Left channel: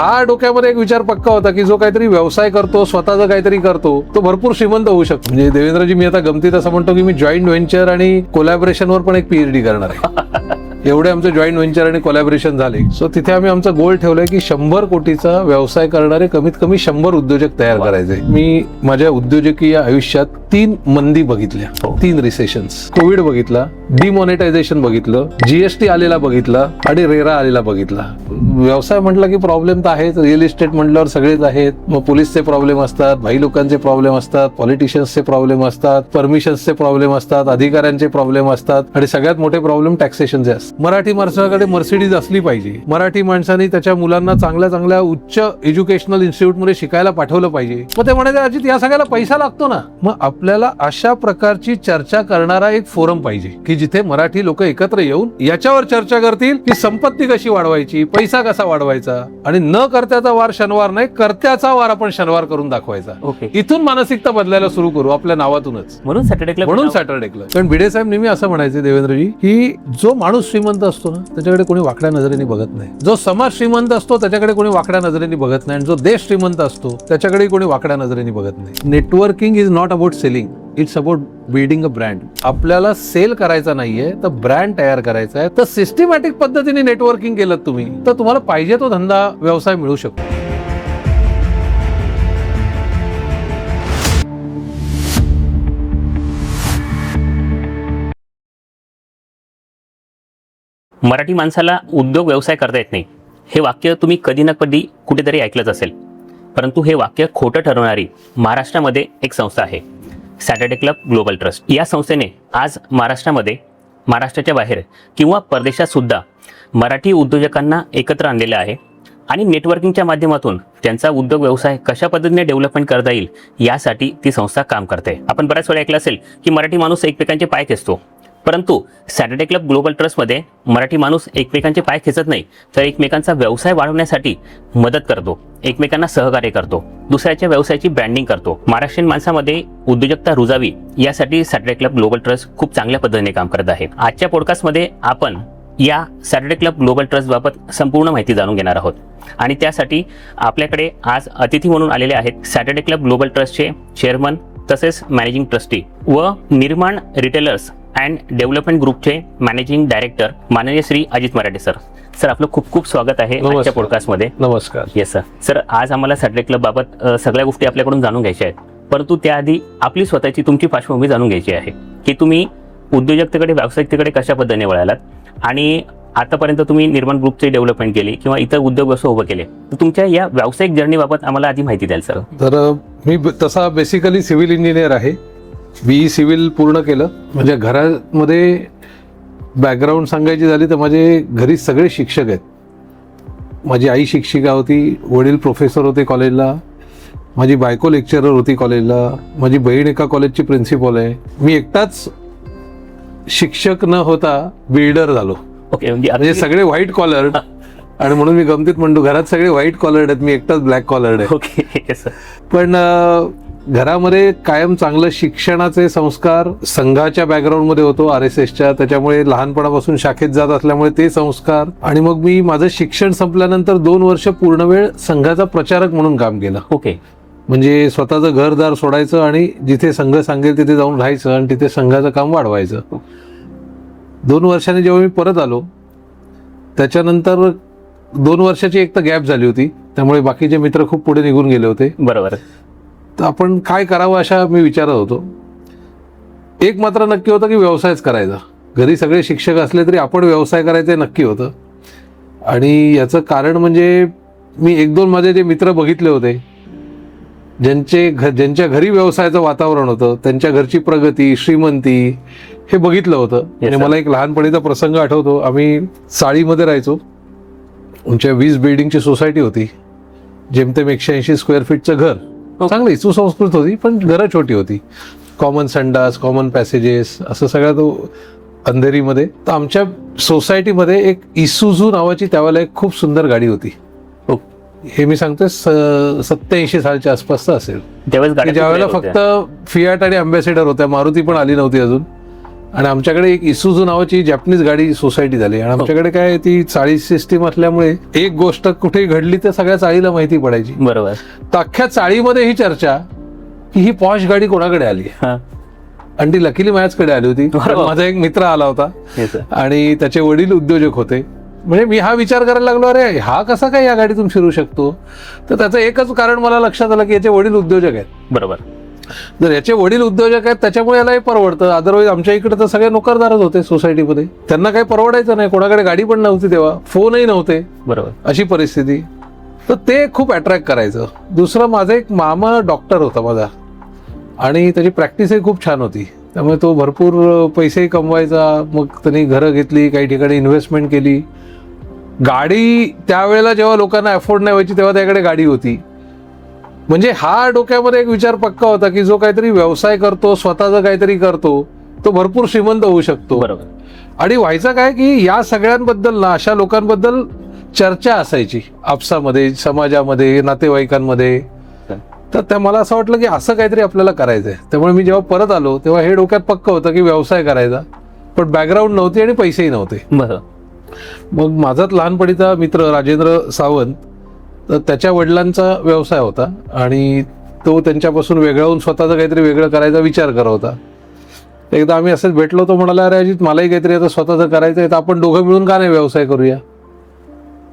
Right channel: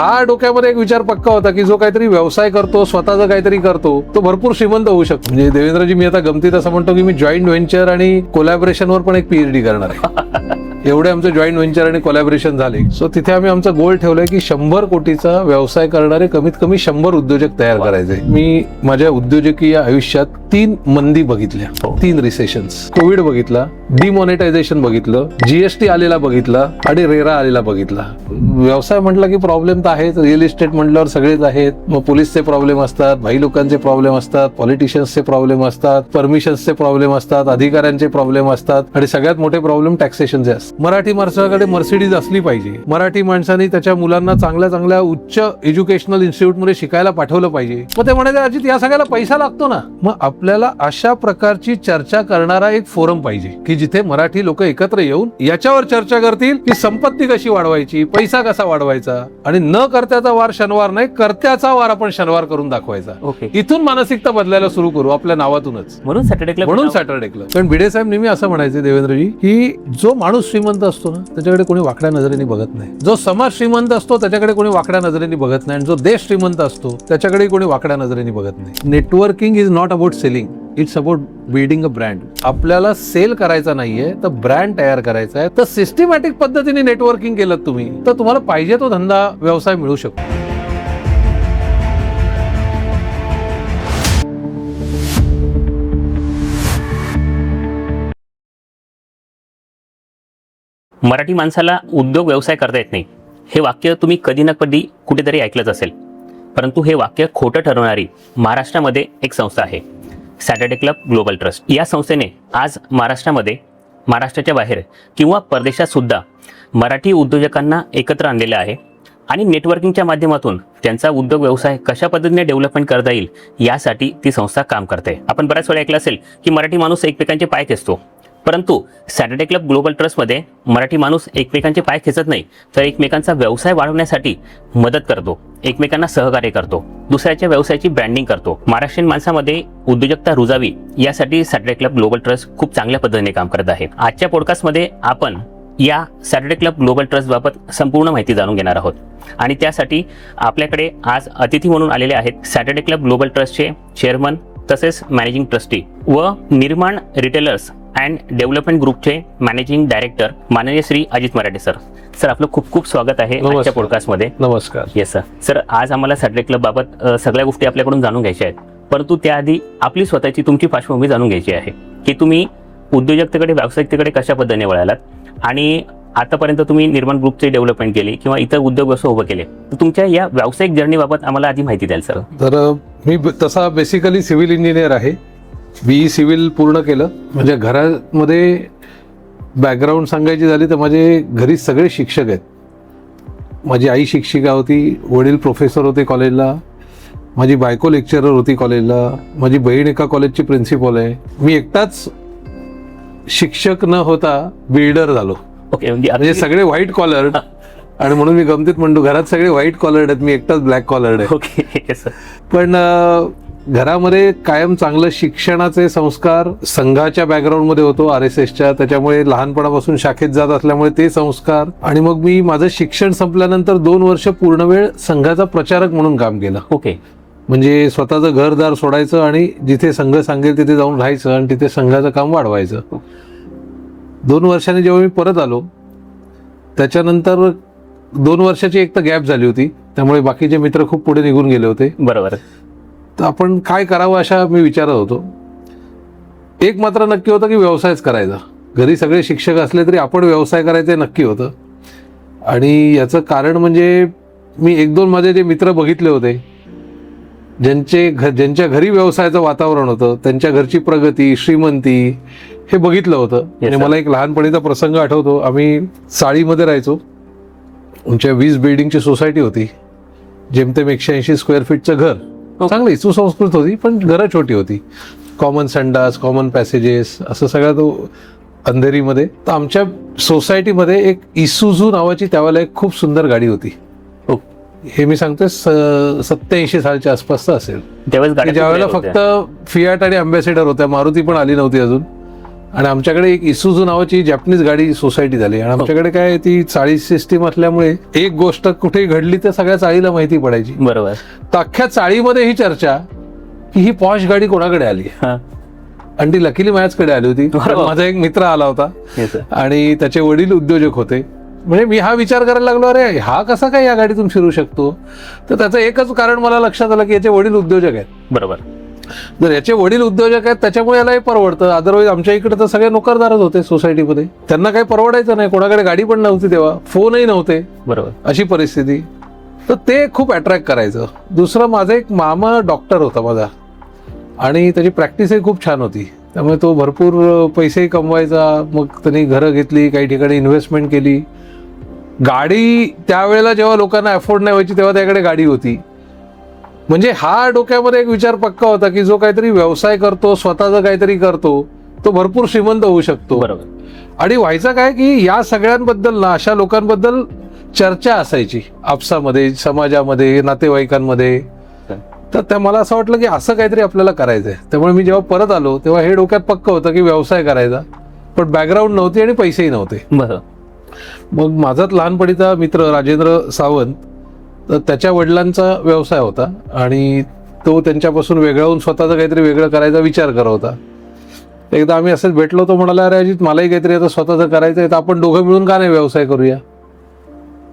हा डोक्यामध्ये एक विचार पक्का होता की जो काहीतरी व्यवसाय करतो, स्वतःचा काहीतरी करतो, तो भरपूर श्रीमंत होऊ शकतो. म्हणजे देवेंद्रजी, मी आता गमतीत असं म्हणतो की मी जॉईंट व्हेंचर आणि कोलॅबोरेशनवर पण एक पीएचडी करणार आहे. एवढे आमचे जॉईंट व्हेंचर आणि कोलॅबोरेशन झाले. सो तिथे आम्ही आमचा गोल ठेवलाय की 100 कोटीचा व्यवसाय करणारे कमीत कमी 100 उद्योजक तयार करायचे. मी माझ्या उद्योजकीय आयुष्यात 3 मंदी बघितल्या, 3 रिसेशन्स. कोविड बघितला, डिमॉनिटायझेशन बघितलं, जीएसटी आलेला बघितला आणि रेरा आलेला बघितला. व्यवसाय म्हटलं की प्रॉब्लेम तर आहेच. रिअल इस्टेट म्हटल्यावर सगळेच आहेत. मग पोलीसचे प्रॉब्लेम असतात, भाई लोकांचे प्रॉब्लेम असतात, पॉलिटिशियन्सचे प्रॉब्लेम असतात, परमिशन्सचे प्रॉब्लेम असतात, अधिकाऱ्यांचे प्रॉब्लेम असतात आणि सगळ्यात मोठे प्रॉब्लेम टॅक्सेशनचे असतात. मराठी माणसाकडे मर्सिडीज असली पाहिजे. मराठी माणसांनी त्याच्या मुलांना चांगल्या चांगल्या उच्च एज्युकेशनल इन्स्टिट्यूटमध्ये शिकायला पाठवलं पाहिजे. मग ते म्हणाले, अजित या सगळ्याला पैसा लागतो ना. मग आपल्याला अशा प्रकारची चर्चा करणारा एक फोरम पाहिजे की जिथे मराठी लोक एकत्र येऊन याच्यावर चर्चा करतील की संपत्ती कशी वाढवायची, पैसा कसा वाढवायचा, आणि न कर्त्याचा वार शनिवार नाही, कर्त्याचा वार आपण शनिवार करून दाखवायचा. इथून मानसिकता बदलायला सुरू करू आपल्या नावातूनच. म्हणून सॅटर्डे क्लब. कारण भिडे साहेब नेहमी असं म्हणायचे देवेंद्रजी की जो माणूस श्रीमंत असतो ना त्याच्याकडे कोणी वाकड्या नजरेने बघत नाही. जो समाज श्रीमंत असतो त्याच्याकडे कोणी वाकड्या नजरेने बघत नाही. आणि जो देश श्रीमंत असतो त्याच्याकडे कोणी वाकड्या नजरेने बघत नाही. Networking is not about selling, it's about building a brand. आपल्याला सेल करायचा नाहीये तर ब्रँड तयार करायचा आहे. तर सिस्टमॅटिक पद्धतीने नेटवर्किंग केलं तुम्ही तर तुम्हाला पाहिजे तो धंदा व्यवसाय मिळू शकतो. मराठी माणसाला उद्योग व्यवसाय करता येत नाही हे वाक्य तुम्ही कधी ना कधी कुठेतरी ऐकलंच असेल. परंतु हे वाक्य खोटं ठरवणारी महाराष्ट्रामध्ये एक संस्था आहे, सॅटर्डे क्लब ग्लोबल ट्रस्ट. या संस्थेने आज महाराष्ट्रामध्ये, महाराष्ट्राच्या बाहेर किंवा परदेशात सुद्धा मराठी उद्योजकांना एकत्र आणलेलं आहे आणि नेटवर्किंगच्या माध्यमातून त्यांचा उद्योग व्यवसाय कशा पद्धतीने डेव्हलपमेंट करता येईल यासाठी ती संस्था काम करते. आपण बऱ्याच वेळा ऐकलं असेल की मराठी माणूस एकमेकांचे पाय खेचतो, परंतु सॅटर्डे क्लब ग्लोबल ट्रस्टमध्ये मराठी माणूस एकमेकांचे पाय खेचत नाही तर एकमेकांचा व्यवसाय वाढवण्यासाठी मदत करतो, एकमेकांना सहकार्य करतो, दुसऱ्याच्या व्यवसायाची ब्रँडिंग करतो. महाराष्ट्रीयन माणसामध्ये उद्योजकता रुजावी यासाठी सॅटर्डे क्लब ग्लोबल ट्रस्ट खूप चांगल्या पद्धतीने काम करत आहे. आजच्या पॉडकास्टमध्ये आपण या सॅटर्डे क्लब ग्लोबल ट्रस्ट बाबत संपूर्ण माहिती जाणून घेणार आहोत आणि त्यासाठी आपल्याकडे आज अतिथी म्हणून आलेले आहेत सॅटर्डे क्लब ग्लोबल ट्रस्टचे चेअरमन तसेच मॅनेजिंग ट्रस्टी व निर्माण रिटेलर्स अँड डेव्हलपमेंट ग्रुपचे मॅनेजिंग डायरेक्टर माननीय श्री अजित मराठे सर. सर आपलं खूप खूप स्वागत आहे आजच्या पॉडकास्टमध्ये. नमस्कार. Yes sir. सर आज आम्हाला सॅटर्डे क्लब बाबत सगळ्या गोष्टी आपल्याकडून जाणून घ्यायच्या आहेत, परंतु त्याआधी आपली स्वतःची तुमची पार्श्वभूमी जाणून घ्यायची आहे की तुम्ही उद्योजकतेकडे व्यावसायिकतेकडे कशा पद्धतीने वळालात आणि आतापर्यंत तुम्ही निर्माण ग्रुपची डेव्हलपमेंट केली किंवा इतर उद्योग व्यवसाय उभं केले, तर तुमच्या या व्यावसायिक जर्नीबाबत आम्हाला आधी माहिती द्याल सर. तर मी तसा बेसिकली सिव्हिल इंजिनियर आहे. बीई सिव्हिल पूर्ण केलं. म्हणजे घरामध्ये बॅकग्राऊंड सांगायची झाली तर माझे घरी सगळे शिक्षक आहेत. माझी आई शिक्षिका होती, वडील प्रोफेसर होते कॉलेजला, माझी बायको लेक्चरर होती कॉलेजला, माझी बहीण एका कॉलेजची प्रिन्सिपल आहे. मी एकटाच शिक्षक न होता बिल्डर झालो. ओके. म्हणजे सगळे व्हाईट कॉलर्ड. आणि म्हणून मी गमतीत म्हणतो घरात सगळे व्हाईट कॉलर्ड आहेत, मी एकटाच ब्लॅक कॉलर्ड आहे. पण घरामध्ये कायम चांगलं शिक्षणाचे संस्कार, संघाच्या बॅकग्राऊंडमध्ये होतो RSSच्या, त्याच्यामुळे लहानपणापासून शाखेत जात असल्यामुळे ते संस्कार. आणि मग मी माझं शिक्षण संपल्यानंतर 2 वर्ष पूर्ण वेळ संघाचा प्रचारक म्हणून काम केलं. ओके. म्हणजे स्वतःचं घरदार सोडायचं आणि जिथे संघ सांगेल तिथे जाऊन राहायचं आणि तिथे संघाचं काम वाढवायचं. 2 वर्षांनी जेव्हा मी परत आलो त्याच्यानंतर 2 वर्षाची एक तर गॅप झाली होती, त्यामुळे बाकीचे मित्र खूप पुढे निघून गेले होते. बरोबर. तर आपण काय करावं अशा मी विचारत होतो. एक मात्र नक्की होतं की व्यवसायच करायचा. घरी सगळे शिक्षक असले तरी आपण व्यवसाय करायचं नक्की होतं. आणि याचं कारण म्हणजे मी 1-2 माझे जे मित्र बघितले होते ज्यांच्या घरी व्यवसायाचं वातावरण होतं, त्यांच्या घरची प्रगती, श्रीमंती हे बघितलं होतं. आणि मला एक लहानपणीचा प्रसंग आठवतो. आम्ही चाळीमध्ये राहायचो. आमच्या 20 बिल्डिंगची सोसायटी होती. जेमतेम 180 स्क्वेअर फीटचं घर. चांगली सुसंस्कृत होती पण घरं छोटी होती. कॉमन संडास, कॉमन पॅसेजेस, असं सगळं तो अंधेरीमध्ये. तर आमच्या सोसायटीमध्ये एक इसूझू नावाची त्यावेळेला खूप सुंदर गाडी होती. हे मी सांगतो 87 सालच्या आसपासचा असेल. ज्यावेळेला फक्त फियाट आणि अँबॅसेडर होत्या, मारुती पण आली नव्हती अजून. आणि आमच्याकडे एक इसूझू नावाची जॅपनीज गाडी सोसायटी झाली आणि आमच्याकडे काय ती चाळी सिस्टीम असल्यामुळे एक गोष्ट कुठे घडली तर सगळ्या चाळीला माहिती पडायची. बरोबर. तर अख्ख्या चाळीमध्ये ही चर्चा की ही पॉश गाडी कोणाकडे आली आणि ती लकीली माझ्याचकडे आली होती. माझा एक मित्र आला होता आणि त्याचे वडील उद्योजक होते. म्हणजे मी हा विचार करायला लागलो, अरे हा कसा काय या गाडीतून फिरू शकतो. तर त्याचं एकच कारण मला लक्षात आलं की याचे वडील उद्योजक आहेत. बरोबर. जर याचे वडील उद्योजक आहेत त्याच्यामुळे याला हे परवडतं. अदरवाईज आमच्या इकडे तर सगळे नोकरदारच होते सोसायटीमध्ये, त्यांना काही परवडायचं नाही. कोणाकडे गाडी पण नव्हती तेव्हा, फोनही नव्हते. बरोबर. अशी परिस्थिती. तर ते खूप अट्रॅक्ट करायचं. दुसरं, माझा एक मामा डॉक्टर होता माझा आणि त्याची प्रॅक्टिसही खूप छान होती. त्यामुळे तो भरपूर पैसेही कमवायचा. मग त्यांनी घरं घेतली, काही ठिकाणी इन्व्हेस्टमेंट केली. गाडी त्यावेळेला जेव्हा लोकांना अफोर्ड नाही व्हायची तेव्हा त्याकडे गाडी होती. म्हणजे हा डोक्यामध्ये एक विचार पक्का होता की जो काहीतरी व्यवसाय करतो, स्वतःचा काहीतरी करतो, तो भरपूर श्रीमंत होऊ शकतो. बरोबर. आणि व्हायचं काय की या सगळ्यांबद्दल ना, अशा लोकांबद्दल चर्चा असायची आपसामध्ये, समाजामध्ये, नातेवाईकांमध्ये. तर त्या मला असं वाटलं की असं काहीतरी आपल्याला करायचंय. त्यामुळे मी जेव्हा परत आलो तेव्हा हे डोक्यात पक्क होतं की व्यवसाय करायचा, पण बॅकग्राऊंड नव्हती आणि पैसेही नव्हते. बरोबर. मग माझाच लहानपणीचा मित्र राजेंद्र सावंत, तर त्याच्या वडिलांचा व्यवसाय होता आणि तो त्यांच्यापासून वेगळा होऊन स्वतःचा काहीतरी वेगळं करायचा विचार करत होता. एकदा आम्ही असंच भेटलो, तो म्हणाला, अरे अजित मलाही काहीतरी आता स्वतःचं करायचं आहे, तर आपण दोघं मिळून का नाही व्यवसाय करूया.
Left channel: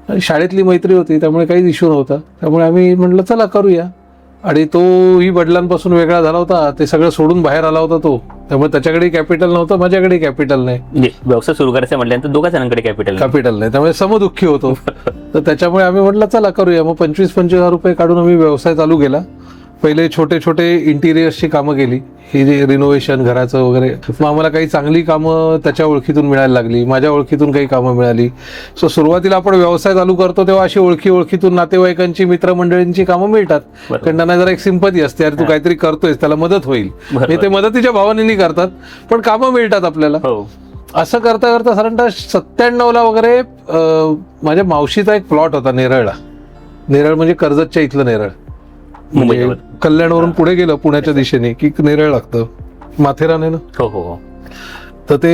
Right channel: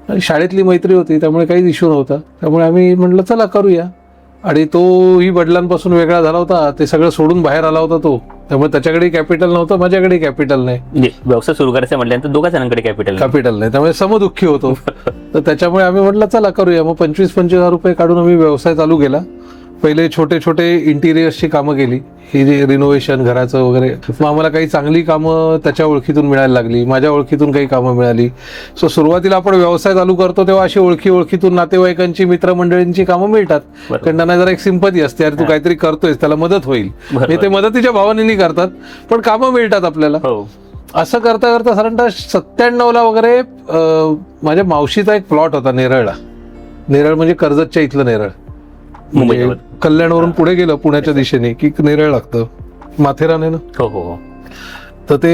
आणि शाळेतली मैत्री होती त्यामुळे काही इश्यू नव्हता. त्यामुळे आम्ही म्हटलं चला करूया. आणि तोही वडिलांपासून वेगळा झाला होता, ते सगळं सोडून बाहेर आला होता तो. त्यामुळे त्याच्याकडे कॅपिटल नव्हतं, माझ्याकडे कॅपिटल नाही. व्यवसाय सुरू करायचं म्हटलं तर दोघा जणांकडे कॅपिटल नाही, त्यामुळे समदुःखी होतो. तर त्याच्यामुळे आम्ही म्हटलं चला करूया. मग 25,000 रुपये काढून आम्ही व्यवसाय चालू केला. पहिले छोटे छोटे इंटिरियर्सची कामं केली, रिनोव्हेशन घराचं वगैरे. आम्हाला काही चांगली कामं त्याच्या ओळखीतून मिळायला लागली, माझ्या ओळखीतून काही कामं मिळाली. सो सुरुवातीला आपण व्यवसाय चालू करतो तेव्हा अशी ओळखीतून नातेवाईकांची, मित्रमंडळींची कामं मिळतात. कारण त्यांना जरा एक सिंपती असते, अरे तू काहीतरी करतोयस, त्याला मदत होईल. ते मदतीच्या भावनेने करतात, पण कामं मिळतात आपल्याला. असं करता करता साधारणतः 97ला वगैरे माझ्या मावशीचा एक प्लॉट होता नेरळला. नेरळ म्हणजे कर्जतच्या इथलं नेरळ. म्हणजे कल्याणवरून पुढे गेलं पुण्याच्या दिशेने की नेरळ लागतं, माथेरान ना. हो हो. तर ते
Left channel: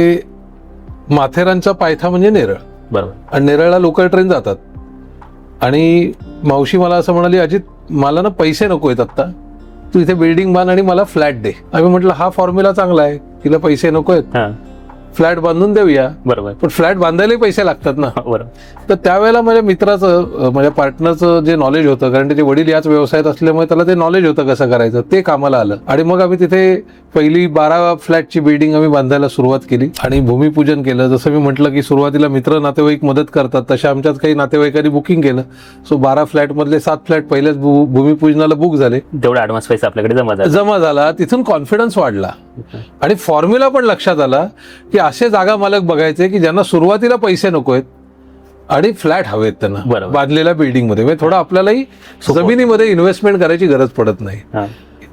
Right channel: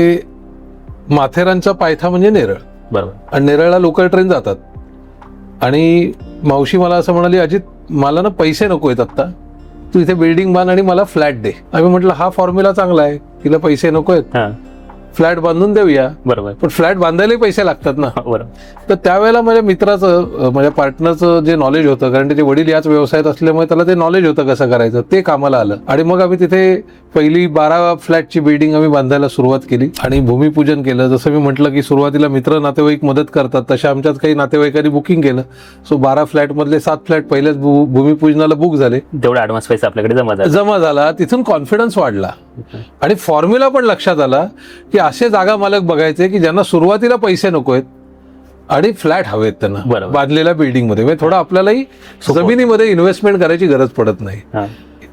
माथेरानचा पायथा म्हणजे नेरळ. बरोबर. नेरळला लोकल ट्रेन जातात. आणि मावशी मला असं म्हणाली, अजित मला ना पैसे नको आहेत आता, तिथे बिल्डिंग बांध आणि मला फ्लॅट दे. आणि म्हटलं हा फॉर्म्युला चांगला आहे, तिला पैसे नको आहेत, फ्लॅट बांधून देऊया. बरोबर. पण फ्लॅट बांधायला पैसे लागतात ना. तर त्यावेळेला माझ्या मित्राचं, माझ्या पार्टनरचं जे नॉलेज होतं, कारण त्याचे वडील याच व्यवसायात असल्यामुळे त्याला ते नॉलेज होतं कसं करायचं, ते कामाला आलं. आणि मग आम्ही तिथे पहिली 12 फ्लॅटची बिल्डिंग आम्ही बांधायला सुरुवात केली आणि भूमिपूजन केलं. जसं मी म्हटलं की सुरुवातीला मित्र नातेवाईक मदत करतात, तशा आमच्यात काही नातेवाईकांनी बुकिंग केलं. सो 12 फ्लॅट मधले 7 फ्लॅट पहिल्याच भूमिपूजनाला बुक झाले. तेवढा ऍडव्हान्स पैसा आपल्याकडे जमा झाला. तिथून कॉन्फिडन्स वाढला आणि फॉर्म्युला पण लक्षात आला की असे जागा मालक बघायचे की ज्यांना सुरुवातीला पैसे नको आहेत आणि फ्लॅट हवेत त्यांना बांधलेल्या बिल्डिंग मध्ये. म्हणजे थोडं आपल्यालाही जमिनीमध्ये इन्व्हेस्टमेंट करायची गरज पडत नाही.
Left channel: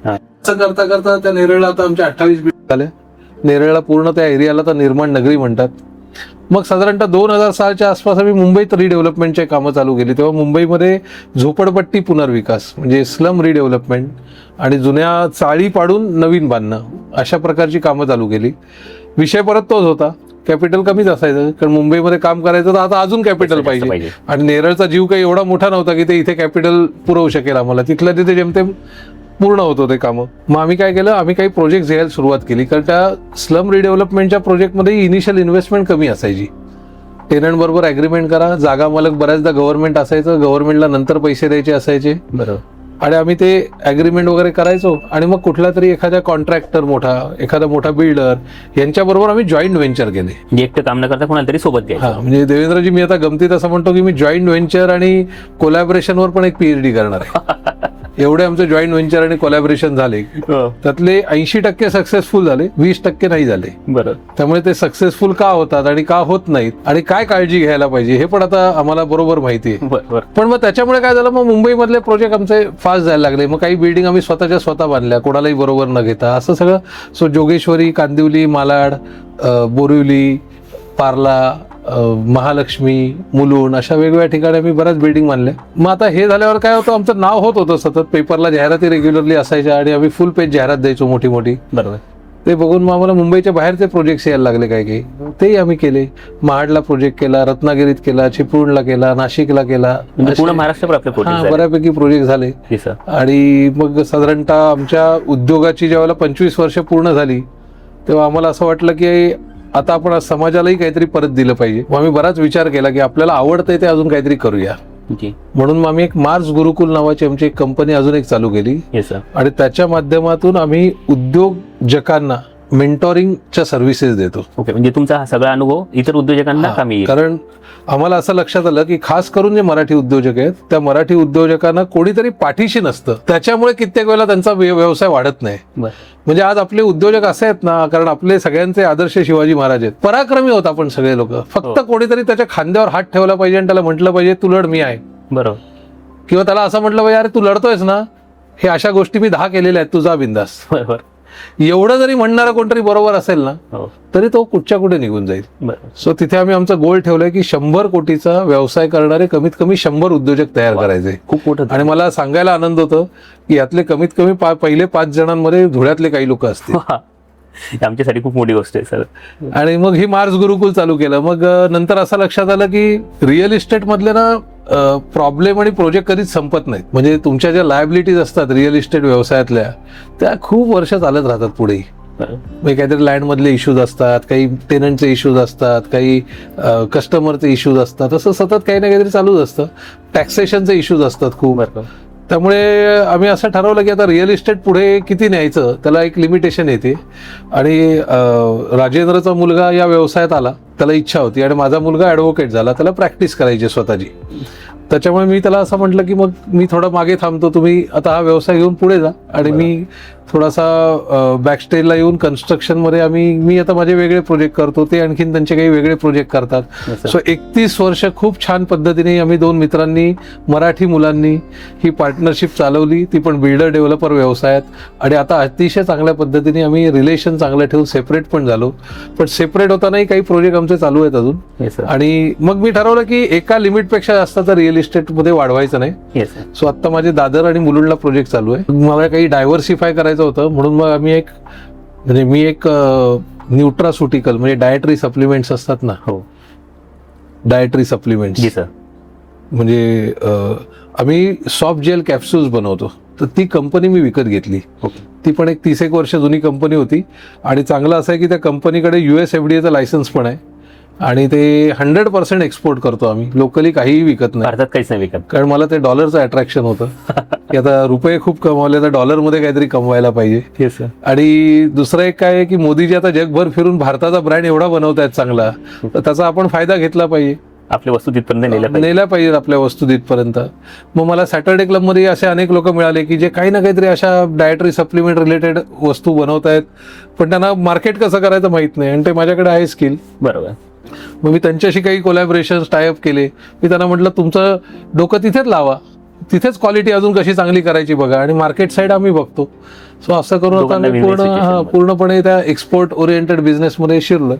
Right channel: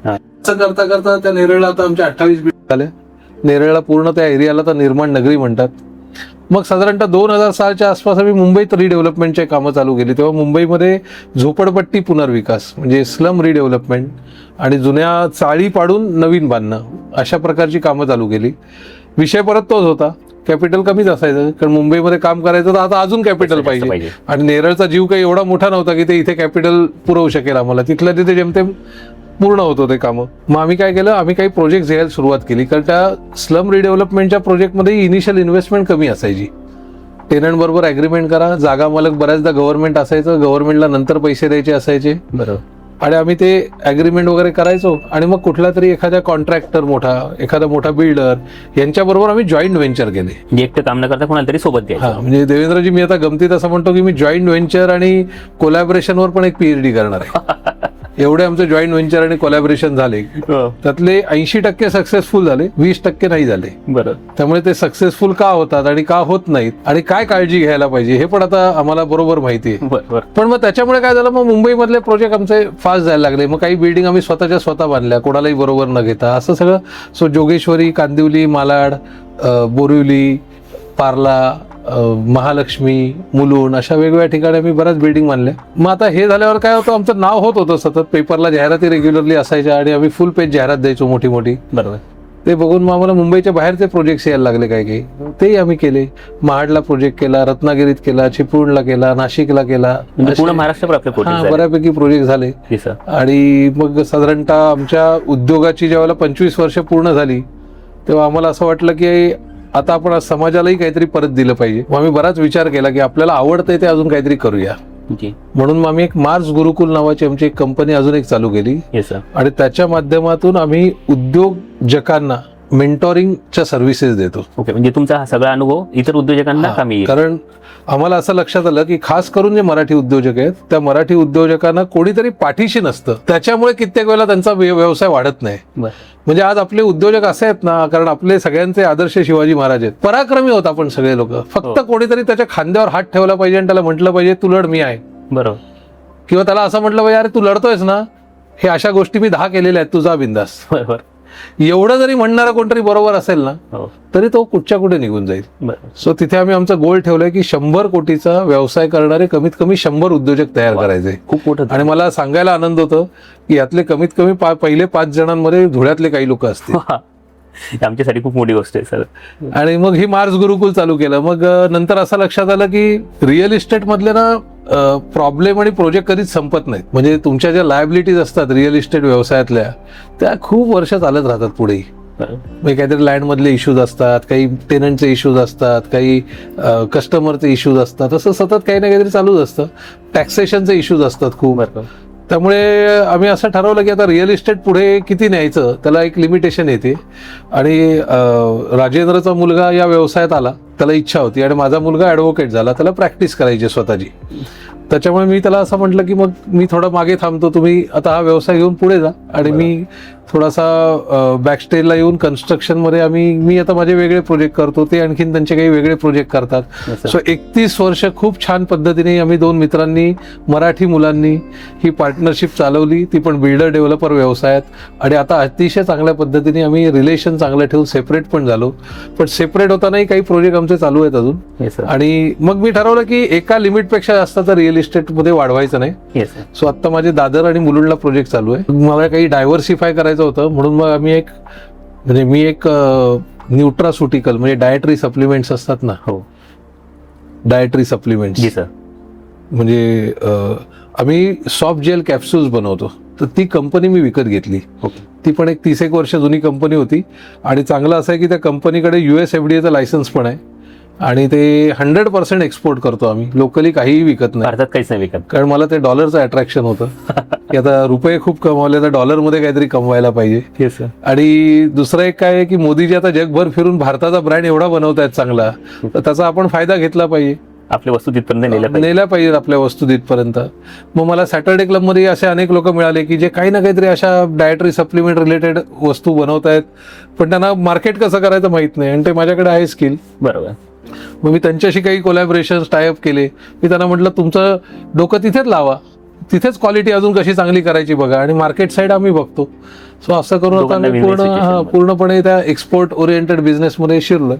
असं करता करता त्या नेरळला आता आमच्या 28 बिल्डिंग झाले. नेरळला पूर्ण त्या एरियाला तर निर्माण नगरी म्हणतात. मग साधारणतः 2006च्या आसपास आम्ही मुंबईत रिडेव्हलपमेंटचे कामं चालू केली. तेव्हा मुंबईमध्ये झोपडपट्टी पुनर्विकास म्हणजे स्लम रिडेव्हलपमेंट आणि जुन्या चाळी पाडून नवीन बांधणं, अशा प्रकारची कामं चालू केली. विषय परत तोच होता, कॅपिटल कमीच असायचं, कारण मुंबईमध्ये काम करायचं तर आता अजून कॅपिटल पाहिजे. आणि नेरळचा जीव काही एवढा मोठा नव्हता की ते इथे कॅपिटल पुरवू शकेल आम्हाला. तिथल्या तिथे जेमतेम पूर्ण होतो ते कामं. मग आम्ही काय केलं, आम्ही काही प्रोजेक्ट घ्यायला सुरुवात केली. कारण त्या स्लम रिडेव्हलपमेंटच्या प्रोजेक्टमध्ये इनिशियल इन्व्हेस्टमेंट कमी असायची. टेनंट बरोबर अग्रीमेंट करा, जागा मालक बऱ्याचदा गव्हर्नमेंट असायचं, गव्हर्नमेंटला नंतर पैसे द्यायचे असायचे. बरोबर. आणि आम्ही ते अग्रीमेंट वगैरे करायचो आणि मग कुठला तरी एखाद्या कॉन्ट्रॅक्टर मोठा, एखादा मोठा बिल्डर यांच्याबरोबर आम्ही जॉईंट व्हेंचर केले. एकटं काम न करता कोणाला तरी सोबत घ्या. म्हणजे देवेंद्रजी, मी आता गमतीत असं म्हणतो की मी जॉईंट व्हेंचर आणि कोलॅबरेशनवर पण एक PhD करणार आहे. एवढे आमचे जॉईंट व्हेंचर आणि कोलॅबरेशन झाले. त्यातले 80% सक्सेसफुल झाले, 20% नाही झाले. बरं. त्यामुळे ते सक्सेसफुल का होतात आणि का होत नाहीत आणि काय काळजी घ्यायला पाहिजे हे पण आता आम्हाला बरोबर माहिती आहे. पण मग त्याच्यामुळे काय झालं, मग मुंबईमधले प्रोजेक्ट आमचे फास्ट जायला लागले. मग काही बिल्डिंग आम्ही स्वतः बांधल्या, कोणालाही बरोबर न घेता. असं सगळं. सो जोगेश्वरी, कांदिवली, मालाड, बोरिवली, पार्ला, महालक्ष्मी, मुलुंड, अशा वेगवेगळ्या ठिकाणी आम्ही बऱ्याच बिल्डिंग बांधल्या. मग आता हे झाल्यावर काय होतं, आमचं नाव होत होतं सतत, पेपरला जाहिराती रेग्युलरली असायच्या आणि आम्ही फुल पेज जाहिरात द्यायचो मोठी मोठी. बरोबर. ते बघून मग आम्हाला मुंबईच्या बाहेरचे प्रोजेक्ट यायला लागले काय काही, तेही आम्ही केले. महाडला प्रोजेक्ट केला, रत्नागिरीत केला, चिपळूणला केला, नाशिकला केला, म्हणजे पूर्ण महाराष्ट्रभर आपले प्रोजेक्ट बऱ्यापैकी प्रोजेक्ट झाले. आणि मग साधारणतः आमच्या उद्योगाची जेव्हा 25 वर्ष पूर्ण झाली तेव्हा आम्हाला असं वाटलं की आता आपण समाजालाही काहीतरी परत दिलं पाहिजे. मग आम्ही बराच विचार केला की आपल्याला आवडतंय ते अजून काहीतरी करूया. म्हणून मग आम्ही एक मार्स गुरुकुल नावाची आमची एक कंपनी अजून एक चालू केली. आणि त्याच्या माध्यमातून आम्ही उद्योजकांना मेंटोरिंगच्या सर्व्हिसेस देतो. ओके, म्हणजे तुमचा हा सगळा अनुभव इतर उद्योजकांना कामी येईल. कारण आम्हाला असं लक्षात आलं की खास करून जे मराठी उद्योजक आहेत त्या मराठी उद्योजकांना कोणीतरी पाठीशी नसतं, त्याच्यामुळे कित्येक वेळेला त्यांचा व्यवसाय वाढत नाही. म्हणजे आज आपले उद्योजक असे आहेत ना, कारण आपले सगळ्यांचे आदर्श शिवाजी महाराज आहेत, पराक्रमी होत आपण सगळे लोक, फक्त कोणीतरी त्याच्या खांद्यावर हात ठेवला पाहिजे आणि त्याला म्हटलं पाहिजे तू लढ, मी आहे. बरोबर. किंवा त्याला असं म्हटलं पाहिजे अरे तू लढतोयस ना, हे अशा गोष्टी मी 10 केलेल्या आहेत, तुझा बिंदास. बरोबर. एवढं जरी म्हणणारा कोणतरी बरोबर असेल ना तरी तो कुठच्या कुठे निघून जाईल. सो तिथे आम्ही आमचा गोल ठेवलाय की 100 कोटीचा व्यवसाय करणारे कमीत कमी 100 उद्योजक तयार करायचे. खूप मोठं. आणि मला सांगायला आनंद होतो की यातले कमीत कमी पहिले 5 जणांमध्ये धुळ्यातले काही लोक असतील. आमच्यासाठी खूप मोठी गोष्ट आहे सर. आणि मग ही मार्स गुरुकुल चालू केलं. मग नंतर असं लक्षात आलं की रिअल इस्टेट मधले ना प्रॉब्लेम आणि प्रोजेक्ट कधीच संपत नाहीत. म्हणजे तुमच्या ज्या लायबिलिटीज असतात रिअल इस्टेट व्यवसायातल्या त्या खूप वर्ष चालत राहतात पुढे. म्हणजे काहीतरी लँड मधले इश्यूज असतात, काही टेनंटचे इश्यूज असतात, काही कस्टमरचे इश्यूज असतात, असं सतत काही ना काहीतरी चालूच असतं. टॅक्सेशनचे इश्यूज असतात खूप. त्यामुळे आम्ही असं ठरवलं की आता रिअल इस्टेट पुढे किती न्यायचं त्याला एक लिमिटेशन येते. आणि राजेंद्रचा मुलगा या व्यवसायात आला, त्याला इच्छा होती, आणि माझा मुलगा ॲडव्होकेट झाला, त्याला प्रॅक्टिस करायची स्वतःची. त्याच्यामुळे मी त्याला असं म्हटलं की मग मी थोडा मागे थांबतो, तुम्ही आता हा व्यवसाय घेऊन पुढे जा, आणि मी थोडासा बॅकस्टेजला येऊन कन्स्ट्रक्शनमध्ये मी आता माझे वेगळे प्रोजेक्ट करतो, ते आणखीन त्यांचे काही वेगळे प्रोजेक्ट करतात. सो 31 वर्ष खूप छान पद्धतीने आम्ही 2 मित्रांनी, मराठी मुलांनी ही पार्टनरशिप चालवली, ती पण बिल्डर डेव्हलपर व्यवसायात. आणि आता अतिशय चांगल्या पद्धतीने आम्ही रिलेशन चांगलं ठेवून सेपरेट पण झालो. पण सेपरेट होतानाही काही प्रोजेक्ट आमचे चालू आहेत अजून. आणि मग मी ठरवलं की एका लिमिटपेक्षा जास्त तर रिअल इस्टेटमध्ये वाढवायचं नाही. सो आता माझे दादर आणि मुलुंडला प्रोजेक्ट चालू आहे. मला काही डायव्हर्सिफाय करायचं होतं, म्हणून मग आम्ही मी एक न्यूट्रास्युटिकल म्हणजे डायटरी सप्लिमेंट्स असतात ना, हो डायटरी सप्लिमेंट्स, म्हणजे आम्ही सॉफ्ट जेल कॅप्सूल्स बनवतो. तर ती कंपनी मी विकत घेतली. ती पण एक 30 वर्ष जुनी कंपनी होती. आणि चांगलं असं आहे की त्या कंपनीकडे USFDAचं लायसन्स पण आहे, आणि ते 100% एक्सपोर्ट करतो आम्ही. लोकली काहीही विकत नाही, भारतात काहीच नाही विकत. कारण मला ते डॉलरचं अट्रॅक्शन होतं की आता रुपये खूप कमवले तर डॉलरमध्ये काहीतरी कमवायला पाहिजे. आणि दुसरं एक काय आहे की मोदीजी आता जगभर फिरून भारताचा ब्रँड एवढा बनवतायत चांगला, तर त्याचा आपण फायदा घेतला पाहिजे. आपल्या वस्तू तिथपर्यंत नेल्या पाहिजेत आपल्या वस्तू तिथपर्यंत. मग मला सॅटर्डे क्लबमध्ये असे अनेक लोक मिळाले की जे काही ना काहीतरी अशा डायटरी सप्लिमेंट रिलेटेड वस्तू बनवतायत, पण त्यांना मार्केट कसं करायचं माहित नाही, आणि ते माझ्याकडे आहे स्किल. बरोबर. मग मी त्यांच्याशी काही कोलॅबोरेशन टायअप केले. मी त्यांना म्हटलं तुमचं डोकं तिथेच लावा, तिथेच क्वालिटी अजून कशी चांगली करायची बघा, आणि मार्केट साईड आम्ही बघतो. असं करून पूर्णपणे त्या एक्सपोर्ट ओरिएंटेड बिझनेस मध्ये शिरलं.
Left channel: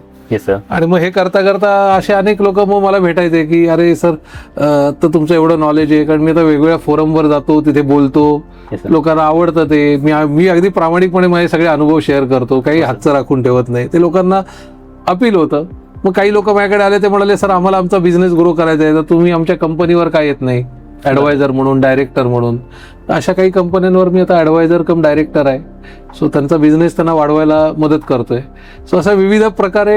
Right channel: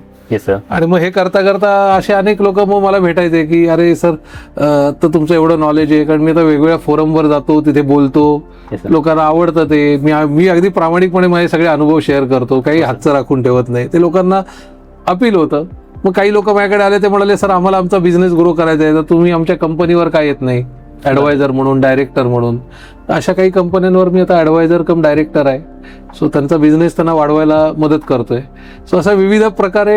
आणि मग हे करता करता असे अनेक लोक मग मला भेटायचे की अरे सर तर तुमचं एवढं नॉलेज आहे, कारण मी आता वेगवेगळ्या फोरमवर जातो, तिथे बोलतो, लोकांना आवडतं ते. मी अगदी प्रामाणिकपणे माझे सगळे अनुभव शेअर करतो, काही हातचं राखून ठेवत नाही. ते लोकांना अपील होतं. मग काही लोक माझ्याकडे आले, ते म्हणाले सर आम्हाला आमचा बिझनेस ग्रो करायचा आहे, तर तुम्ही आमच्या कंपनीवर काय येत नाही ऍडवायझर म्हणून, डायरेक्टर म्हणून. अशा काही कंपन्यांवर मी आता ऍडवायझर कम डायरेक्टर आहे. सो त्यांचा बिझनेस त्यांना वाढवायला मदत करतोय. सो असा विविध प्रकारे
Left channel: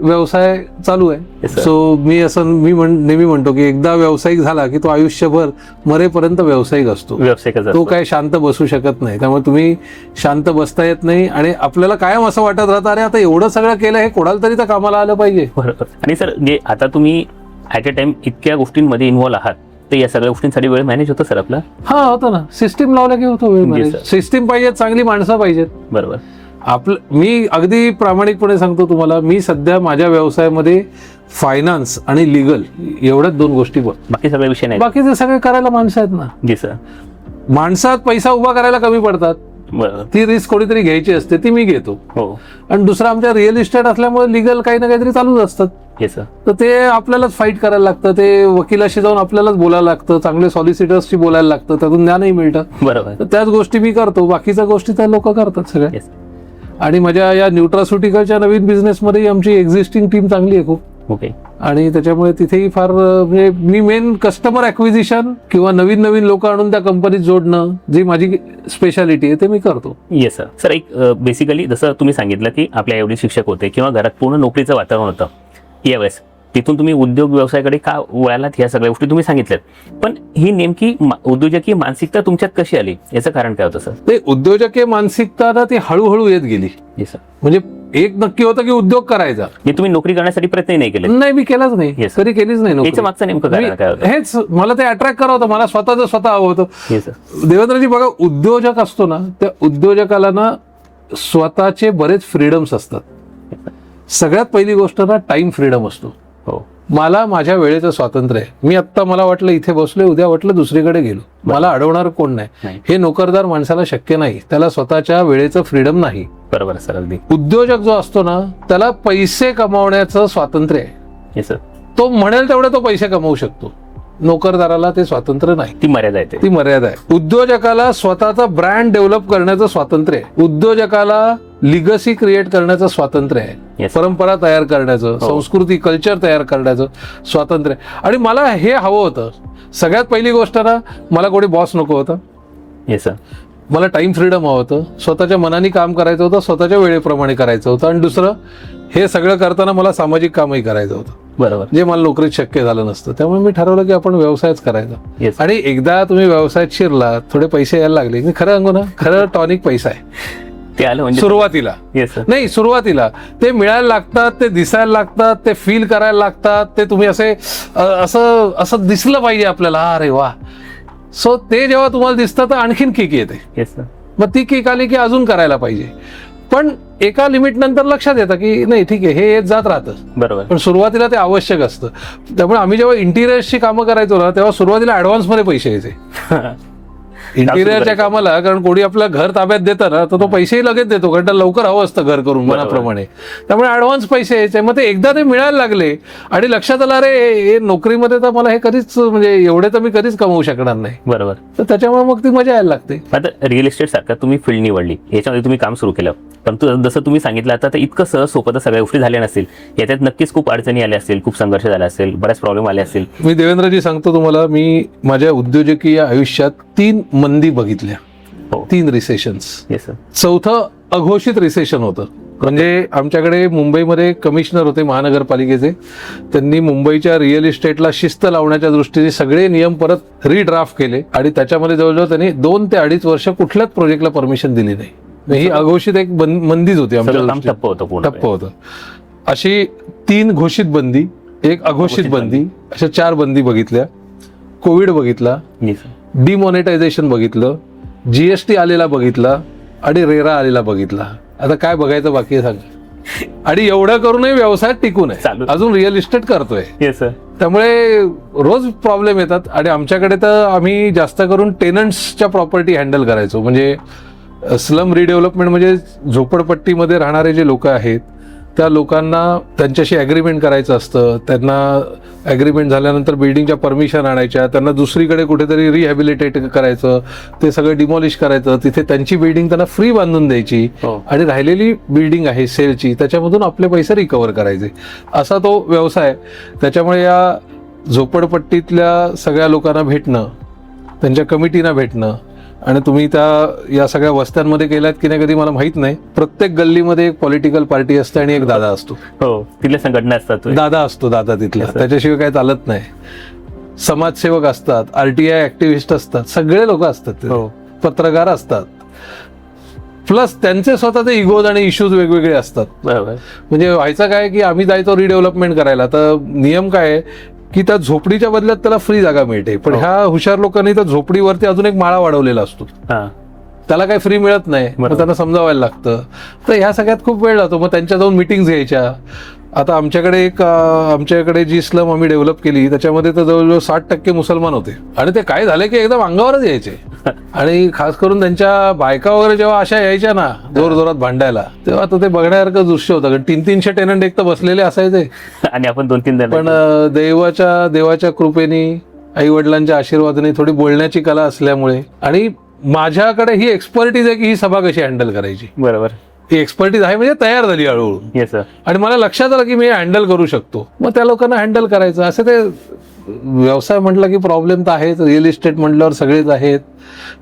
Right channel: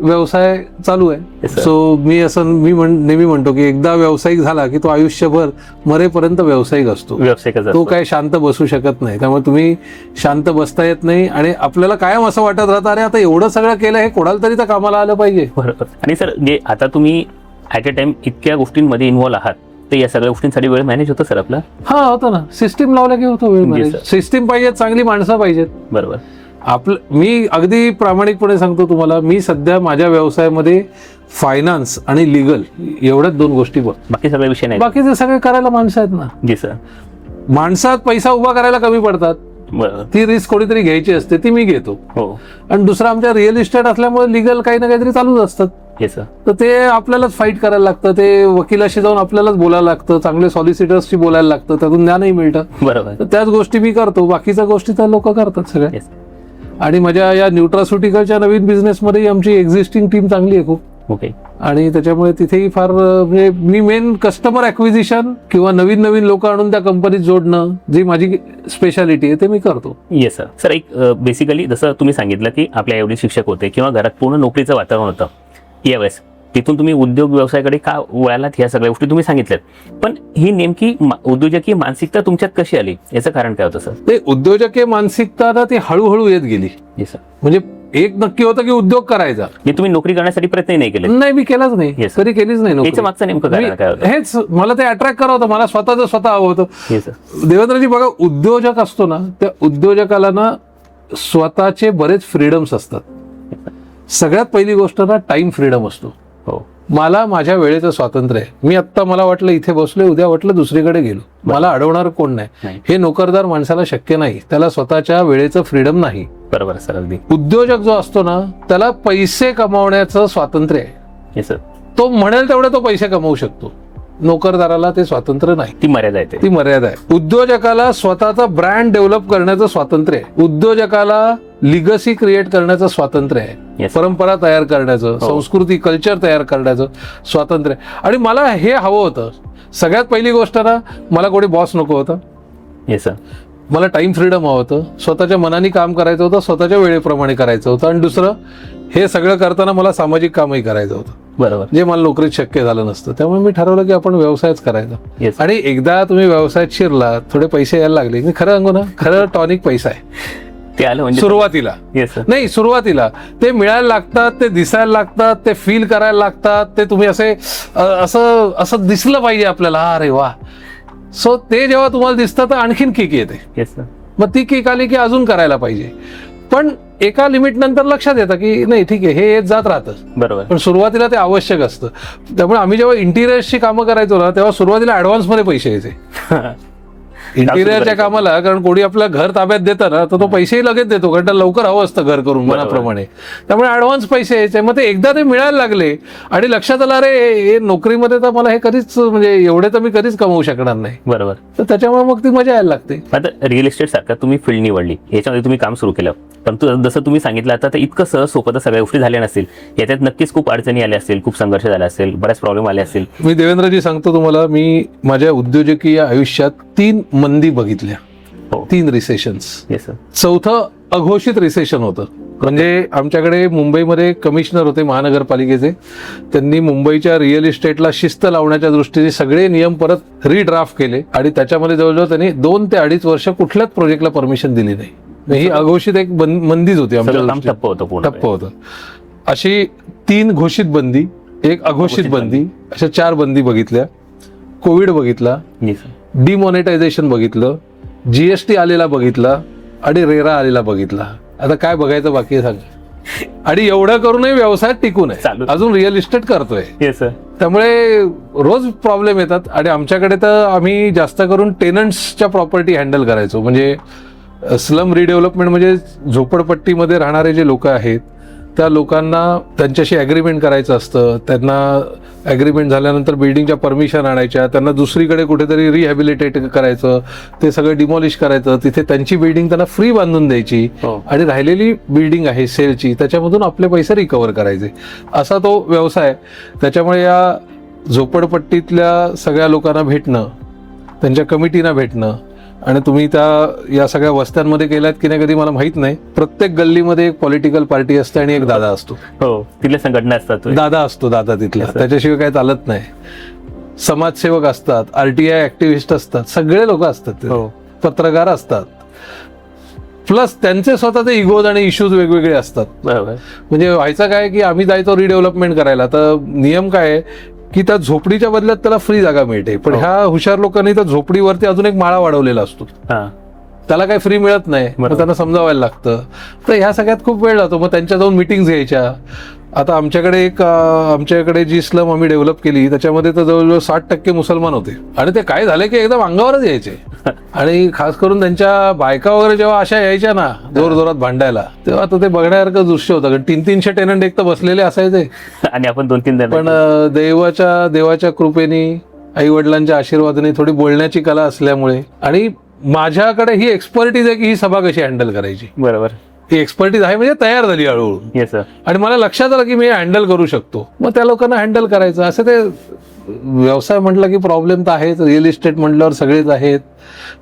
व्यवसाय चालू आहे. सो मी नेहमी म्हणतो की एकदा व्यावसायिक झाला की तो आयुष्यभर मरेपर्यंत व्यावसायिक असतो. तो काय शांत बसू शकत नाही. त्यामुळे तुम्ही शांत बसता येत नाही, आणि आपल्याला कायम असं वाटत राहतं अरे आता एवढं सगळं केलं, हे कोणाला तरी तर कामाला आलं पाहिजे. आणि सर जे आता तुम्ही ऍट अ टाइम इतक्या गोष्टींमध्ये इन्व्हॉल्व आहात, तर या सगळ्या गोष्टींसाठी वेळ मॅनेज होतो सर आपला? हा होतं ना. सिस्टीम लावला की होतो वेळ. सिस्टीम पाहिजे, चांगली माणसं पाहिजेत. बरोबर. मी अगदी प्रामाणिकपणे सांगतो तुम्हाला, मी सध्या माझ्या व्यवसायामध्ये फायनान्स आणि लिगल एवढ्याच 2 गोष्टी करतो. बाकी सगळे विषय नाही. बाकीचे सगळे करायला माणसं आहेत ना. जी सर. माणसात पैसा उभा करायला कमी पडतात. ती रिस्क कोणीतरी घ्यायची असते, ती मी घेतो. हो. आणि दुसरं आमच्या रिअल इस्टेट असल्यामुळे लिगल काही ना काहीतरी चालूच असतात. तर ते आपल्यालाच फाईट करायला लागतं, ते वकिलाशी जाऊन आपल्यालाच बोलायला लागतं, चांगले सॉलिसिटर्सशी बोलायला लागतं, त्यातून ज्ञानही मिळतं. बरोबर. तर त्याच गोष्टी मी करतो, बाकीच्या गोष्टी तर लोक करतात सगळ्या. आणि माझ्या या न्यूट्रास्युटिकलच्या नवीन बिझनेसमध्ये आमची एक्झिस्टिंग टीम चांगली आहे खूप. ओके. आणि त्याच्यामुळे तिथेही फार म्हणजे मी मेन कस्टमर ॲक्विजिशन किंवा नवीन नवीन लोक आणून त्या कंपनीत जोडणं जी माझी स्पेशालिटी आहे ते मी करतो. Yes sir. सर एक बेसिकली जसं तुम्ही सांगितलं की आपल्या एवढे शिक्षक होते किंवा घरात पूर्ण नोकरीचं वातावरण होतं यावेळेस तिथून तुम्ही उद्योग व्यवसायाकडे का वळालात ह्या सगळ्या गोष्टी तुम्ही सांगितल्यात. पण ही नेमकी उद्योजकीय मानसिकता तुमच्यात कशी आली याचं कारण काय होतं सर? ते उद्योजकीय मानसिकता ना ती हळूहळू येत गेली. Yes sir. म्हणजे एक नक्की होतं की उद्योग करायचा. हे तुम्ही नोकरी करण्यासाठी प्रयत्न नाही केले? नाही, मी केलाच नाही, Yes. कधी केलीच नाही नोकरी. याचं मागचं नेमकं कारण काय होतं? हेच मला ते अट्रॅक्ट करत होतं, मला स्वतः हवं होतं. Yes sir. देवेंद्रजी बघा, उद्योजक असतो ना त्या उद्योजकाला ना स्वतःचे बरेच फ्रीडम्स असतात. सगळ्यात पहिली गोष्ट ना टाइम फ्रीडम असतो. हो. मला माझ्या वेळेचं स्वातंत्र्य आहे. मी आत्ता मला वाटलं इथे बसले, उद्या वाटलं दुसरीकडे गेलो, मला अडवणार कोण नाही. हे नोकरदार माणसाला शक्य नाही, त्याला स्वतःच्या वेळेचं फ्रीडम नाही. बरोबर सर. अगदी. उद्योजक जो असतो ना त्याला पैसे कमवण्याचं स्वातंत्र्य आहे. Yes sir. तो म्हणेल तेवढे तो पैसे कमवू शकतो. नोकरदाराला ते स्वातंत्र्य नाही, ती मर्यादा आहे. ती मर्यादा आहे. उद्योजकाला स्वतःचा ब्रँड डेव्हलप करण्याचं स्वातंत्र्य आहे. उद्योजकाला लिगसी क्रिएट करण्याचं स्वातंत्र्य आहे. Yes. परंपरा तयार करण्याचं, संस्कृती कल्चर तयार करण्याचं स्वातंत्र्य आहे. आणि मला हे हवं होतं. सगळ्यात पहिली गोष्ट ना, मला कोणी बॉस नको होता. Yes sir. मला टाइम फ्रीडम हवं होतं. स्वतःच्या मनाने काम करायचं होतं, स्वतःच्या वेळेप्रमाणे करायचं होतं. आणि दुसरं, हे सगळं करताना मला सामाजिक कामही करायचं होतं. हे मला नोकरीत शक्य झालं नसतं. त्यामुळे मी ठरवलं की आपण व्यवसायच करायचा. Yes. आणि एकदा तुम्ही व्यवसायात शिरला, थोडे पैसे यायला लागले की खरं सांगू ना, खरं टॉनिक पैसा आहे. ते आलं म्हणजे सुरुवातीला येस सर. नाही, सुरुवातीला ते मिळायला लागतात, ते दिसायला लागतात, ते फील करायला लागतात. ते तुम्ही असे असं असं दिसलं पाहिजे आपल्याला, अरे वा. सो ते जेव्हा तुम्हाला दिसतं तर आणखीन किक येते. Yes sir. मग ती किक आली की अजून करायला पाहिजे. पण एका लिमिट नंतर लक्षात येतं की नाही, ठीक आहे, हे येत जात राहतं. बरोबर. पण सुरुवातीला ते आवश्यक असतं. त्यामुळे आम्ही जेव्हा इंटिरियर्सची कामं करायचो ना, तेव्हा सुरुवातीला ऍडव्हान्स मध्ये पैसे यायचे इंटिरियरच्या कामाला. कारण कोणी आपलं घर ताब्यात देतं ना, तर तो पैसेही लगेच देतो, कारण त्याला लवकर हवं असतं घर करून मनाप्रमाणे. त्यामुळे ऍडव्हान्स पैसे यायचे. मग ते एकदा ते मिळायला लागले आणि लक्षात आलं, अरे हे नोकरीमध्ये तर मला हे कधीच, म्हणजे एवढे तर मी कधीच कमवू शकणार नाही. बरोबर. तर त्याच्यामुळे मग ती मजा यायला लागते. आता रिअल इस्टेट सारखं तुम्ही फील्ड निवडली, याच्यामध्ये तुम्ही काम सुरू केलं, परंतु जसं तुम्ही सांगितलं आता ते इतकं सहज सोपं तर सगळ्या गोष्टी झाल्या नसतील. याच्यात नक्कीच खूप अडचणी आल्या असतील, खूप संघर्ष झाला असेल, बऱ्याच प्रॉब्लेम आले असतील. मी देवेंद्रजी सांगतो तुम्हाला, मी माझ्या उद्योजकीय आयुष्यात 3 मंदी बघितल्या. हो. 3 रिसेशन्स. Yes sir. चौथं अघोषित रिसेशन होतं. म्हणजे आमच्याकडे मुंबईमध्ये कमिशनर होते महानगरपालिकेचे. त्यांनी मुंबईच्या रिअल इस्टेटला शिस्त लावण्याच्या दृष्टीने सगळे नियम परत रिड्राफ्ट केले आणि त्याच्यामध्ये जवळजवळ त्यांनी 2 ते 2.5 वर्ष कुठल्याच प्रोजेक्टला परमिशन दिली नाही. ही अघोषित एक मंदीच होती आमच्या सगळं काम दृष्टीने. ठप्प होतं पूर्ण. ठप्प होतं. अशी 3 घोषित बंदी, एक अघोषित बंदी, अशा 4 बंदी बघितल्या. कोविड बघितला, येस सर. डिमॉनिटायझेशन बघितलं, जीएसटी आलेला बघितला आणि रेरा आलेला बघितला. आता काय बघायचं बाकी आहे सांग. आणि एवढं करूनही व्यवसायात टिकून आहे, चालू. अजून रिअल इस्टेट करतोय. Yes sir. त्यामुळे रोज प्रॉब्लेम येतात. आणि आमच्याकडे तर आम्ही जास्त करून टेनंट्सच्या प्रॉपर्टी हँडल करायचो. म्हणजे स्लम रिडेव्हलपमेंट, म्हणजे झोपडपट्टीमध्ये राहणारे जे लोक आहेत त्या लोकांना त्यांच्याशी ॲग्रीमेंट करायचं असतं. त्यांना ॲग्रीमेंट झाल्यानंतर बिल्डिंगच्या परमिशन आणायच्या, त्यांना दुसरीकडे कुठेतरी रिहॅबिलिटेट करायचं, ते सगळं डिमॉलिश करायचं, तिथे त्यांची बिल्डिंग त्यांना फ्री बांधून द्यायची हो. आणि राहिलेली बिल्डिंग आहे सेलची, त्याच्यामधून आपले पैसे रिकव्हर करायचे, असा तो व्यवसाय. त्याच्यामुळे या झोपडपट्टीतल्या सगळ्या लोकांना भेटणं, त्यांच्या कमिटीना भेटणं, आणि तुम्ही या सगळ्या वस्त्यांमध्ये गेलात की नाही कधी मला माहित नाही. प्रत्येक गल्लीमध्ये एक पॉलिटिकल पार्टी असते आणि एक दादा असतो. हो. तिथल्या संघटना असतात. दादा असतो, दादा तिथला, त्याच्याशिवाय काय चालत नाही. समाजसेवक असतात, आरटीआय ऍक्टिव्हिस्ट असतात, सगळे लोक असतात, पत्रकार असतात. प्लस त्यांचे स्वतःचे इगोज आणि इश्यूज वेगवेगळे असतात. म्हणजे व्हायचं काय की आम्ही जायचो रिडेव्हलपमेंट करायला, तर नियम काय आहे की त्या झोपडीच्या बदल्यात त्याला फ्री जागा मिळते. पण ह्या हुशार लोकांनी त्या झोपडीवरती अजून एक माळा वाढवलेला असतो, त्याला काही फ्री मिळत नाही. मग त्यांना समजावायला लागतं. तर ह्या सगळ्यात खूप वेळ जातो. मग त्यांच्या जाऊन मिटिंग्स घ्यायच्या. आता आमच्याकडे जी स्लम आम्ही डेव्हलप केली त्याच्यामध्ये तर जवळजवळ 60% मुसलमान होते. आणि ते काय झाले की एकदम अंगावरच यायचे. आणि खास करून त्यांच्या बायका वगैरे जेव्हा अशा यायच्या ना जोरजोरात भांडायला, तेव्हा तर ते बघण्यासारखं दृश्य होतं. कारण 300-300 टेनंट एक तर बसलेले असायचे आणि आपण 2-3 जण. पण देवाच्या कृपेने, आई वडिलांच्या आशीर्वादाने, थोडी बोलण्याची कला असल्यामुळे आणि माझ्याकडे ही एक्सपर्टीज आहे की ही सभा कशी हँडल करायची. बरोबर. एक्सपर्टीज आहे म्हणजे तयार झाली हळूहळू Yes, sir. आणि मला लक्षात आलं की मी हँडल करू शकतो. मग त्या लोकांना हँडल करायचं. असं ते व्यवसाय म्हटलं की प्रॉब्लेम तर आहेच. रिअल इस्टेट म्हटल्यावर सगळेच आहेत.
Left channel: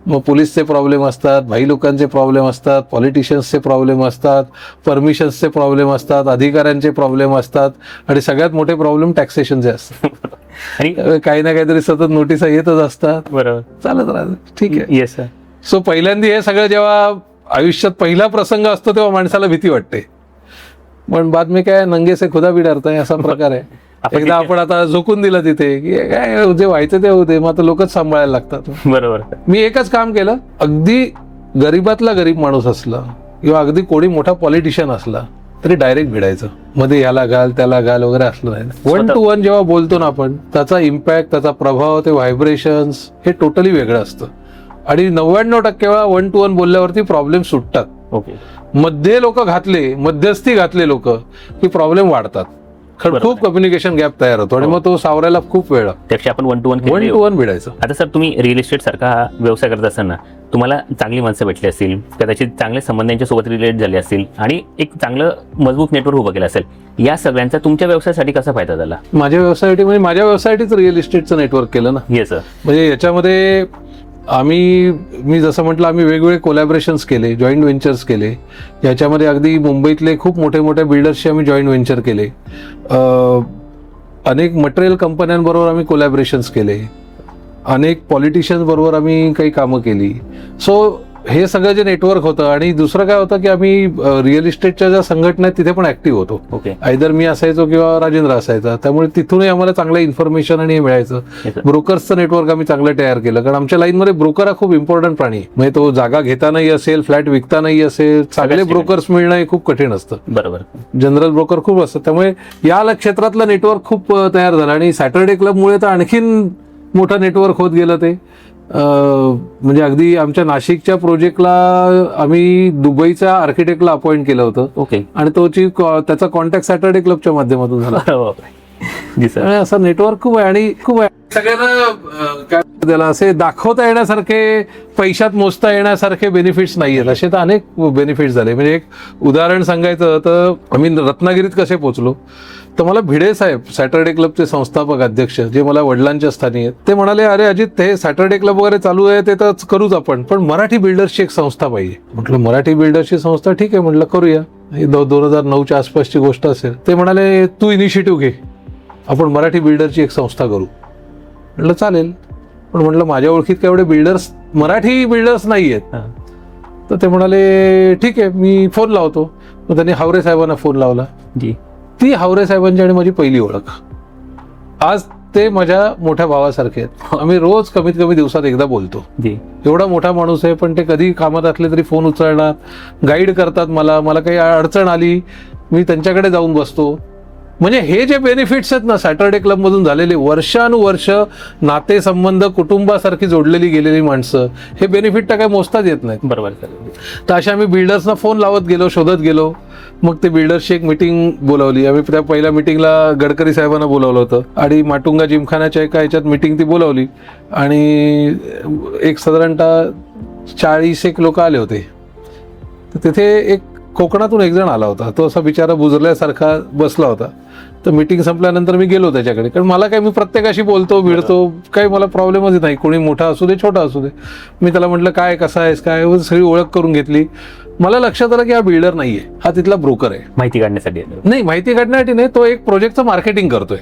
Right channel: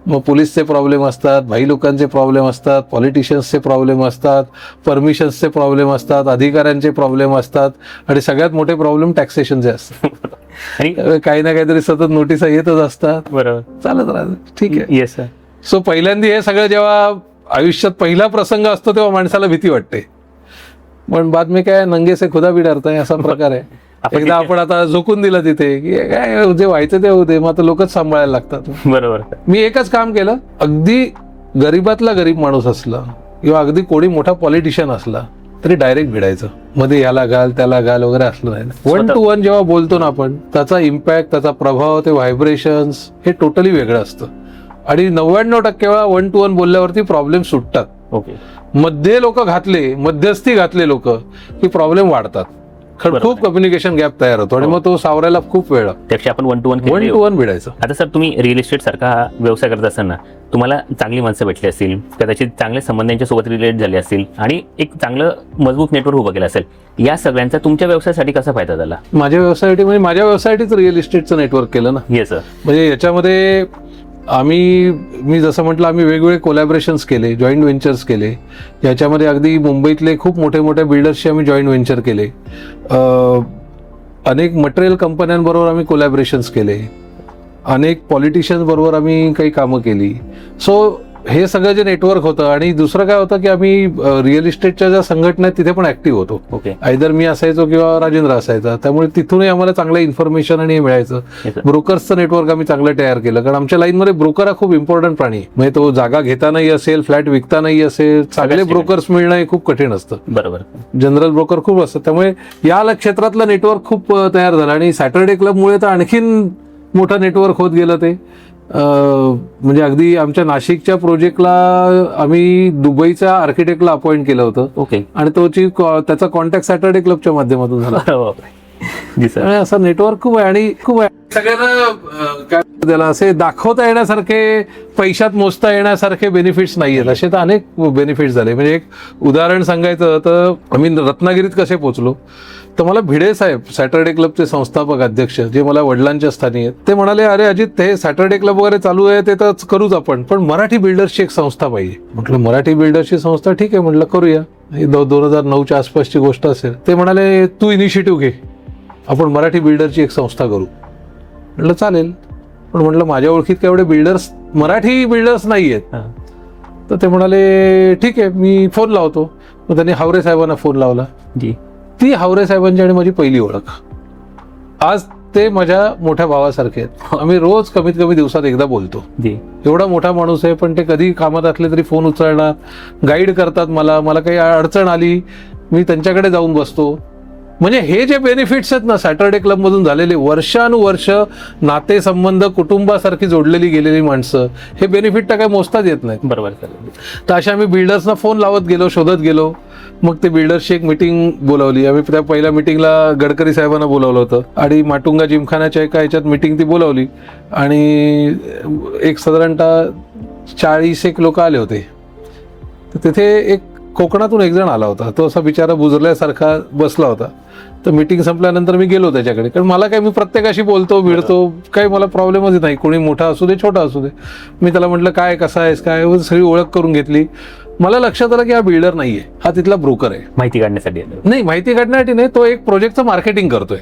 मग पोलीसचे प्रॉब्लेम असतात, भाई लोकांचे प्रॉब्लेम असतात, पॉलिटिशियन्सचे प्रॉब्लेम असतात, परमिशन्सचे प्रॉब्लेम असतात, अधिकाऱ्यांचे प्रॉब्लेम असतात आणि सगळ्यात मोठे प्रॉब्लेम टॅक्सेशनचे असतात. आणि काही ना काहीतरी सतत नोटीस येतच असतात. ठीक आहे. Yes sir. सो पहिल्यांदा हे सगळं जेव्हा आयुष्यात पहिला प्रसंग असतो तेव्हा माणसाला भीती वाटते. पण बाद में काय नंगे से खुदा भी डरता है असा प्रकार आहे. एकदा आपण आता झोकून दिलं तिथे की काय जे व्हायचं ते होते, मग आता लोकच सांभाळायला लागतात. बरोबर. मी एकच काम केलं, अगदी गरीबातला गरीब माणूस असला किंवा अगदी कोणी मोठा पॉलिटिशियन असला तरी डायरेक्ट भिडायचं. मध्ये याला घाल त्याला घाल वगैरे असणार आहे. 1 to 1 जेव्हा बोलतो ना आपण, त्याचा इम्पॅक्ट, त्याचा प्रभाव, ते व्हायब्रेशन्स हे टोटली वेगळं असतं. आणि 99% वेळा 1 to 1 बोलल्यावरती प्रॉब्लेम सुटतात. ओके. मध्ये लोक घातले, मध्यस्थी घातले लोक की प्रॉब्लेम वाढतात. खूप कम्युनिकेशन गॅप तयार होतो. तो सावरायला खूप वेळ लागतो. आता सर, तुम्ही रिअल इस्टेट सारखा व्यवसाय करत असताना तुम्हाला चांगली माणसं भेटली असतील, कदाचित चांगले संबंध यांच्यासोबत रिलेट झाले असतील आणि एक चांगलं मजबूत नेटवर्क उभं केलं असेल. या सगळ्यांचा तुमच्या व्यवसायासाठी कसा फायदा झाला? माझ्या व्यवसायासाठी म्हणजे माझ्या व्यवसायासाठीच रिअल इस्टेटचं नेटवर्क केलं ना. Yes sir. म्हणजे याच्यामध्ये मी जसं म्हटलं, आम्ही वेगवेगळे कोलॅबरेशन्स केले, जॉईंट व्हेंचर्स केले. याच्यामध्ये अगदी मुंबईतले खूप मोठे मोठे बिल्डर्सशी आम्ही जॉईंट व्हेंचर केले. अनेक मटेरियल कंपन्यांबरोबर आम्ही कोलॅबरेशन्स केले. अनेक पॉलिटिशियन्स बरोबर आम्ही काही कामं केली. सो हे सगळं जे नेटवर्क होतं. आणि दुसरं काय होतं की आम्ही रिअल इस्टेटच्या ज्या संघटना आहेत तिथे पण ऍक्टिव्ह होतो. ओके. आयदर मी असायचो किंवा राजेंद्र असायचा. त्यामुळे तिथूनही आम्हाला चांगलं इन्फॉर्मेशन आणि हे मिळायचं. ब्रोकर्सचं नेटवर्क आम्ही चांगलं तयार केलं, कारण आमच्या लाईनमध्ये ब्रोकर हा खूप इम्पॉर्टंट प्राणी आहे. म्हणजे तो जागा घेतानाही असेल, फ्लॅट विकतानाही असेल, चांगले ब्रोकर्स मिळणं हे खूप कठीण असतं. बरोबर. जनरल ब्रोकर खूप असतात. त्यामुळे या क्षेत्रातलं नेटवर्क खूप तयार झालं. आणि सॅटर्डे क्लबमुळे तर आणखीन मोठं नेटवर्क होत गेलं ते. म्हणजे अगदी आमच्या नाशिकच्या प्रोजेक्टला आम्ही दुबईच्या आर्किटेक्टला अपॉइंट केलं होतं. ओके. आणि त्याचा कॉन्टॅक्ट सॅटर्डे क्लबच्या माध्यमातून झाला. जी सर. असं नेटवर्क खूप आहे. आणि खूप आहे सगळ्यांना काय त्याला असे दाखवता येण्यासारखे, पैशात मोजता येण्यासारखे बेनिफिट्स नाही आहेत. असे तर अनेक बेनिफिट्स झाले. म्हणजे एक उदाहरण सांगायचं तर आम्ही रत्नागिरीत कसे पोहोचलो, तर मला भिडे साहेब, सॅटर्डे क्लबचे संस्थापक अध्यक्ष, जे मला वडिलांच्या स्थानी आहेत, ते म्हणाले, अरे अजित, हे सॅटर्डे क्लब वगैरे चालू आहे ते तर करूच आपण, पण मराठी बिल्डर्सची एक संस्था पाहिजे. म्हटलं मराठी बिल्डर्सची संस्था, ठीक आहे म्हटलं करूया. 2009च्या आसपासची गोष्ट असेल. ते म्हणाले तू इनिशिएटिव्ह घे, आपण मराठी बिल्डरची एक संस्था करू. म्हटलं चालेल, पण म्हटलं माझ्या ओळखीत काय एवढे बिल्डर्स, मराठी बिल्डर्स नाही आहेत. तर ते म्हणाले ठीक आहे, मी फोन लावतो. मग त्यांनी हावरे साहेबांना फोन लावला. ती हावरे साहेबांची आणि माझी पहिली ओळख. आज ते माझ्या मोठ्या भावासारखे आहेत. आम्ही रोज कमीत कमी दिवसात एकदा बोलतो. एवढा मोठा माणूस आहे, पण ते कधी कामात असले तरी फोन उचलणार, गाईड करतात मला काही अडचण आली मी त्यांच्याकडे जाऊन बसतो. म्हणजे हे जे बेनिफिट्स आहेत ना सॅटर्डे क्लब मधून झालेले, वर्षानुवर्ष नातेसंबंध, कुटुंबासारखी जोडलेली गेलेली माणसं, हे बेनिफिट तर काय मोजताच येत नाही. बरोबर. तर अशा आम्ही बिल्डर्सना फोन लावत गेलो, शोधत गेलो. मग ते बिल्डर्सची एक मिटिंग बोलावली आम्ही. त्या पहिल्या मिटिंगला गडकरी साहेबांना बोलावलं होतं आणि माटुंगा जिमखानाच्या एका ह्याच्यात मिटिंग ती बोलावली. आणि एक साधारणतः 40 लोक आले होते. तर तिथे एक कोकणातून एक जण आला होता. तो असा बिचारा बुजरल्यासारखा बसला होता. तर मीटिंग संपल्यानंतर मी गेलो त्याच्याकडे, कारण मला काय, मी प्रत्येकाशी बोलतो भिडतो, काही मला प्रॉब्लेमच नाही, कोणी मोठा असू दे छोटा असू दे. मी त्याला म्हटलं काय, कसा आहेस, काय, सगळी ओळख करून घेतली. मला लक्षात आलं की हा बिल्डर नाहीये, हा तिथला ब्रोकर आहे. माहिती काढण्यासाठी नाही, माहिती काढण्यासाठी नाही, तो एक प्रोजेक्टचं मार्केटिंग करतोय.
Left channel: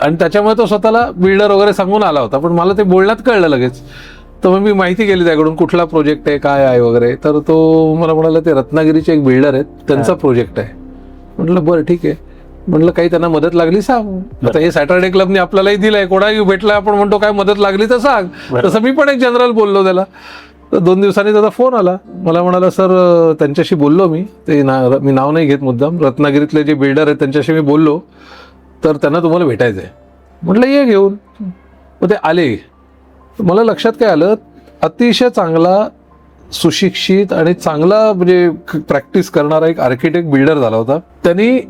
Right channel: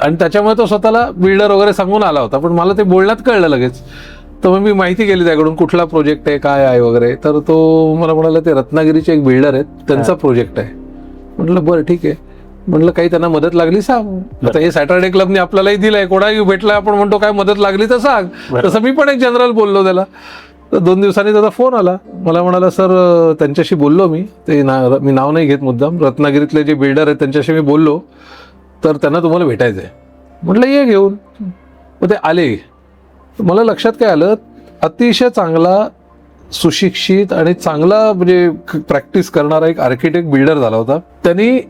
आणि त्याच्यामुळे तो स्वतःला बिल्डर वगैरे सांगून आला होता. पण मला ते बोलण्यात कळलं लगेच. तर मग मी माहिती केली त्याकडून, कुठला प्रोजेक्ट आहे, काय आहे वगैरे. तर तो मला म्हणाला ते रत्नागिरीचे एक बिल्डर आहेत, त्यांचा प्रोजेक्ट आहे. म्हटलं बरं ठीक आहे. म्हटलं काही त्यांना मदत लागली सांग. आता हे सॅटर्डे क्लबने आपल्यालाही दिलंय, कोणाही भेटला आपण म्हणतो काय मदत लागली तर सांग. तसं मी पण एक जनरल बोललो त्याला. 2 दिवसांनी त्याचा फोन आला. मला म्हणाला सर त्यांच्याशी बोललो मी, ते मी नाव नाही घेत मुद्दाम, रत्नागिरीतले जे बिल्डर आहेत त्यांच्याशी मी बोललो, तर त्यांना तुम्हाला भेटायचं आहे. म्हटलं ये घेऊन. मग ते आले. मला लक्षात काय आलं, अतिशय चांगला, सुशिक्षित आणि चांगला म्हणजे प्रॅक्टिस करणारा एक आर्किटेक्ट बिल्डर झाला होता. त्यांनी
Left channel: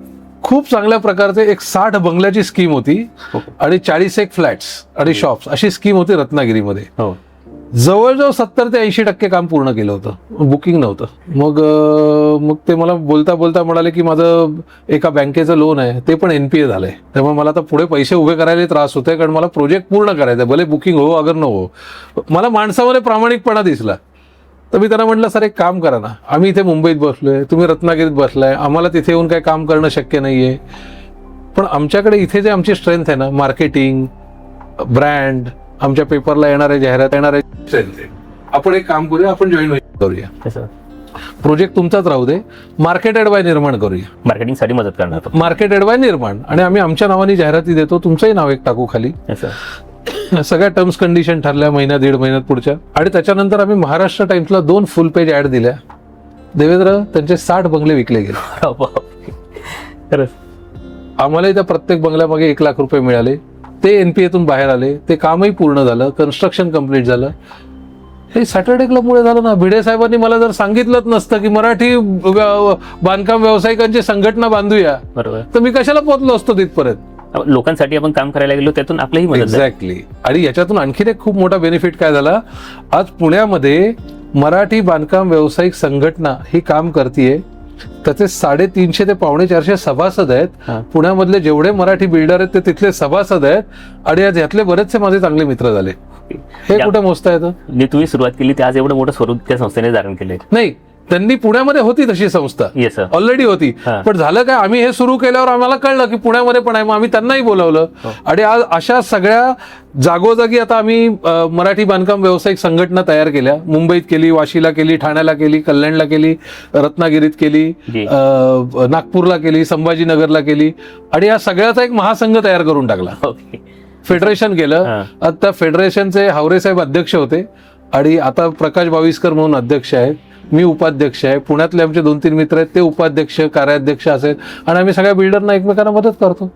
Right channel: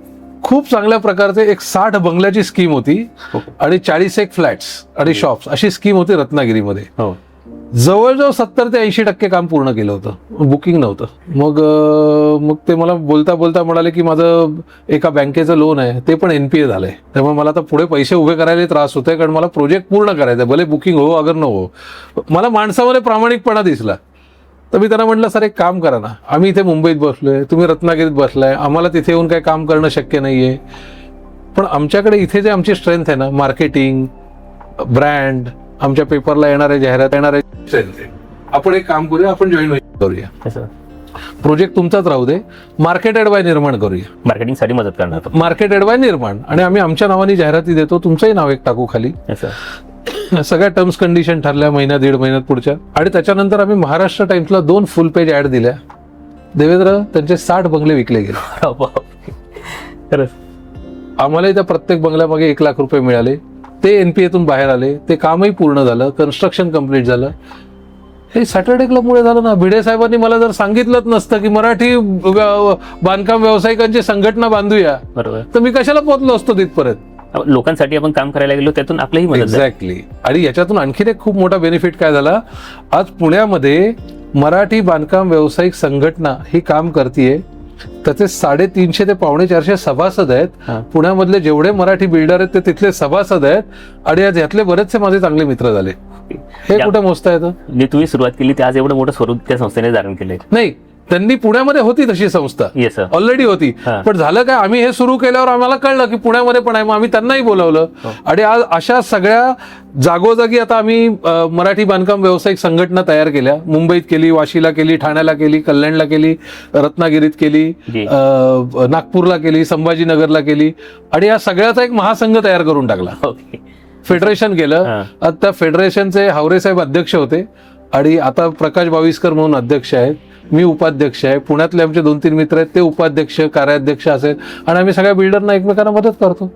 खूप चांगल्या प्रकारचे एक 60 बंगल्याची स्कीम होती आणि 41 फ्लॅट्स आणि शॉप्स अशी स्कीम होती रत्नागिरीमध्ये. जवळजवळ 70 ते 80% काम पूर्ण केलं होतं, बुकिंग नव्हतं. मग मग ते मला बोलता बोलता म्हणाले की माझं एका बँकेचं लोन आहे ते पण NPA झालंय, त्यामुळे मला आता पुढे पैसे उभे करायला त्रास होतोय, कारण मला प्रोजेक्ट पूर्ण करायचं, भले बुकिंग हो अगर न हो. मला माणसामध्ये प्रामाणिकपणा दिसला. तर मी त्यांना म्हटलं, सर एक काम करा ना, आम्ही इथे मुंबईत बसलोय, तुम्ही रत्नागिरीत बसलाय, आम्हाला तिथे येऊन काही काम करणं शक्य नाहीये, पण आमच्याकडे इथे जे आमची स्ट्रेंथ आहे ना, मार्केटिंग, ब्रँड, आमच्या पेपरला येणारे जाहिरात येणारे, आपण एक काम करूया, आपण जॉईन करूया, प्रोजेक्ट तुमचाच राहू दे, मार्केटेड बाय निर्माण करूया, मार्केटिंगसाठी मदत करणार. मार्केटेड बाय निर्माण, आणि आम्ही आमच्या नावाने जाहिराती देतो, तुमचंही नाव एक टाकू खाली. सगळ्या टर्म्स कंडिशन ठरल्या महिना दीड महिन्यात पुढच्या. आणि त्याच्यानंतर आम्ही महाराष्ट्र टाइम्सला 2 फुल पेज ऍड दिल्या. देवेंद्र, त्यांचे 60 बंगले विकले गेले. खरंच आम्हालाही त्या प्रत्येक बंगल्यामागे 1 लाख रुपये मिळाले. ते NPAतून बाहेर आले, ते कामही पूर्ण झालं, कन्स्ट्रक्शन कम्प्लीट झालं. हे सॅटर्डे क्लबमुळे झालं ना. भिडे साहेबांनी मला जर सांगितलंच नसतं की मराठी बांधकाम व्यावसायिकांची संघटना बांधूया, बरोबर, तर मी कशाला पोहोचलो असतो तिथपर्यंत. लोकांसाठी आपण काम करायला गेलो, त्यातून आपल्याही मदत झाली. एक्झॅक्टली. आणि याच्यातून आणखीन एक खूप मोठा बेनिफिट काय झाला, आज पुण्यामध्ये मराठी बांधकाम व्यावसायिक संघटना ही काम करतेय. त्याचे 350 ते 450 सभासद आहेत. पुण्यामधले जेवढे मराठी बिल्डर आहेत ते तिथले सभासद आहेत, आणि यातले बरेचसे माझे चांगले मित्र झाले. हे कुठं मस्त आहे. मी तुम्ही सुरुवात केली ते आज एवढं मोठं स्वरूप त्या संस्थेने धारण केले. नाही, त्यांनी पुण्यामध्ये होती तशी संस्था, ऑलरेडी होती, पण झालं काय, आम्ही हे सुरू केल्यावर आम्हाला कळलं की पुण्यामध्ये पण आहे, मग आम्ही त्यांनाही बोलावलं. आणि आज अशा सगळ्या जागोजागी आता आम्ही मराठी बांधकाम व्यावसायिक संघटना तयार केल्या. मुंबईत केली, वाशीला केली, ठाण्याला केली, कल्याणला केली, रत्नागिरीत केली, नागपूरला केली, संभाजीनगरला केली, आणि या सगळ्याचा एक महासंघ तयार करून टाकला. फेडरेशन केलं. आता फेडरेशनचे हावरे साहेब अध्यक्ष होते, आणि आता प्रकाश बाविस्कर म्हणून अध्यक्ष आहेत, मी उपाध्यक्ष आहे. पुण्यातले आमचे 2-3 मित्र आहेत, ते उपाध्यक्ष, कार्याध्यक्ष असेल, आणि आम्ही सगळ्या बिल्डरना एकमेकांना मदत करतो.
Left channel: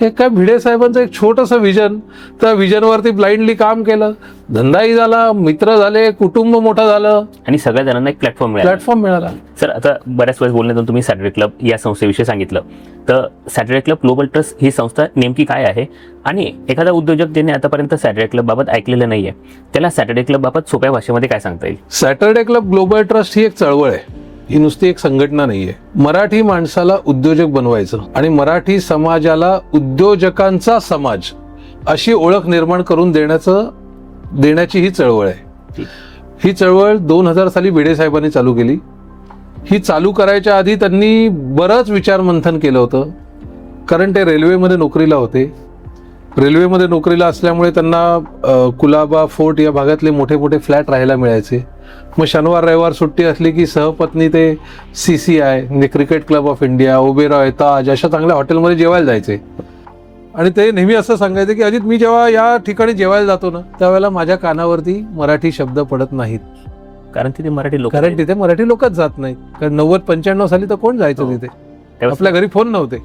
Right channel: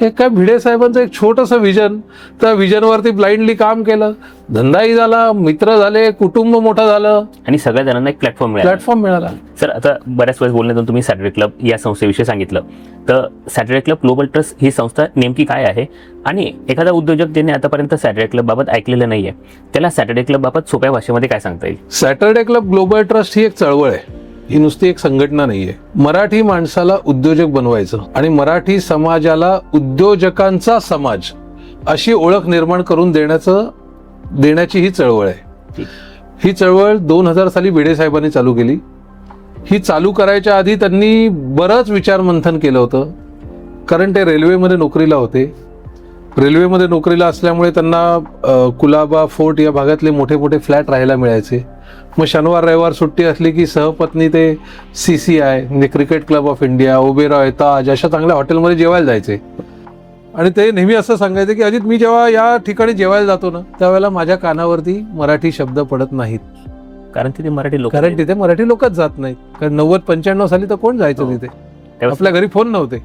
हे काय भिडे साहेबांचं एक छोटंसं विजन, त्या विजनवरती ब्लाइंडली काम केलं, धंदाही झाला, मित्र झाले, कुटुंब मोठं झालं, आणि सगळ्या जणांना एक प्लॅटफॉर्म मिळाला. सर, आता बऱ्याच वेळेस बोलण्यातून तुम्ही सॅटर्डे क्लब या संस्थेविषयी सांगितलं, तर सॅटर्डे क्लब ग्लोबल ट्रस्ट ही संस्था नेमकी काय आहे, आणि एखादा उद्योजक ज्याने आतापर्यंत सॅटर्डे क्लब बाबत ऐकलेलं नाहीये, त्याला सॅटर्डे क्लब बाबत सोप्या भाषेमध्ये काय सांगता येईल? सॅटर्डे क्लब ग्लोबल ट्रस्ट ही एक चळवळ आहे, ही नुसती एक संघटना नाहीये. मराठी माणसाला उद्योजक बनवायचं आणि मराठी समाजाला उद्योजकांचा समाज अशी ओळख निर्माण करून देण्याची ही चळवळ आहे. ही चळवळ 2000 साली भिडे साहेबांनी चालू केली. ही चालू करायच्या आधी त्यांनी बरंच विचार मंथन केलं होतं, कारण ते रेल्वेमध्ये नोकरीला होते. रेल्वेमध्ये नोकरीला असल्यामुळे त्यांना कुलाबा, फोर्ट या भागातले मोठे मोठे फ्लॅट राहायला मिळायचे. मग शनिवार रविवार सुट्टी असली की सहपत्नी ते CCI म्हणजे cricket club of India, Oberoi, Taj अशा चांगल्या हॉटेलमध्ये जेवायला जायचे. आणि ते नेहमी असं सांगायचे की अजित, मी जेव्हा या ठिकाणी जेवायला जातो ना, त्यावेळेला माझ्या कानावरती मराठी शब्द पडत नाहीत, कारण तिथे मराठी लोकच जात नाहीत. कारण 90-95 साली तर कोण जायचं तिथे, आपल्या घरी फोन नव्हते.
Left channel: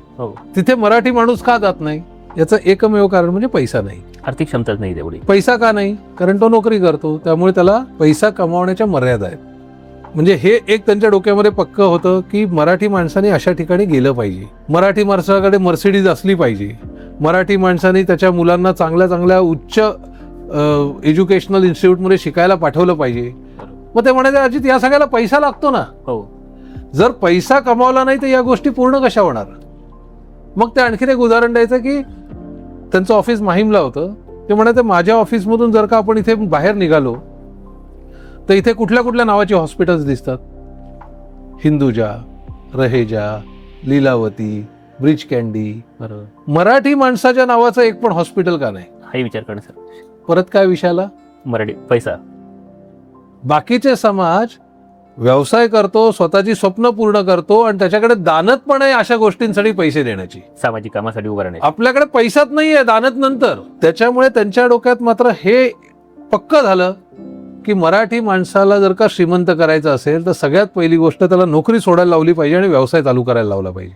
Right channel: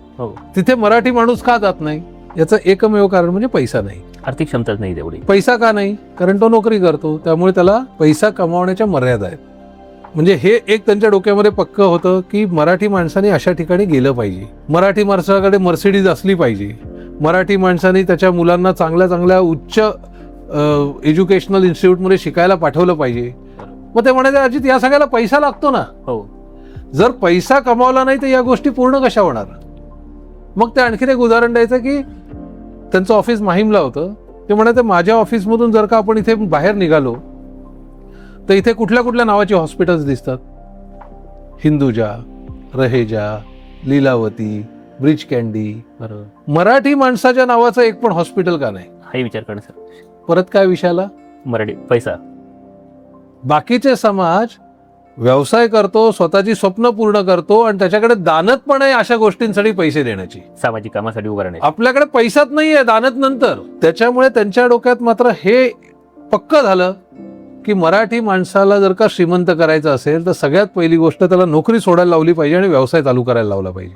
तिथे मराठी माणूस का जात नाही, याचं एकमेव कारण म्हणजे पैसा नाही, आर्थिक संचार नाही. पैसा का नाही, कारण तो नोकरी करतो, त्यामुळे त्याला पैसा कमवण्याच्या मर्यादा आहेत. म्हणजे हे एक त्यांच्या डोक्यामध्ये पक्क होतं की मराठी माणसाने अशा ठिकाणी गेलं पाहिजे, मराठी माणसाकडे मर्सिडीज असली पाहिजे, मराठी माणसाने त्याच्या मुलांना चांगल्या चांगल्या उच्च एज्युकेशनल इन्स्टिट्यूटमध्ये शिकायला पाठवलं पाहिजे. मग ते म्हणाले, अजित या सगळ्याला पैसा लागतो ना, जर पैसा कमावला नाही तर या गोष्टी पूर्ण कशा होणार. मग ते आणखीन एक उदाहरण द्यायचं की त्यांचं ऑफिस माहीमला होतं. ते म्हणाले, माझ्या ऑफिसमधून जर का आपण इथे बाहेर निघालो तर इथे कुठल्या कुठल्या नावाचे हॉस्पिटल्स दिसतात, हिंदुजा, रहेजा, लीलावती, ब्रिज कॅन्डी. बरोबर, मराठी माणसाच्या नावाचं एक पण हॉस्पिटल का नाही, हाही विचार करणं सर. परत काय विषयाला, मराठी पैसा. बाकीचे समाज व्यवसाय करतो, स्वतःची स्वप्न पूर्ण करतो, आणि त्याच्याकडे दानत पण आहे अशा गोष्टींसाठी पैसे देण्याची, सामाजिक कामासाठी उभं राहणे. आपल्याकडे पैसाच नाहीये, दानत नंतर. त्याच्यामुळे त्यांच्या डोक्यात मात्र हे पक्क झालं की मराठी माणसाला जर का श्रीमंत करायचं असेल तर सगळ्यात पहिली गोष्ट त्याला नोकरी सोडायला लावली पाहिजे आणि व्यवसाय चालू करायला लावला पाहिजे.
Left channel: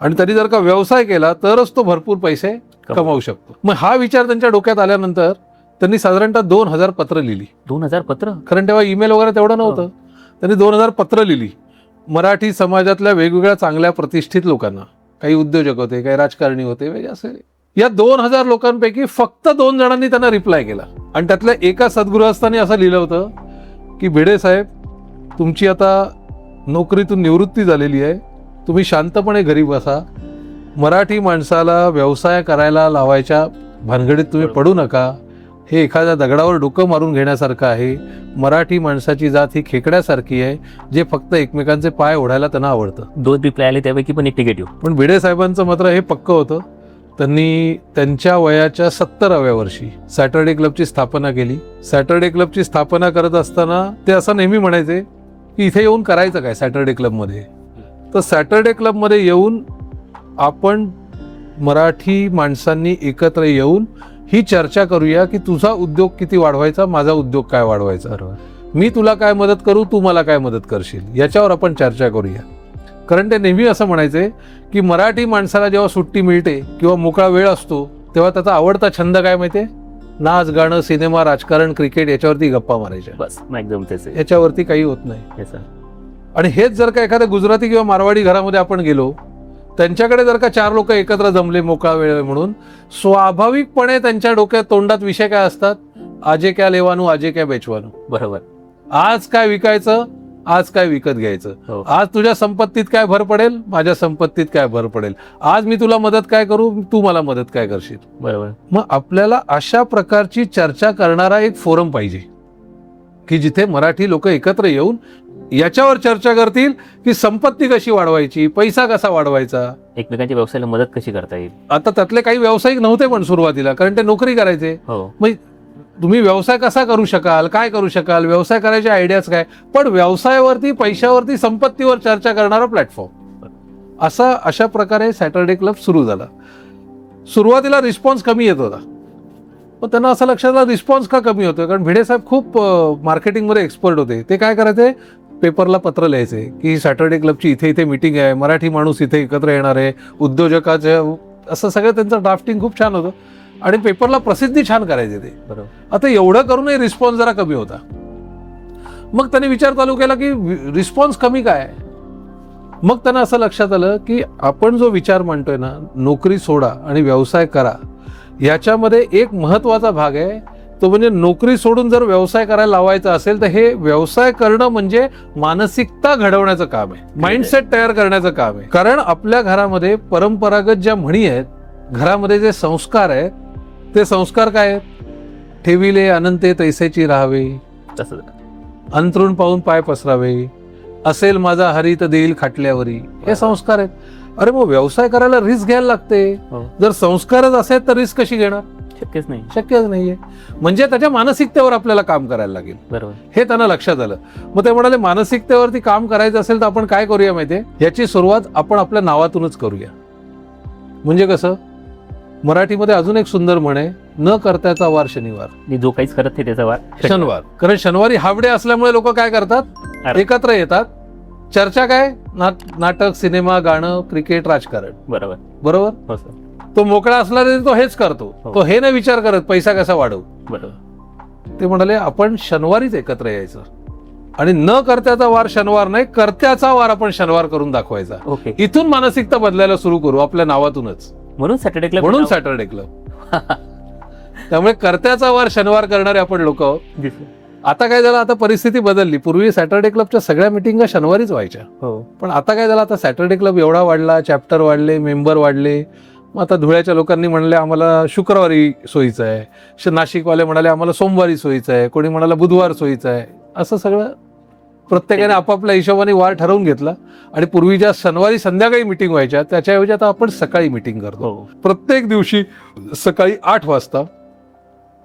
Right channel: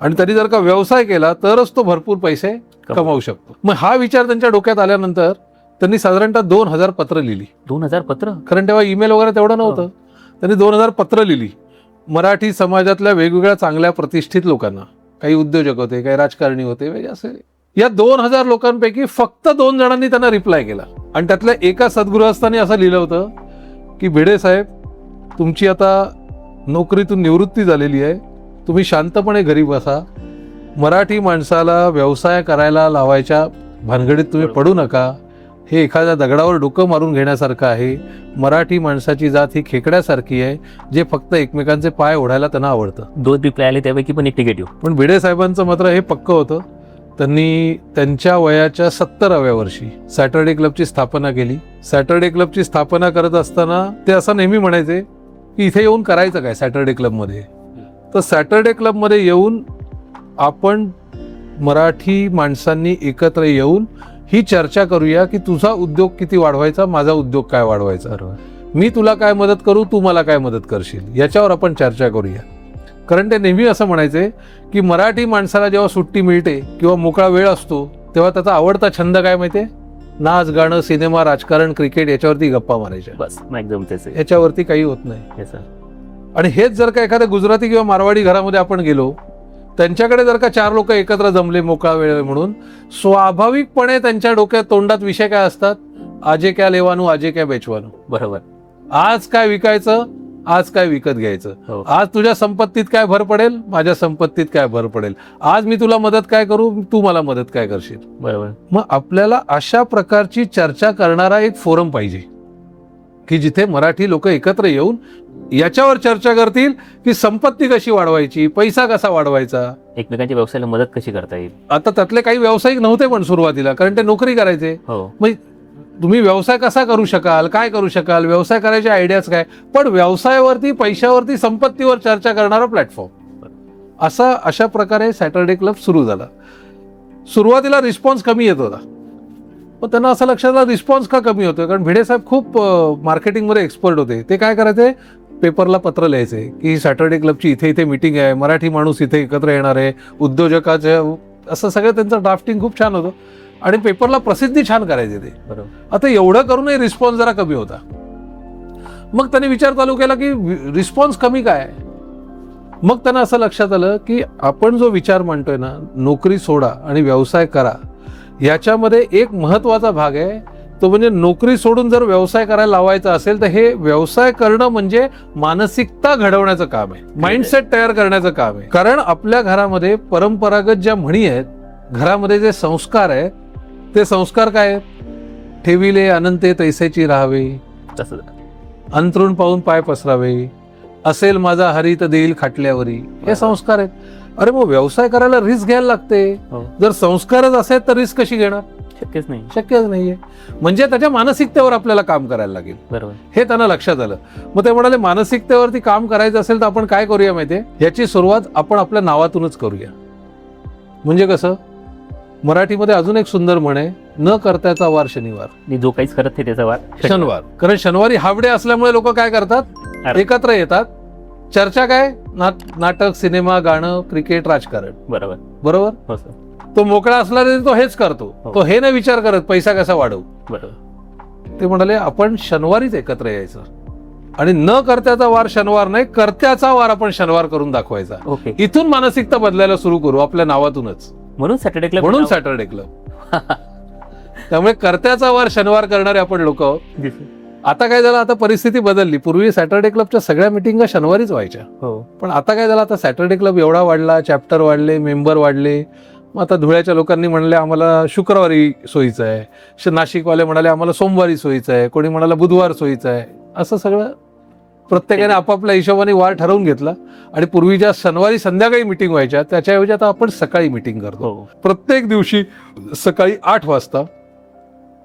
आणि त्यांनी जर का व्यवसाय केला तरच तो भरपूर पैसे कमावू शकतो. मग हा विचार त्यांच्या डोक्यात आल्यानंतर त्यांनी साधारणतः 2000 पत्र लिहिली. 2000 पत्र? कारण तेव्हा ईमेल वगैरे तेवढं नव्हतं. त्यांनी 2000 पत्र लिहिली मराठी समाजातल्या वेगवेगळ्या चांगल्या प्रतिष्ठित लोकांना. काही उद्योजक होते, काही राजकारणी होते, वेगळे असे. या 2000 लोकांपैकी फक्त 2 जणांनी त्यांना रिप्लाय केला. आणि त्यातल्या एका सद्गृहस्थाने असं लिहिलं होतं की भिडे साहेब, तुमची आता नोकरीतून निवृत्ती झालेली आहे, तुम्ही शांतपणे घरी बसा. मराठी माणसाला व्यवसाय करायला लावायच्या भानगडीत तुम्ही पडू नका. हे एखाद्या दगडावर डोकं मारून घेण्यासारखं आहे. मराठी माणसाची जात ही खेकड्यासारखी आहे, जे फक्त एकमेकांचे पाय ओढायला त्यांना आवडतं. 2 रिप्लाय आले त्यापैकी पण एक निगेटिव्ह. पण भिडे साहेबांचं मात्र हे पक्क होतं. त्यांनी त्यांच्या वयाच्या 70व्या वर्षी सॅटर्डे क्लबची स्थापना केली. सॅटर्डे क्लबची स्थापना करत असताना ते असं नेहमी म्हणायचे की इथे येऊन करायचं काय सॅटर्डे क्लबमध्ये. तर सॅटर्डे क्लबमध्ये येऊन आपण मराठी माणसांनी एकत्र येऊन ही चर्चा करूया की तुझा उद्योग किती वाढवायचा, माझा उद्योग काय वाढवायचा, मी तुला काय मदत करू, तू मला काय मदत करशील, याच्यावर आपण चर्चा करूया. कारण ते नेहमी असं म्हणायचे की मराठी माणसाला जेव्हा सुट्टी मिळते किंवा मोकळा वेळ असतो तेव्हा त्याचा आवडता छंद काय माहितीये, नाच, गाणं, सिनेमा, राजकारण, क्रिकेट याच्यावरती गप्पा मारायच्या. बस एकदम तेच आहे. याच्यावरती काही होत नाही. Yes, sir. आणि हेच जर का एखाद्या गुजराती किंवा मारवाडी घरामध्ये आपण गेलो, त्यांच्याकडे जर का 4 लोक एकत्र जमले मोकळा वेळ आहे म्हणून, स्वाभाविकपणे त्यांच्या डोक्यात तोंडात विषय काय असतात, आजे क्या लेवानू, आजे क्या बेचवानू. बरोबर. आज काय विकायचं, आज काय विकत घ्यायचं, हो. आज तुझ्या संपत्तीत काय भर पडेल, माझ्या संपत्तीत काय भर पडेल, आज मी तुला मदत काय करू, तू मला मदत काय करशील. बरोबर. मग आपल्याला अशा प्रकारची चर्चा करणारा एक फोरम पाहिजे की जिथे मराठी लोक एकत्र येऊन याच्यावर चर्चा करतील की संपत्ती कशी वाढवायची, पैसा कसा वाढवायचा. एकमेकांच्या व्यवसायाला मदत कशी करता येईल. आता त्यातले काही व्यावसायिक नव्हते पण सुरुवातीला, कारण ते नोकरी करायचे. हो. मग तुम्ही व्यवसाय कसा करू शकाल, काय करू शकाल, व्यवसाय करायचे आयडियाज काय, पण व्यवसायावरती, पैशावरती, संपत्तीवर चर्चा करणारा प्लॅटफॉर्म अशा प्रकारे सॅटर्डे क्लब सुरू झाला. सुरुवातीला रिस्पॉन्स कमी येत होता, पण त्यांना असं लक्षात आलं रिस्पॉन्स का कमी होतोय, कारण भिडे साहेब खूप मार्केटिंग मध्ये एक्सपर्ट होते. ते काय करायचे, पेपरला पत्र लिहायचे की सॅटर्डे क्लबची इथे इथे मीटिंग आहे, मराठी माणूस इथे एकत्र येणार आहे, उद्योजकाचं, असं सगळं त्यांचं ड्राफ्टिंग खूप छान होतं आणि पेपरला प्रसिद्धी छान करायचे ते. बरोबर. आता एवढं करूनही रिस्पॉन्स जरा कमी होता. मग त्यांनी विचार चालू केला की रिस्पॉन्स कमी काय. मग त्यांना असं लक्षात आलं की आपण जो विचार मांडतोय ना, नोकरी सोडा आणि व्यवसाय करा, याच्यामध्ये एक महत्वाचा भाग आहे, तो म्हणजे नोकरी सोडून जर व्यवसाय करायला लावायचा असेल तर हे व्यवसाय करणं म्हणजे मानसिकता घडवण्याचं काम आहे, माइंडसेट तयार करण्याचं काम आहे. कारण आपल्या घरामध्ये परंपरागत ज्या म्हणी आहेत, घरामध्ये जे संस्कार आहेत, ते संस्कार काय आहेत, ठेविले अनंते तैसेची राहावे, तसं अंथरूण पाहून पाय पसरावे, असेल माझा हरित देईल खाटल्यावरी, हे संस्कार आहेत. अरे मग व्यवसाय करायला रिस्क घ्यायला लागते. हो. जर संस्कारच असेल तर रिस्क कशी घेणार, शक्यच नाही. शक्यच नाहीये. म्हणजे त्याच्या मानसिकतेवर आपल्याला काम करायला लागेल. बरोबर. हे त्यांना लक्षात आलं. मग ते म्हणाले मानसिकतेवरती काम करायचं असेल तर आपण काय करूया माहितीये, याची सुरुवात आपण आपल्या नावातूनच करूया. म्हणजे कसं, मराठीमध्ये अजून एक सुंदर म्हण आहे, न करत्याचा वार शनिवार. मी जो काहीच करत नाही त्याचा वार शनिवार. कारण शनिवारी हावडे असल्यामुळे लोक काय करतात, अरे. एकत्र येतात. चर्चा काय, नाटक, सिनेमा, गाणं, क्रिकेट, राजकारण. बरोबर. बरोबर. हो सर. तो मोकळा असला तरी तो हेच करतो. हो. तो हे नाही विचार करत पैसा कसा वाढवू. बरोबर. ते म्हणाले आपण शनिवारीच एकत्र यायचं आणि न करत्याचा वार शनिवार नाही, करत्याचा वार आपण शनिवार करून दाखवायचा. ओके. इथून मानसिकता बदलायला सुरू करू आपल्या नावातूनच. म्हणून सॅटर्डे क्लब. म्हणून सॅटर्डे क्लब. त्यामुळे करत्याचा वार शनिवार करणारे आपण लोक. आता काय झालं, आता परिस्थिती बदलली. पूर्वी सॅटर्डे क्लबच्या सगळ्या मिटिंगा शनिवारीच व्हायच्या. हो. पण आता काय झालं, आता सॅटर्डे क्लब एवढा वाढला, चॅप्टर वाढले, मेंबर वाढले. मग आता धुळ्याच्या लोकांनी म्हणले आम्हाला शुक्रवारी सोयीचं आहे, नाशिकवाले म्हणाले आम्हाला सोमवारी सोयीचं आहे, कोणी म्हणाला बुधवार सोयीचं आहे. असं सगळं प्रत्येकाने आपापल्या हिशोबाने वार ठरवून घेतला आणि पूर्वी ज्या शनिवारी संध्याकाळी मिटिंग व्हायच्या त्याच्याऐवजी आता आपण सकाळी मिटिंग करतो. प्रत्येक दिवशी सकाळी 8 वाजता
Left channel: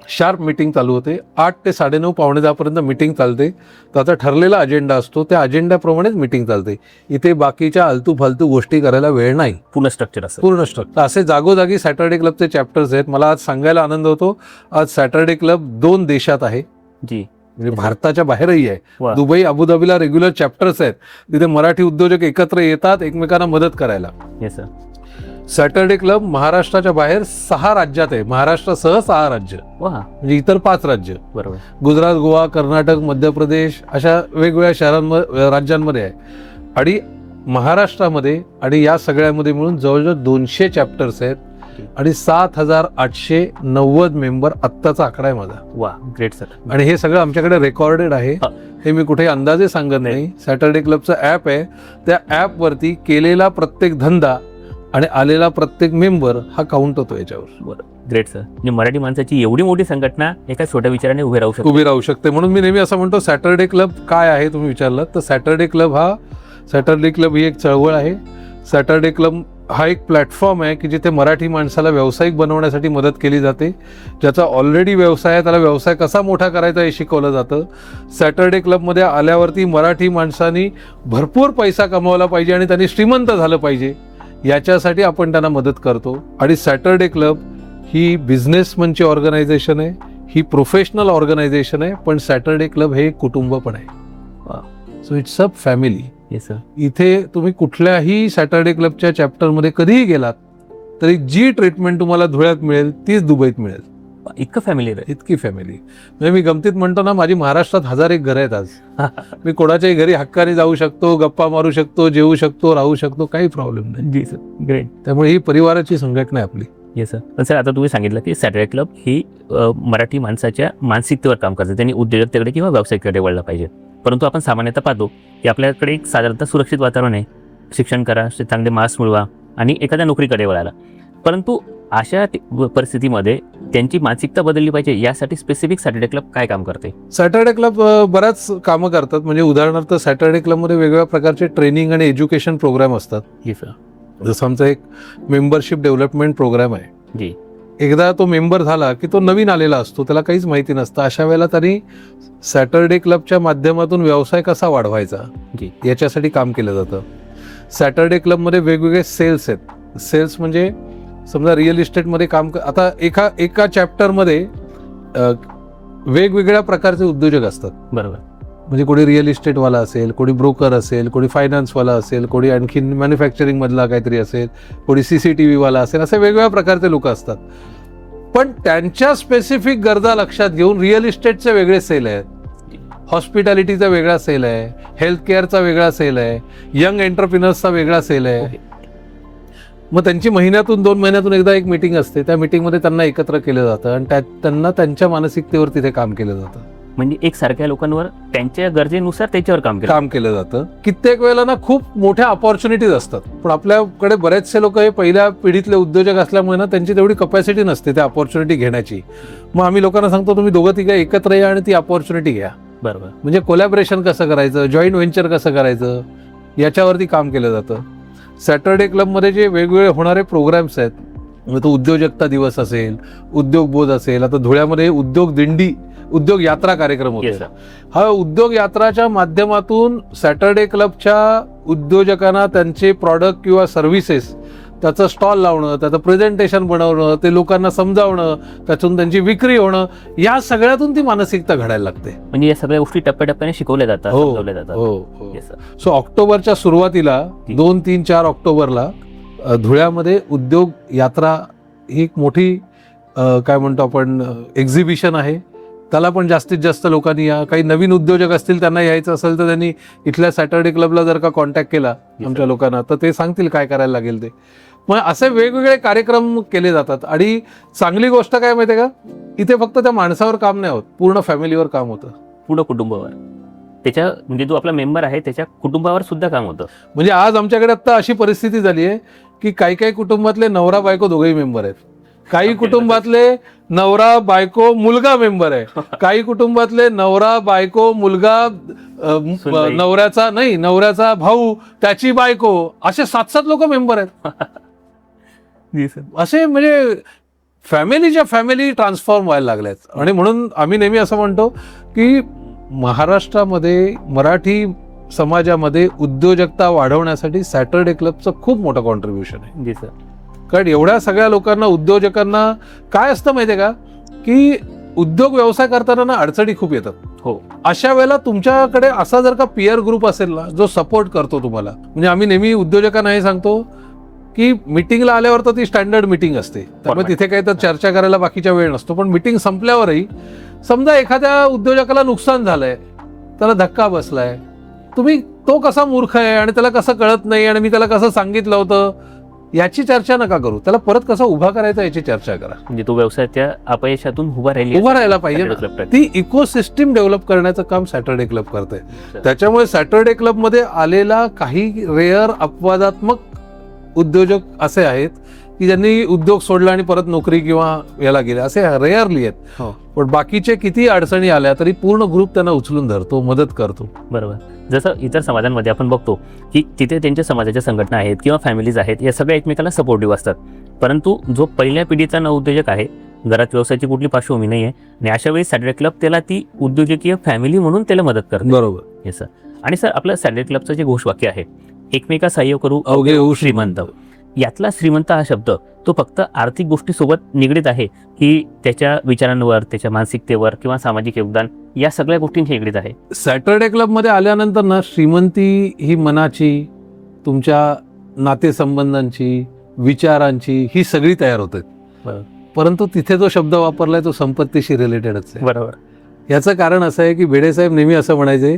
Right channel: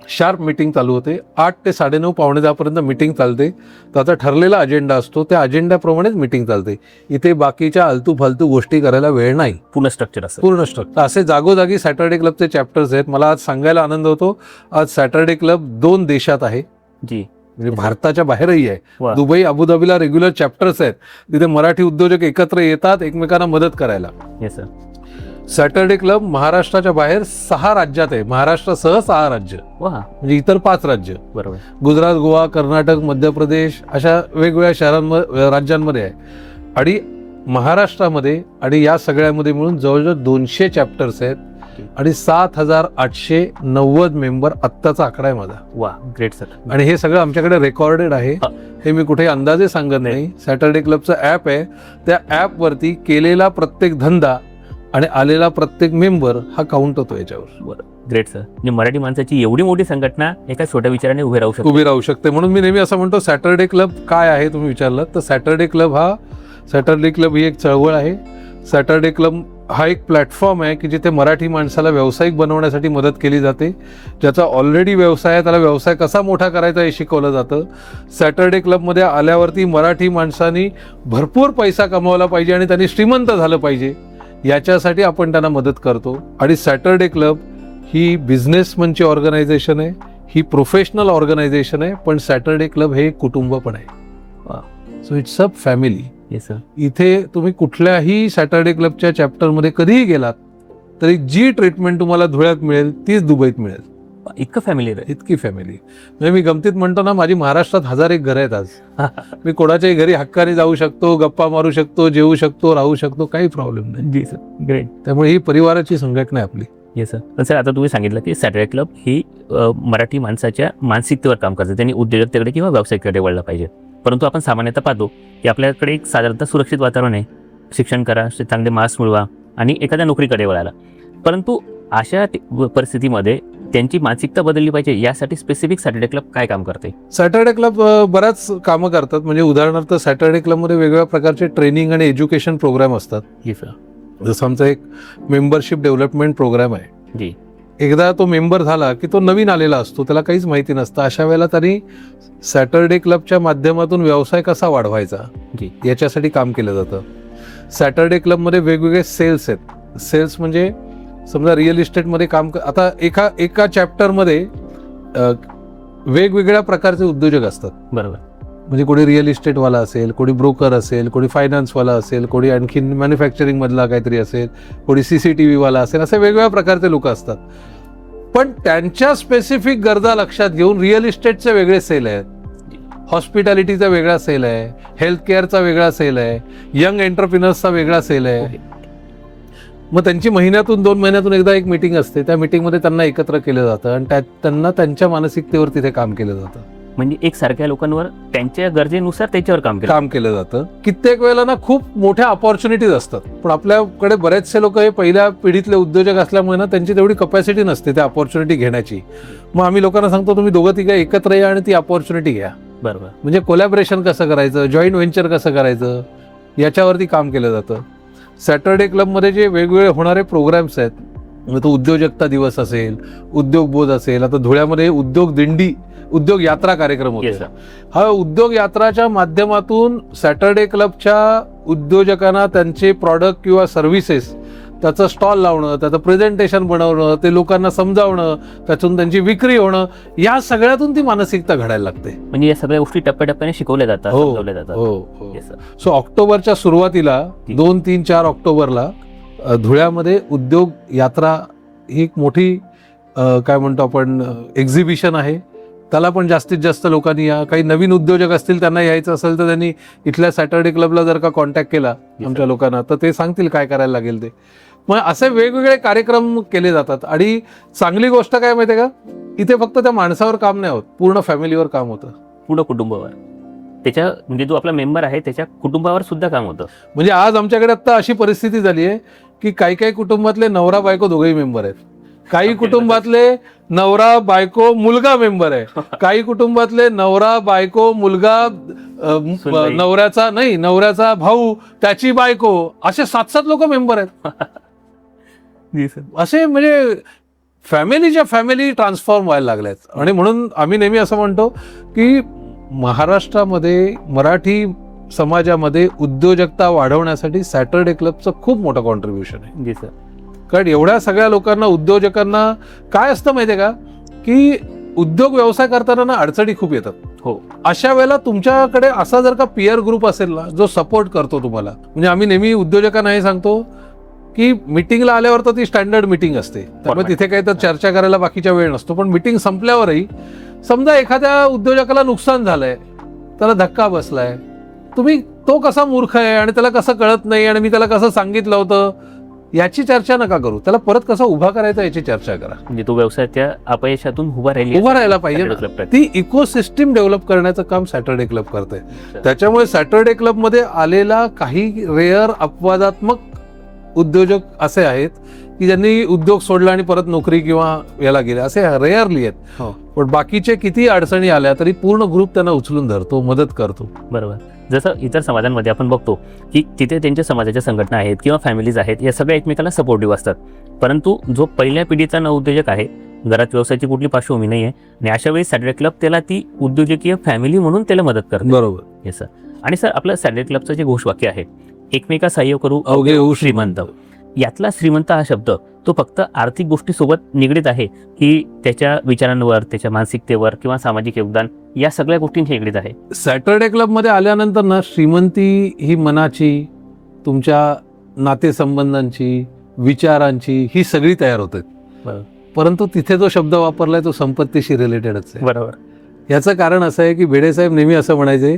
शार्प मिटिंग चालू होते. 8 ते 9:30 पावणे 10 पर्यंत मिटिंग चालते. त्याचा ठरलेला अजेंडा असतो, त्या अजेंड्याप्रमाणेच मिटिंग चालते. इथे बाकीच्या आलतू फालतू गोष्टी करायला वेळ नाही. पूर्ण स्ट्रक्चर असं. पूर्ण स्ट्रक्चर. असे जागोजागी सॅटर्डे क्लबचे चॅप्टर्स आहेत. मला आज सांगायला आनंद होतो, आज सॅटर्डे क्लब 2 देशात आहे. जी. भारताच्या बाहेरही आहे. वा. दुबई, अबुधाबीला रेग्युलर चॅप्टर्स आहेत. तिथे मराठी उद्योजक एकत्र येतात एकमेकांना मदत करायला. Yes sir. सॅटर्डे क्लब महाराष्ट्राच्या बाहेर 6 राज्यात आहे. महाराष्ट्रासह 6 राज्य, म्हणजे इतर 5 राज्य. बरोबर. गुजरात, गोवा, कर्नाटक, मध्य प्रदेश अशा वेगवेगळ्या शहरांमध्ये, राज्यांमध्ये आहे. आणि महाराष्ट्रामध्ये आणि या सगळ्यामध्ये मिळून जवळजवळ 200 चॅप्टर्स आहेत. आणि 7,890 मेंबर आत्ताचा आकडा आहे माझा. वा ग्रेट सर. आणि हे सगळं आमच्याकडे रेकॉर्डेड आहे. हे मी कुठे अंदाजे सांगत नाही. सॅटरडे क्लबचं ऍप आहे, त्या ऍप वरती केलेला प्रत्येक धंदा आणि आलेला प्रत्येक मेंबर हा काउंट होतो याच्यावर. Great sir. म्हणजे मराठी माणसाची एवढी मोठी संघटना एका छोट्या विचाराने उभे राहू शकते. उभी राहू शकते. म्हणून मी नेहमी असं म्हणतो, सॅटरडे क्लब काय आहे तुम्ही विचारलं तर सॅटरडे क्लब ही एक चळवळ आहे. सॅटरडे क्लब हा एक प्लॅटफॉर्म आहे की जिथे मराठी माणसाला व्यावसायिक बनवण्यासाठी मदत केली जाते. ज्याचा ऑलरेडी व्यवसाय आहे त्याला व्यवसाय कसा मोठा करायचा हे शिकवलं जातं. सॅटरडे क्लबमध्ये आल्यावरती मराठी माणसाने भरपूर पैसा कमवला पाहिजे आणि त्याने श्रीमंत झालं पाहिजे, याच्यासाठी आपण त्यांना मदत करतो. आणि सॅटरडे क्लब ही बिझनेसमनची ऑर्गनायझेशन आहे, ही प्रोफेशनल ऑर्गनायझेशन आहे, पण सॅटरडे क्लब हे एक कुटुंब पण आहे. So it's a family. इथे तुम्ही कुठल्याही सॅटरडे क्लबच्या चॅप्टर मध्ये कधीही गेलात तरी जी ट्रीटमेंट तुम्हाला धुळ्यात मिळेल तीच दुबईत मिळेल. इतकं फॅमिली आहे. इतकी फॅमिली. म्हणजे मी गमतीत म्हणतो ना, माझी महाराष्ट्रात 1001 घरं आहेत आज. मी कोणाच्याही घरी हक्काने जाऊ शकतो, गप्पा मारू शकतो, जेवू शकतो, राहू शकतो, काही प्रॉब्लेम नाही. जी सर. ग्रेट. त्यामुळे ही परिवाराची संघटना आहे आपली. Yes sir. सर आता तुम्ही सांगितलं की सॅटरडे क्लब ही मराठी माणसाच्या मानसिकतेवर काम करते. त्यांनी उद्योजकतेकडे किंवा व्यवसायाकडे वळलं पाहिजे. परंतु आपण सामान्यतः पाहतो की आपल्याकडे एक साधारणतः सुरक्षित वातावरण आहे. शिक्षण करा, चांगले मार्क्स मिळवा आणि एखाद्या नोकरीकडे वळाला. परंतु अशा परिस्थितीमध्ये त्यांची मानसिकता बदलली पाहिजे, यासाठी स्पेसिफिक सॅटरडे क्लब काय काम करते? सॅटरडे क्लब बऱ्याच कामं करतात. म्हणजे उदाहरणार्थ सॅटरडे क्लबमध्ये वेगवेगळ्या प्रकारचे ट्रेनिंग आणि एज्युकेशन प्रोग्राम असतात. जी सर. जसं आमचा एक मेंबरशिप डेव्हलपमेंट प्रोग्राम आहे. जी. एकदा तो मेंबर झाला की तो नवीन आलेला असतो, त्याला काहीच माहिती नसतं. अशा वेळेला त्यांनी सॅटरडे क्लबच्या माध्यमातून व्यवसाय कसा वाढवायचा याच्यासाठी काम केलं जातं. सॅटरडे क्लबमध्ये वेगवेगळे सेल्स आहेत. सेल्स म्हणजे समजा रिअल इस्टेटमध्ये काम आता एका चॅप्टरमध्ये वेगवेगळ्या प्रकारचे उद्योजक असतात. बरोबर. म्हणजे कोणी रिअल इस्टेटवाला असेल, कोणी ब्रोकर असेल, कोणी फायनान्सवाला असेल, कोणी आणखीन मॅन्युफॅक्चरिंग मधला काहीतरी असेल, कोणी CCTV वाला असेल, असे वेगवेगळ्या प्रकारचे लोक असतात. पण त्यांच्या स्पेसिफिक गरजा लक्षात घेऊन रिअल इस्टेटचे वेगळे सेल आहेत, हॉस्पिटॅलिटीचा वेगळा सेल आहे, हेल्थ केअरचा वेगळा सेल आहे, यंग एंटरप्रिनर्सचा वेगळा सेल आहे. मग त्यांची महिन्यातून 2 महिन्यातून एकदा एक मीटिंग असते. त्या मीटिंगमध्ये त्यांना एकत्र केलं जातं आणि त्यांना त्यांच्या मानसिकतेवर ते काम केलं जातं. म्हणजे एक सारख्या लोकांवर त्यांच्या गरजेनुसार त्याच्यावर काम केलं जातं. कित्येक वेळेला ना खूप मोठ्या ऑपॉर्च्युनिटीज असतात, पण आपल्याकडे बरेचसे लोक हे पहिल्या पिढीतले उद्योजक असल्यामुळे ना त्यांची तेवढी कपॅसिटी नसते त्या ऑपॉर्च्युनिटी घेण्याची. मग आम्ही लोकांना सांगतो तुम्ही दोघं तिघं एकत्र या आणि ती ऑपॉर्च्युनिटी घ्या. बरोबर. म्हणजे कोलॅबरेशन कसं करायचं, जॉईंट व्हेंचर कसं करायचं, याच्यावरती काम केलं जातं. सॅटरडे क्लबमध्ये जे वेगवेगळे होणारे प्रोग्राम्स आहेत, तो उद्योजकता दिवस असेल, उद्योग बोध असेल, आता धुळ्यामध्ये उद्योग दिंडी, उद्योग यात्रा कार्यक्रम होतो. हा उद्योग यात्राच्या माध्यमातून सॅटरडे क्लबच्या उद्योजकांना त्यांचे प्रॉडक्ट किंवा सर्व्हिसेस त्याचं स्टॉल लावणं, त्याचं प्रेझेंटेशन बनवणं, ते लोकांना समजावणं, त्यातून त्यांची विक्री होणं, या सगळ्यातून ती मानसिकता घडायला लागते. म्हणजे या सगळ्या गोष्टी टप्प्याटप्प्याने शिकवल्या जातात. सो ऑक्टोबरच्या सुरुवातीला 2, 3, 4 ऑक्टोबरला धुळ्यामध्ये उद्योग यात्रा ही एक मोठी काय म्हणतो आपण एक्झिबिशन आहे. त्याला पण जास्तीत जास्त लोकांनी या. काही नवीन उद्योजक असतील त्यांना यायचं असेल तर त्यांनी इथल्या सॅटरडे क्लबला जर का कॉन्टॅक्ट केला आमच्या लोकांना तर ते सांगतील काय करायला लागेल ते. मग असे वेगवेगळे कार्यक्रम केले जातात. आणि चांगली गोष्ट काय माहिती आहे का, इथे फक्त त्या माणसावर काम नाही होत, पूर्ण फॅमिलीवर काम होतं, पूर्ण कुटुंबावर. त्याच्या म्हणजे जो आपला मेंबर आहे त्याच्या कुटुंबावर सुद्धा काम होतं. म्हणजे आज आमच्याकडे आता अशी परिस्थिती झाली आहे की काही काही कुटुंबातले नवरा बायको दोघेही मेंबर आहेत, काही कुटुंबातले नवरा बायको मुलगा मेंबर आहे, काही कुटुंबातले नवरा बायको मुलगा नवऱ्याचा भाऊ त्याची बायको, असे 7-7 लोक मेंबर आहेत. असे म्हणजे फॅमिलीच्या फॅमिली ट्रान्सफॉर्म व्हायला लागल्यात. आणि म्हणून आम्ही नेहमी असं म्हणतो की महाराष्ट्रामध्ये मराठी समाजामध्ये उद्योजकता वाढवण्यासाठी सॅटरडे क्लबचं खूप मोठं कॉन्ट्रीब्युशन आहे. जी सर. कारण एवढ्या सगळ्या लोकांना, उद्योजकांना काय असतं माहितीये का की उद्योग व्यवसाय करताना ना अडचणी खूप येतात. हो. अशा वेळेला तुमच्याकडे असा जर का पियर ग्रुप असेल ना जो सपोर्ट करतो तुम्हाला, म्हणजे आम्ही नेहमी उद्योजकांना हे सांगतो की मिटिंगला आल्यावर तर ती स्टँडर्ड मिटिंग असते, त्यामुळे तिथे काही तर चर्चा करायला बाकीच्या वेळ नसतो. पण मिटिंग संपल्यावरही समजा एखाद्या उद्योजकाला नुकसान झालंय, त्याला धक्का बसलाय, तुम्ही तो कसा मूर्ख आहे आणि त्याला कसं कळत नाही आणि मी त्याला कसं सांगितलं होतं, याची चर्चा नका करू, त्याला परत कसं उभा करायचा याची चर्चा करा. म्हणजे तो व्यवसायाच्या अपयशातून उभा राहायला पाहिजे ना. राहिला. ती इकोसिस्टीम डेव्हलप करण्याचं काम सॅटर्डे क्लब करतंय. त्याच्यामुळे सॅटर्डे क्लब मध्ये आलेला काही रेअर अपवादात्मक उद्योजक असे आहेत की ज्यांनी उद्योग सोडला आणि परत नोकरी किंवा याला गेले, असे रेअरली आहेत. पण बाकीचे किती अडचणी आल्या तरी पूर्ण ग्रुप त्यांना उचलून धरतो, मदत करतो. बरोबर. जसं इतर समाजांमध्ये आपण बघतो की तिथे त्यांच्या समाजाच्या संघटना आहेत किंवा फॅमिलीज आहेत, या सगळ्या एकमेकाला सपोर्टिव्ह असतात. परंतु जो पहिल्या पिढीचा नवउद्योजक आहे, घरात व्यवसायाची कुठली पार्श्वभूमी नाही आहे, आणि अशा वेळी सॅटर्डे क्लब त्याला ती उद्योजकीय फॅमिली म्हणून त्याला मदत करते. बरोबर. हे सर. आणि सर, आपल्या सॅटर्डे क्लबचं जे घोषवाक्य आहे, एकमेका सहाय्य करू अवघे होऊ श्रीमंत, यातला श्रीमंत हा शब्द तो फक्त आर्थिक गोष्टीसोबत निगडीत आहे की त्याच्या विचारांवर, त्याच्या मानसिकतेवर किंवा सामाजिक योगदान, या सगळ्या गोष्टींची निगडीत आहे? सॅटर्डे क्लब मध्ये आल्यानंतर ना श्रीमंती ही मनाची, तुमच्या नातेसंबंधांची, विचारांची ही सगळी तयार होते. परंतु तिथे जो शब्द वापरलाय तो संपत्तीशी रिलेटेडच आहे. बरोबर. याचं कारण असं आहे की भेडेसाहेब नेहमी असं म्हणायचे,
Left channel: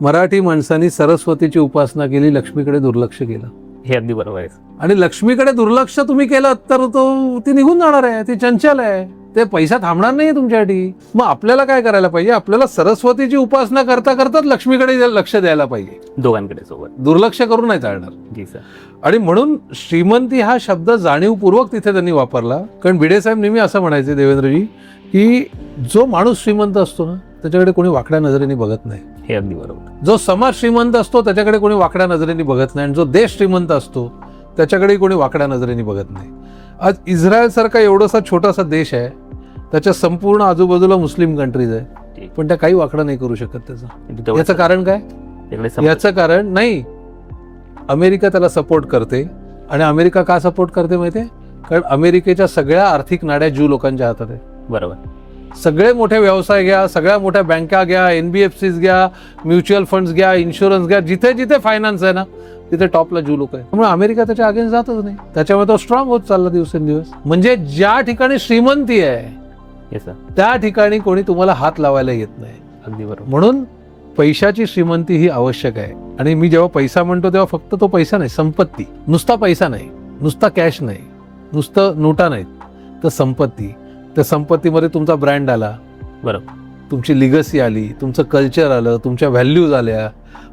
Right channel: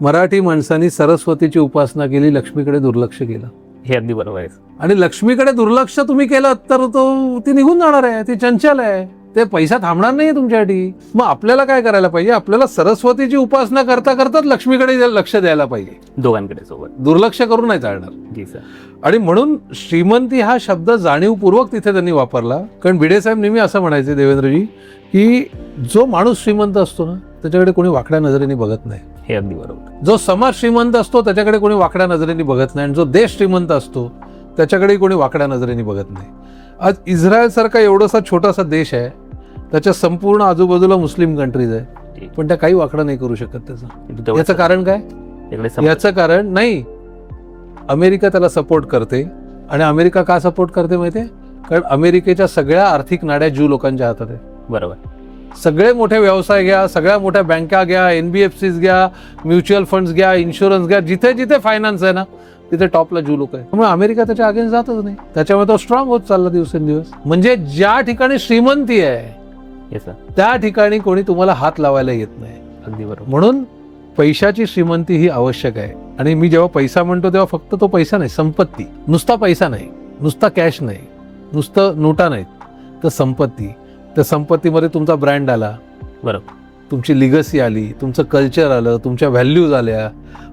मराठी माणसांनी सरस्वतीची उपासना केली, लक्ष्मीकडे दुर्लक्ष केलं. हे अगदी बरोबर आहे. आणि लक्ष्मीकडे दुर्लक्ष तुम्ही केलं तर ती निघून जाणार आहे, ती चंचल आहे, ते पैसा थांबणार नाही तुमच्यासाठी. मग आपल्याला काय करायला पाहिजे, आपल्याला सरस्वतीची उपासना करता करताच लक्ष्मीकडे लक्ष द्यायला पाहिजे, दोघांकडे सोबत. दुर्लक्ष करून नाही चालणार. जी सर. आणि म्हणून श्रीमंती हा शब्द जाणीवपूर्वक तिथे त्यांनी वापरला. कारण भिडेसाहेब नेहमी असं म्हणायचे, देवेंद्रजी, की जो माणूस श्रीमंत असतो ना त्याच्याकडे कोणी वाकड्या नजरेने बघत नाही. हे अगदी बरोबर. जो समाज श्रीमंत असतो त्याच्याकडे कोणी वाकड्या नजरेने बघत नाही, आणि जो देश श्रीमंत असतो त्याच्याकडे कोणी वाकड्या नजरेने बघत नाही. आज इस्रायल सारखा एवढासा छोटासा देश आहे, त्याच्या संपूर्ण आजूबाजूला मुस्लिम कंट्रीज आहे, पण त्या काही वाकडं नाही करू शकत त्याचं. याचं कारण काय? याचं कारण नाही, अमेरिका त्याला सपोर्ट करते. आणि अमेरिका का सपोर्ट करते माहितीये? कारण अमेरिकेच्या सगळ्या आर्थिक नाड्या ज्यू लोकांच्या हातात आहे. बरोबर. सगळे मोठे व्यवसाय घ्या, सगळ्या मोठ्या बँका घ्या, NBFCs घ्या, म्युच्युअल फंड्स घ्या, इन्शुरन्स घ्या, जिथे जिथे फायनान्स आहे ना तिथे टॉपला ज्यू लोक आहे. त्यामुळे अमेरिका त्याच्या अगेन्स्ट जातच नाही, त्याच्यामुळे तो स्ट्रॉंग होत चालला दिवसेंदिवस. म्हणजे ज्या ठिकाणी श्रीमंती आहे त्या ठिकाणी कोणी तुम्हाला हात लावायला येत नाही. म्हणून पैशाची श्रीमंती ही आवश्यक आहे. आणि मी जेव्हा पैसा म्हणतो तेव्हा फक्त तो पैसा नाही, संपत्ती. नुसता पैसा नाही, नुसता कॅश नाही, नुसतं नोटा नाही, तर संपत्ती. त्या संपत्तीमध्ये तुमचा ब्रँड आला, बरोबर, तुमची लिगसी आली, तुमचं कल्चर आलं, तुमच्या व्हॅल्यूज आल्या,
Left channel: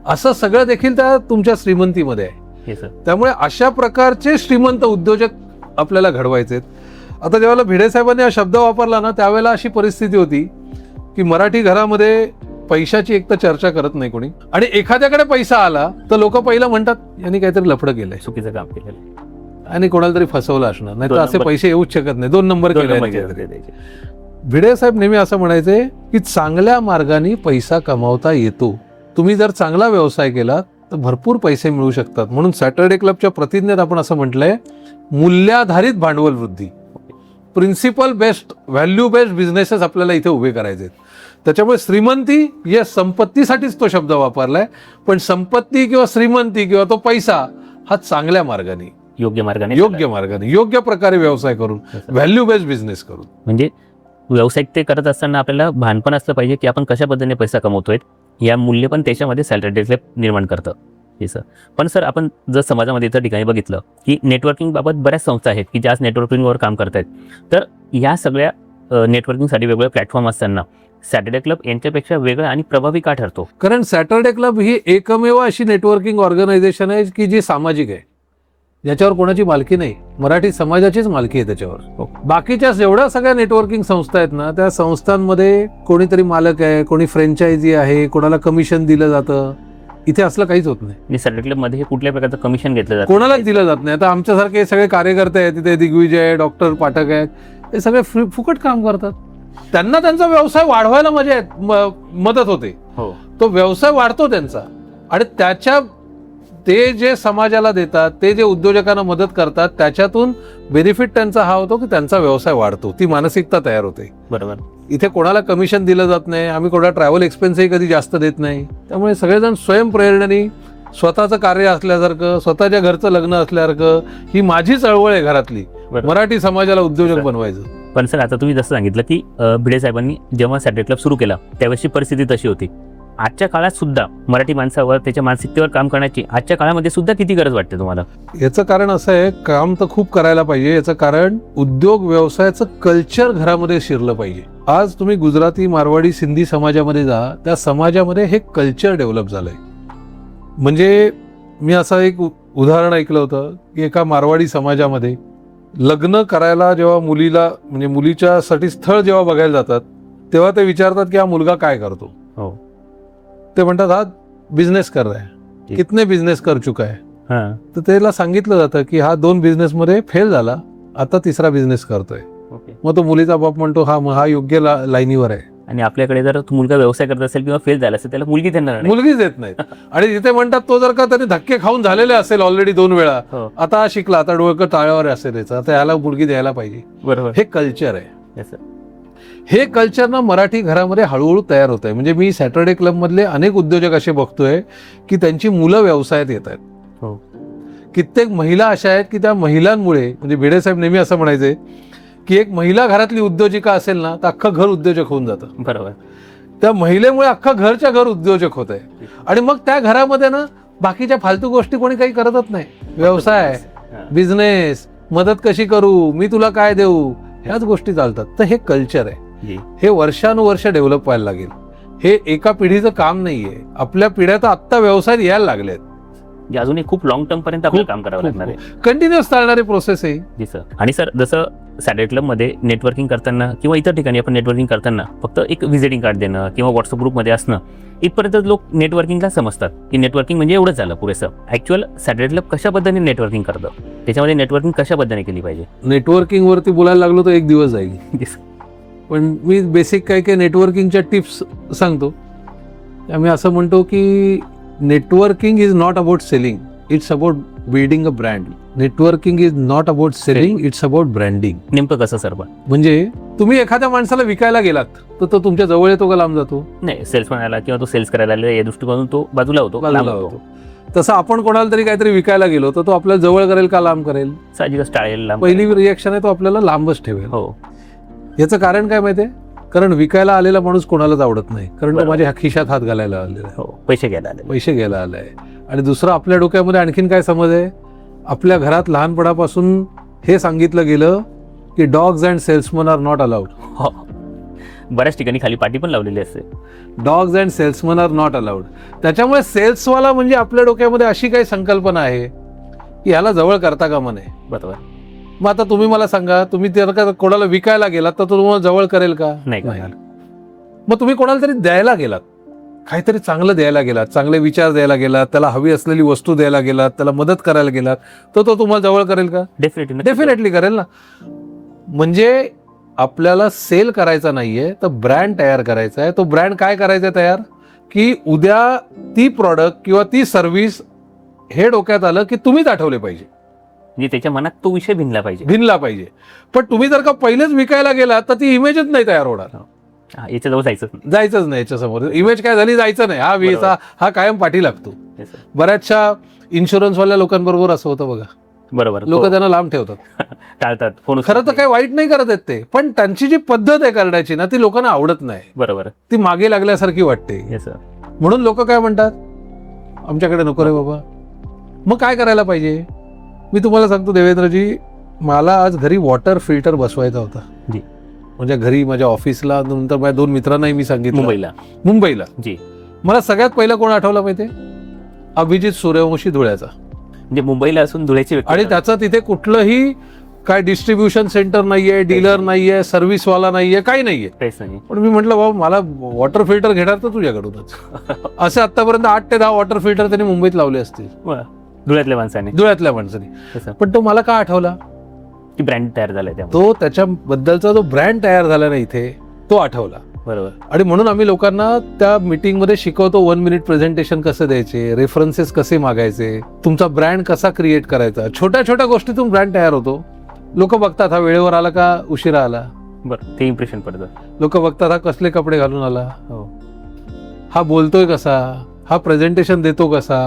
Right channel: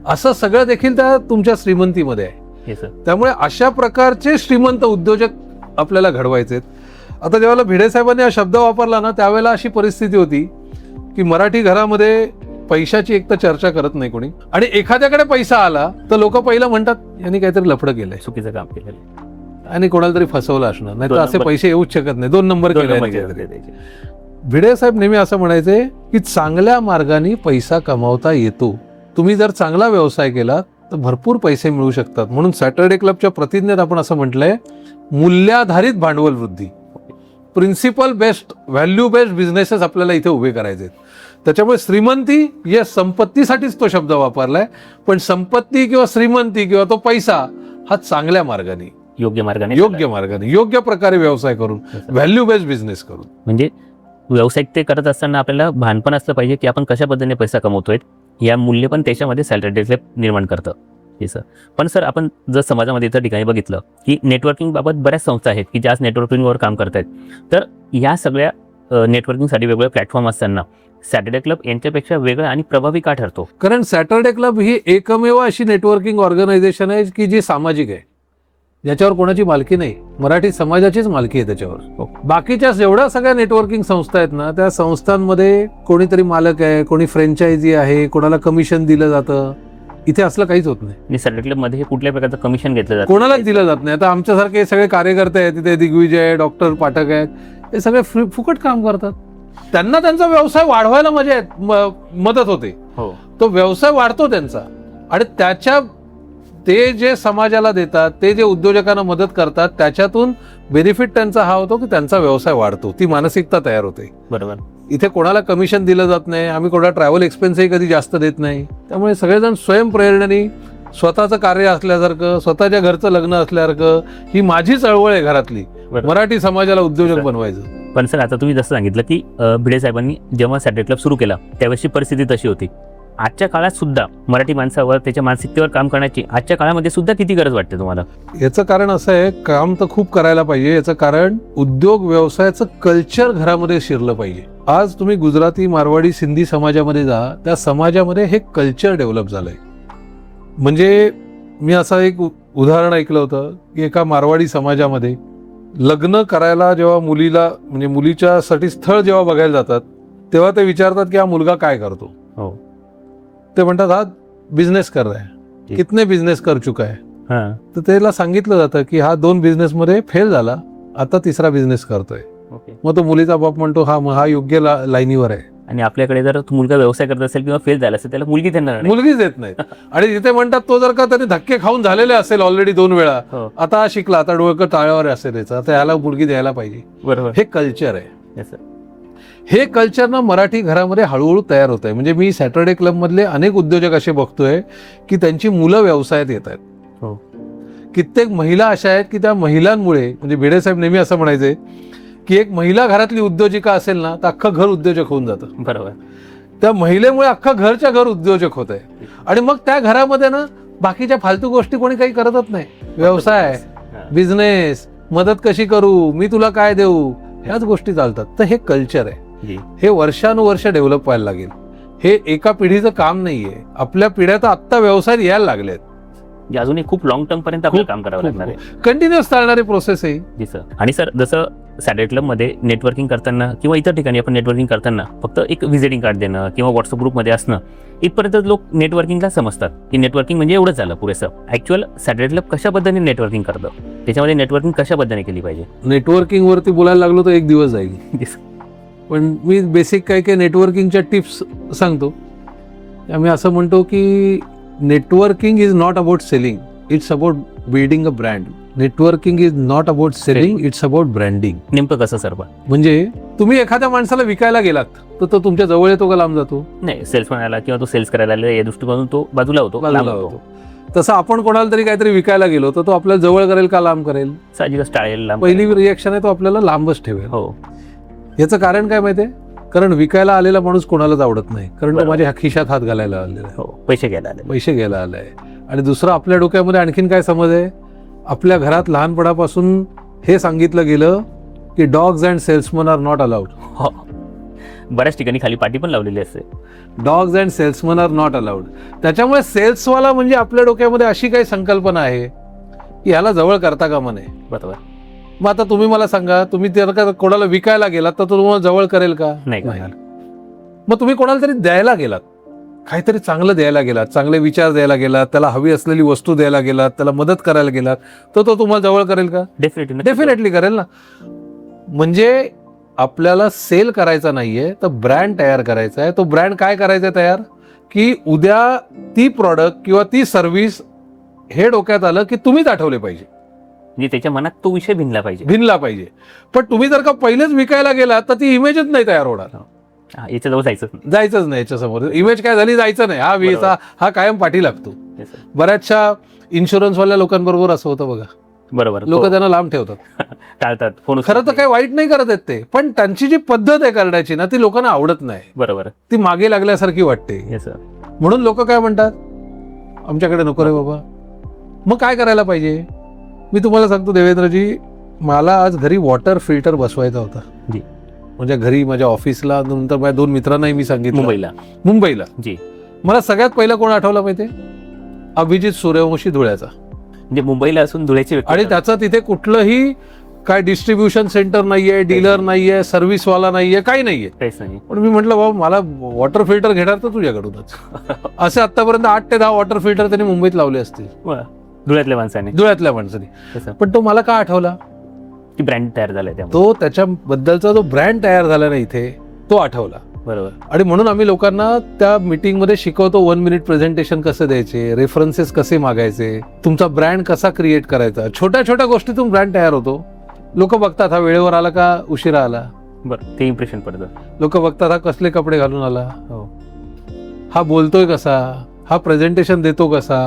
असं सगळं देखील त्या तुमच्या श्रीमंतीमध्ये आहे. त्यामुळे अशा प्रकारचे श्रीमंत उद्योजक आपल्याला घडवायचे. आता जेव्हा भिडेसाहेबांनी हा शब्द वापरला ना त्यावेळेला अशी परिस्थिती होती की मराठी घरामध्ये पैशाची एक तर चर्चा करत नाही कोणी, आणि एखाद्याकडे पैसा आला तर लोक पहिलं म्हणतात यांनी काहीतरी लफडं केलंय, चुकीचं काम केलेलं, आणि कोणाला तरी फसवलं असणार, नाही तर असे पैसे येऊच शकत नाही, 2 नंबर केले. भिडेसाहेब नेहमी असं म्हणायचे की चांगल्या मार्गाने पैसा कमावता येतो. तुम्ही जर चांगला व्यवसाय केला तर भरपूर पैसे मिळू शकतात. म्हणून सॅटर्डे क्लबच्या प्रतिज्ञेत आपण असं म्हटलंय, मूल्याधारित भांडवल वृद्धी, principle based, value based businesses आपल्याला इथे उभे करायचे. त्याच्यामुळे श्रीमंती या संपत्तीसाठीच तो शब्द वापरलाय, पण संपत्ती किंवा श्रीमंती किंवा तो पैसा हा चांगल्या मार्गाने, योग्य मार्गाने, योग्य प्रकारे व्यवसाय करून, व्हॅल्यू बेस्ड बिझनेस करून. म्हणजे व्यावसायिक ते करत असताना आपल्याला भानपण असलं पाहिजे की आपण कशा पद्धतीने पैसा कमवतोय, या मूल्य पण त्याच्यामध्ये सॅटर्डे क्लब निर्माण करतात. हे सर. पण सर, आपण जर समाजामध्ये इतर ठिकाणी बघितलं की नेटवर्किंग बाबत बऱ्याच संस्था आहेत की ज्या नेटवर्किंगवर काम करतायत, तर या सगळ्या नेटवर्किंगसाठी वेगवेगळे प्लॅटफॉर्म असताना सॅटर्डे क्लब यांच्यापेक्षा वेगळा आणि प्रभावी का ठरतो? कारण सॅटर्डे क्लब ही एकमेव अशी नेटवर्किंग ऑर्गनायझेशन आहे की जी सामाजिक आहे, ज्याच्यावर कोणाची मालकी नाही, मराठी समाजाचीच मालकी आहे त्याच्यावर. बाकीच्या एवढ्या सगळ्या नेटवर्किंग संस्था आहेत ना, त्या संस्थांमध्ये कोणीतरी मालक आहे, कोणी फ्रँचायझी आहे, कोणाला कमिशन दिलं जातं. इथे असलं काहीच होत नाही. सॅटर्डे क्लब मध्ये कुठल्या प्रकारचं कमिशन घेतलं जातं? कोणालाच दिलं जात नाही. आता आमच्यासारखे सगळे कार्यकर्ते आहेत तिथे, दिग्विजय, डॉक्टर पाठक आहेत, हे सगळे फुकट काम करतात. त्यांना त्यांचा व्यवसाय वाढवायला मदत होते. तो व्यवसाय वाढतो त्यांचा, आणि त्याच्या ते जे समाजाला देतात, ते जे उद्योजकांना मदत करतात, त्याच्यातून बेनिफिट त्यांचा हा होतो की त्यांचा व्यवसाय वाढतो, ती मानसिकता तयार होते. बरोबर. इथे कोणाला कमिशन दिलं जात नाही, आम्ही कोणाला ट्रॅव्हल एक्सपेन्सही कधी जास्त देत नाही. त्यामुळे सगळेजण स्वयंप्रेरणेने स्वतःचं कार्य असल्यासारखं, स्वतःच्या घरचं लग्न असल्यासारखं, ही माझी चळवळ आहे घरातली, मराठी समाजाला उद्योजक बनवायचं. पण सर, आता तुम्ही जसं सांगितलं की भिडे साहेबांनी जेव्हा सॅटर्डे क्लब सुरू केला त्यावेळेची परिस्थिती तशी होती, आजच्या काळात सुद्धा मराठी माणसावर त्याच्या मानसिकतेवर काम करण्याची आजच्या काळामध्ये सुद्धा किती गरज वाटते तुम्हाला? याचं कारण असं आहे, काम तर खूप करायला पाहिजे. याचं कारण उद्योग व्यवसायाचं कल्चर घरामध्ये शिरलं पाहिजे. आज तुम्ही गुजराती, मारवाडी, सिंधी समाजामध्ये जा, त्या समाजामध्ये हे कल्चर डेव्हलप झालंय. म्हणजे मी असं एक उदाहरण ऐकलं होतं की एका मारवाडी समाजामध्ये लग्न करायला जेव्हा मुलीला म्हणजे मुलीच्यासाठी स्थळ जेव्हा बघायला जातात तेव्हा ते विचारतात की हा मुलगा काय करतो. हो. ते म्हणतात हा बिझनेस कर रहा है, कितने बिझनेस कर चुका है. तर त्याला सांगितलं जातं की हा 2 बिझनेस मध्ये फेल झाला, आता 3रा बिझनेस करतोय. मग तो मुलीचा बाप म्हणतो हा योग्य लाईनीवर आहे. आणि आपल्याकडे जर तो मुलगा व्यवसाय करत असेल किंवा फेल झाला असेल त्याला मुलगी त्यांना आणायची. मुलगीच देत नाहीत. आणि तिथे म्हणतात तो जर का त्याने धक्के खाऊन झालेले असेल ऑलरेडी 2 वेळा, हो. आता हा शिकला, आता डोळकं टाळ्यावर असेल याचं, आता ह्याला मुलगी द्यायला पाहिजे. बरोबर. हे कल्चर आहे. Yes, sir. हे कल्चर ना मराठी घरामध्ये हळूहळू तयार होत आहे. म्हणजे मी सॅटर्डे क्लब मधले अनेक उद्योजक असे बघतोय की त्यांची मुलं व्यवसायात येत आहेत. हो. कित्येक महिला अशा आहेत की त्या महिलांमुळे, म्हणजे भेडेसाहेब नेहमी असं म्हणायचे की एक महिला घरातली उद्योजिका असेल ना तर अख्खं घर उद्योजक होऊन जातं. बरोबर. त्या महिलेमुळे अख्खं घरच्या घर उद्योजक होत आहे. आणि मग त्या घरामध्ये ना बाकीच्या फालतू गोष्टी कोणी काही करतच नाही. व्यवसाय, बिझनेस, मदत कशी करू, मी तुला काय देऊ, ह्याच गोष्टी चालतात. तर हे कल्चर आहे. हे वर्षानुवर्ष डेव्हलप व्हायला लागेल. हे एका पिढीचं काम नाहीये. आपल्या पिढ्या तर आत्ता व्यवसायात यायला लागलेत. जे अजूनही खूप लॉंग टर्म पर्यंत आपल्याला काम करावं लागणार आहे. कंटिन्युअस चालणारी प्रोसेस आहे. जी सर. आणि सर जसं सॅटर्डे क्लबमध्ये नेटवर्किंग करताना किंवा इतर ठिकाणी आपण नेटवर्किंग करताना फक्त एक व्हिजिटिंग कार्ड देणं किंवा व्हॉट्सअप ग्रुपमध्ये असणं इथपर्यंत लोक नेटवर्किंगला समजतात की नेटवर्किंग म्हणजे एवढंच झालं पुरेसं. ऍक्च्युअल सॅटर्डे क्लब कशा पद्धतीने नेटवर्किंग करतं, त्याच्यामध्ये नेटवर्किंग कशा पद्धतीने केली पाहिजे? नेटवर्किंग वरती बोलायला लागलो तर 1 दिवस आहे. पण मी बेसिक काय काय नेटवर्किंगच्या टिप्स सांगतो. मी असं म्हणतो की networking is not about selling, it's about building a brand. Networking is not about selling, it's about branding. नेमकं कसं सर? म्हणजे तुम्ही एखाद्या माणसाला विकायला गेलात तर तो तुमच्या जवळ येतो का लांब जातो? नाही, सेल्समॅन आला किंवा तो सेल्स करायला आला या दृष्टिकोनातून तो बाजूला होतो का लांब होतो. तसं आपण कोणाला तरी काहीतरी विकायला गेलो तर तो आपल्या जवळ करेल का लांब करेल? पहिली रिएक्शन आहे तो आपल्याला लांबच ठेवेल. हो. याचं कारण काय माहितीये? कारण विकायला आलेला माणूस कोणालाच आवडत नाही, कारण तो माझ्या खिशात हात घालायला आलेला आहे. हो, पैसे घ्यायला आलाय. आणि दुसरं आपल्या डोक्यामध्ये आणखीन काय समज आहे? आपल्या घरात लहानपणापासून हे सांगितलं गेलं की dogs and salesman are not allowed. बऱ्याच ठिकाणी खाली पाटी पण लावलेली असते, dogs and salesman are not allowed. त्याच्यामुळे सेल्सवाला म्हणजे आपल्या डोक्यामध्ये अशी काही संकल्पना आहे की याला जवळ करता कामा नये. बरोबर. मग आता तुम्ही मला सांगा, तुम्ही जर कोणाला विकायला गेलात तर तुम्हाला जवळ करेल का? नाही. मग तुम्ही कोणाला तरी द्यायला गेलात, काहीतरी चांगलं द्यायला गेलात, चांगले विचार द्यायला गेलात, त्याला हवी असलेली वस्तू द्यायला गेलात, त्याला मदत करायला गेलात, तर तो तुम्हाला जवळ करेल का? डेफिनेटली करेल ना. म्हणजे आपल्याला सेल करायचा नाहीये तर ब्रँड तयार करायचा आहे. तो ब्रँड काय करायचा तयार की उद्या ती प्रॉडक्ट किंवा ती सर्व्हिस हे डोक्यात आलं की तुम्हीच आठवले पाहिजे, म्हणजे त्याच्या मनात तो विषय भिनला पाहिजे. पण तुम्ही जर का पहिलेच विकायला गेलात तर ती इमेजच नाही तयार होणार. याच्या जवळ जायचंच नाही. याच्यासमोर इमेज काय झाली, जायचं नाही. हा वीसा हा कायम पाठी लागतो. बऱ्याचशा इन्शुरन्सवाल्या लोकांबरोबर असं होतं बघा. बरोबर. लोक त्यांना लांब ठेवतात, टाळतात. खरं तर काही वाईट नाही करत आहेत ते, पण त्यांची जी पद्धत आहे करण्याची ना ती लोकांना आवडत नाही. बरोबर. ती मागे लागल्यासारखी वाटते. म्हणून लोक काय म्हणतात, आमच्याकडे नको रे बाबा. मग काय करायला पाहिजे? मी तुम्हाला सांगतो देवेंद्रजी, मला आज घरी वॉटर फिल्टर बसवायचा होता. म्हणजे घरी माझ्या ऑफिसला, नंतर माझ्या 2 मित्रांनाही मी सांगितलं. मुंबईला जी. मला सगळ्यात पहिला कोण आठवला माहितीये? अभिजित सूर्यवंशी, धुळ्याचा. म्हणजे मुंबईला असून धुळ्याची. आणि त्याचा तिथे कुठलाही काय डिस्ट्रीब्युशन सेंटर नाहीये, डीलर नाहीये, सर्व्हिसवाला नाहीये, काही नाहीये. पण मी म्हटलं बाबा मला वॉटर फिल्टर घेणार तर तुझ्याकडूनच. असे आतापर्यंत 8 ते 10 वॉटर फिल्टर त्यांनी मुंबईत लावले असतील धुळ्यातल्या माणसाने. पण तो मला का आठवला? ब्रँड तयार झालाय, तो त्याच्याबद्दलचा जो ब्रँड तयार झाला ना इथे, तो आठवला. बरोबर. आणि म्हणून आम्ही लोकांना त्या मीटिंग मध्ये शिकवतो 1 मिनिट प्रेझेंटेशन कसं द्यायचे, रेफरन्सेस कसे मागायचे, तुमचा ब्रँड कसा क्रिएट करायचा. छोट्या छोट्या गोष्टीतून ब्रँड तयार होतो. लोक बघतात हा वेळेवर आला का उशिरा आला. बरं, ते इम्प्रेशन पडतं. लोक बघतात हा कसले कपडे घालून आला, हा बोलतोय कसा, हा प्रेझेंटेशन देतो कसा,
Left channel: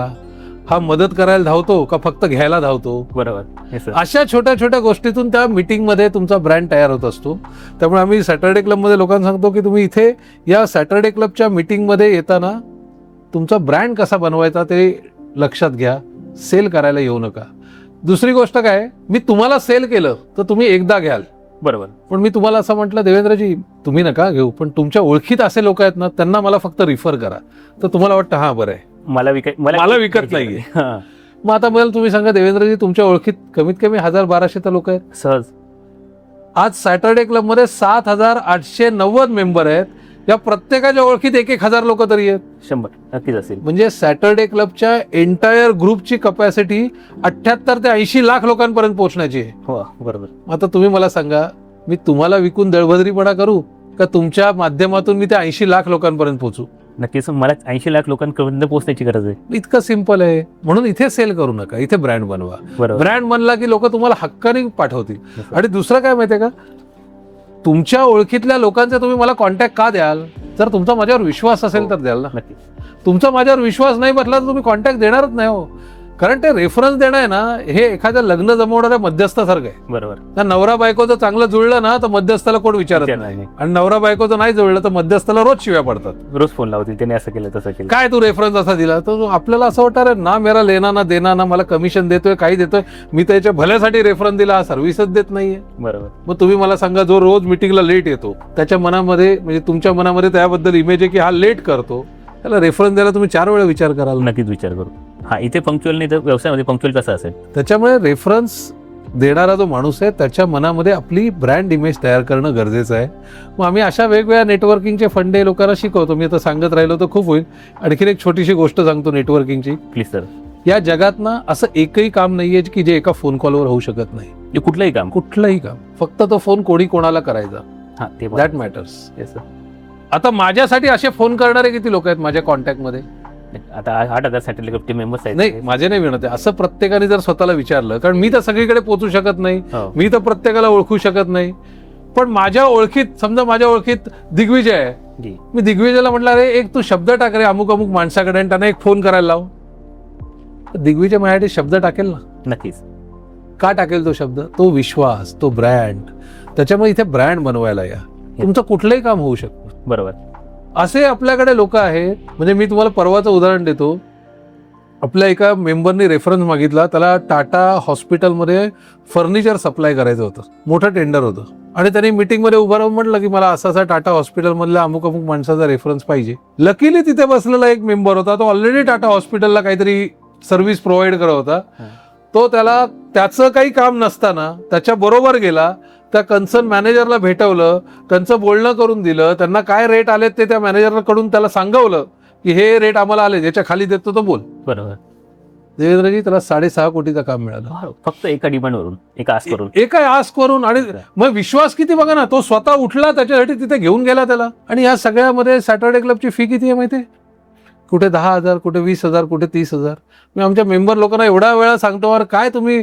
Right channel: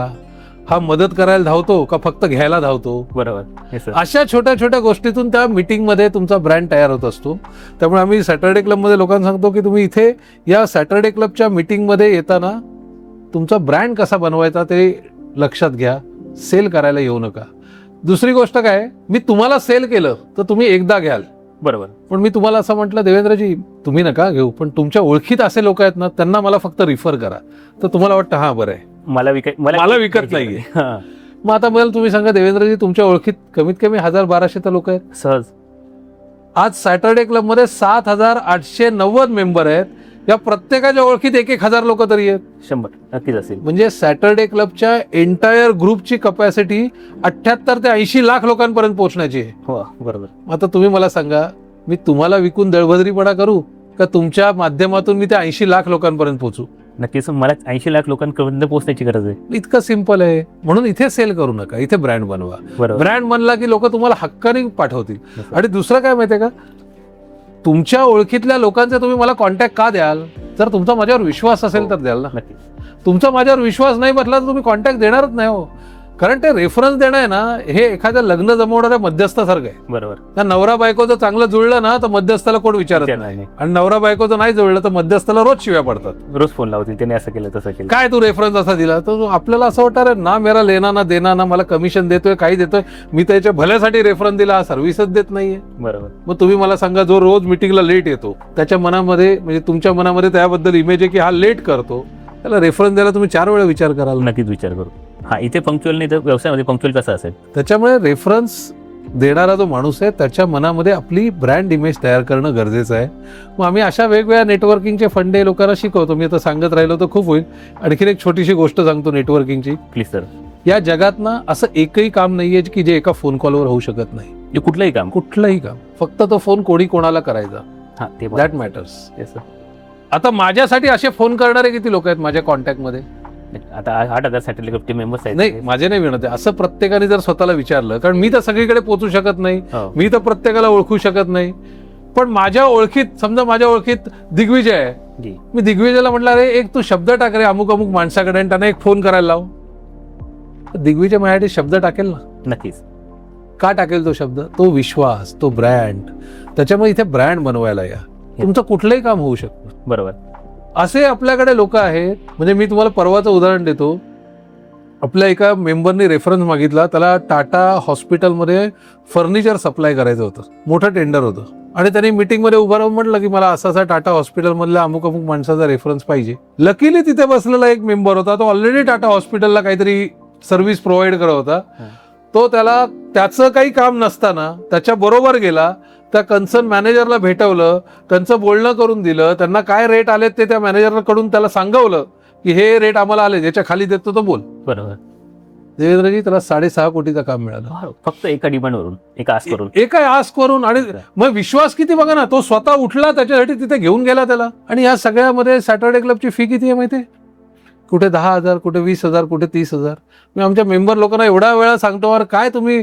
हा मदत करायला धावतो का फक्त घ्यायला धावतो. बरोबर. अशा छोट्या छोट्या गोष्टीतून त्या मीटिंग मध्ये तुमचा ब्रँड तयार होत असतो. त्यामुळे आम्ही सॅटर्डे क्लब मध्ये लोकांना सांगतो की तुम्ही इथे या सॅटर्डे क्लबच्या मीटिंग मध्ये येताना तुमचा ब्रँड कसा बनवायचा ते लक्षात घ्या. सेल करायला येऊ नका. दुसरी गोष्ट काय, मी तुम्हाला सेल केलं तर तुम्ही एकदा घ्याल, बरोबर. पण मी तुम्हाला असं म्हटलं देवेंद्रजी तुम्ही नका घेऊ, पण तुमच्या ओळखीत असे लोक आहेत ना त्यांना मला फक्त रिफर करा, तर तुम्हाला वाटतं हा बरं आहे, मला विकत नाहीये. हां. मग आता मला तुम्ही सांगा देवेंद्रजी, तुमच्या ओळखीत कमीत कमी 1200 तर लोक आहेत. सहज. आज सॅटर्डे क्लब मध्ये 7890 मेंबर आहेत. या प्रत्येकाच्या ओळखीत 1000 लोक तरी आहेत. 100 नक्कीच असेल. म्हणजे सॅटर्डे क्लबच्या एंटायर ग्रुपची कपॅसिटी 78 ते 80 लाख लोकांपर्यंत पोहोचण्याची आहे. हो, बरोबर. आता तुम्ही मला सांगा, मी तुम्हाला विकून दळभद्रीपणा करू का तुमच्या माध्यमातून मी त्या 80 लाख लोकांपर्यंत पोहोचू? नक्कीच मला 80 लाख लोकांपर्यंत पोहोचण्याची गरज आहे. इतकं सिंपल आहे. म्हणून इथे सेल करू नका, इथे ब्रँड बनवा. बरोबर. ब्रँड बनला की लोक तुम्हाला हक्काने पाठवतील. आणि दुसरं काय माहितीये का, तुमच्या ओळखीतल्या लोकांचा तुम्ही मला कॉन्टॅक्ट का द्याल? जर तुमचा माझ्यावर विश्वास असेल तर द्याल ना. नक्की. तुमचा माझ्यावर विश्वास नाही बसला तर तुम्ही कॉन्टॅक्ट देणारच नाही हो. कारण ते रेफरन्स देणं आहे ना, हे एखाद्या लग्न जमवणाऱ्या मध्यस्थासारखं आहे. बरोबर. त्या नवरा बायकोचं चांगलं जुळलं ना तर मध्यस्थाला कोण विचारत नाही, नाही. आणि नवरा बायकोचं नाही जुळलं तर मध्यस्थाला रोज शिव्या पडतात. रोज फोन लावतील, त्याने असं केलं तसं केलं. काय तू रेफरन्स असा दिला, तर आपल्याला असं वाटतं ना मेरा लेना ना देना ना, मला कमिशन देतोय काही देतोय, मी त्याच्या भल्यासाठी रेफरन्स दिला, हा सर्व्हिसच देत नाहीये. बरोबर. मग तुम्ही मला सांगा, जो रोज मिटिंगला लेट येतो त्याच्या मनामध्ये म्हणजे तुमच्या मनामध्ये त्याबद्दल इमेज आहे की हा लेट करतो, त्याला रेफरन्स द्यायला तुम्ही 4 वेळा विचार कराल. नक्कीच विचार करू. हा, इथे पंक्च्युअल नाही तर व्यवसायामध्ये पंक्च्युअल कसं असेल. त्याच्यामुळे रेफरन्स देणारा जो माणूस आहे त्याच्या मनामध्ये आपली ब्रँड इमेज तयार करणं गरजेचं आहे. मग आम्ही अशा वेगवेगळ्या नेटवर्किंगचे फंडे लोकांना शिकवतो. मी आता सांगत राहिलो तर खूप होईल. आणखीन एक छोटीशी गोष्ट सांगतो नेटवर्किंगची. Please sir. या जगात ना असं एकही काम नाहीये की जे एका फोन कॉलवर होऊ शकत नाही. हे कुठलंही काम. फक्त तो फोन कोणाला करायचा, दॅट मॅटर्स. आता माझ्यासाठी असे फोन करणारे किती लोक आहेत माझ्या कॉन्टॅक्ट मध्ये? माझे नाही म्हणत आहे. असं प्रत्येकाने जर स्वतःला विचारलं, कारण मी तर सगळीकडे पोहोचू शकत नाही, मी तर प्रत्येकाला ओळखू शकत नाही, पण माझ्या ओळखीत समजा माझ्या ओळखीत दिग्विजय आहे, मी दिग्विजयला म्हटलं अरे एक तू शब्द टाक रे अमुक अमुक माणसाकडे, आणि त्यांना एक फोन करायला लाव. दिग्विजय माझ्यासाठी शब्द टाकेल ना. नक्कीच. का टाकेल तो शब्द? तो विश्वास, तो ब्रँड. त्याच्यामुळे इथे ब्रँड बनवायला या, तुमचं कुठलंही काम होऊ शकतं. बरोबर. असे आपल्याकडे लोक आहेत. म्हणजे मी तुम्हाला परवाचं उदाहरण देतो. आपल्या एका मेंबरनी रेफरन्स मागितला, त्याला टाटा हॉस्पिटलमध्ये फर्निचर सप्लाय करायचं होतं, मोठं टेंडर होतं, आणि त्यांनी मीटिंगमध्ये उभं राहून म्हटलं की मला असा टाटा हॉस्पिटलमधल्या अमुक अमुक माणसाचा रेफरन्स पाहिजे. लकीली तिथे बसलेला एक मेंबर होता, तो ऑलरेडी टाटा हॉस्पिटलला काहीतरी सर्व्हिस प्रोव्हाइड करत होता. तो त्याला त्याचं काही काम नसताना त्याच्या बरोबर गेला, त्या कन्सर्न मॅनेजरला भेटवलं, त्यांचं बोलणं करून दिलं, त्यांना काय रेट आले ते त्या मॅनेजरकडून त्याला सांगवलं की हे रेट आम्हाला आले, याच्या खाली देतो तर बोल. बरोबर. देवेंद्रजी त्याला 6.5 कोटीचं काम मिळालं, फक्त एका डिमांडवरून, एका आस करून, एका आस करून. आणि मग विश्वास किती बघा ना, तो स्वतः उठला, त्याच्यासाठी तिथे घेऊन गेला त्याला. आणि या सगळ्यामध्ये सॅटर्डे क्लबची फी किती आहे माहितीये? कुठे 10,000, कुठे 20,000, कुठे 30,000. मी आमच्या मेंबर लोकांना एवढा वेळा सांगतो, अरे काय तुम्ही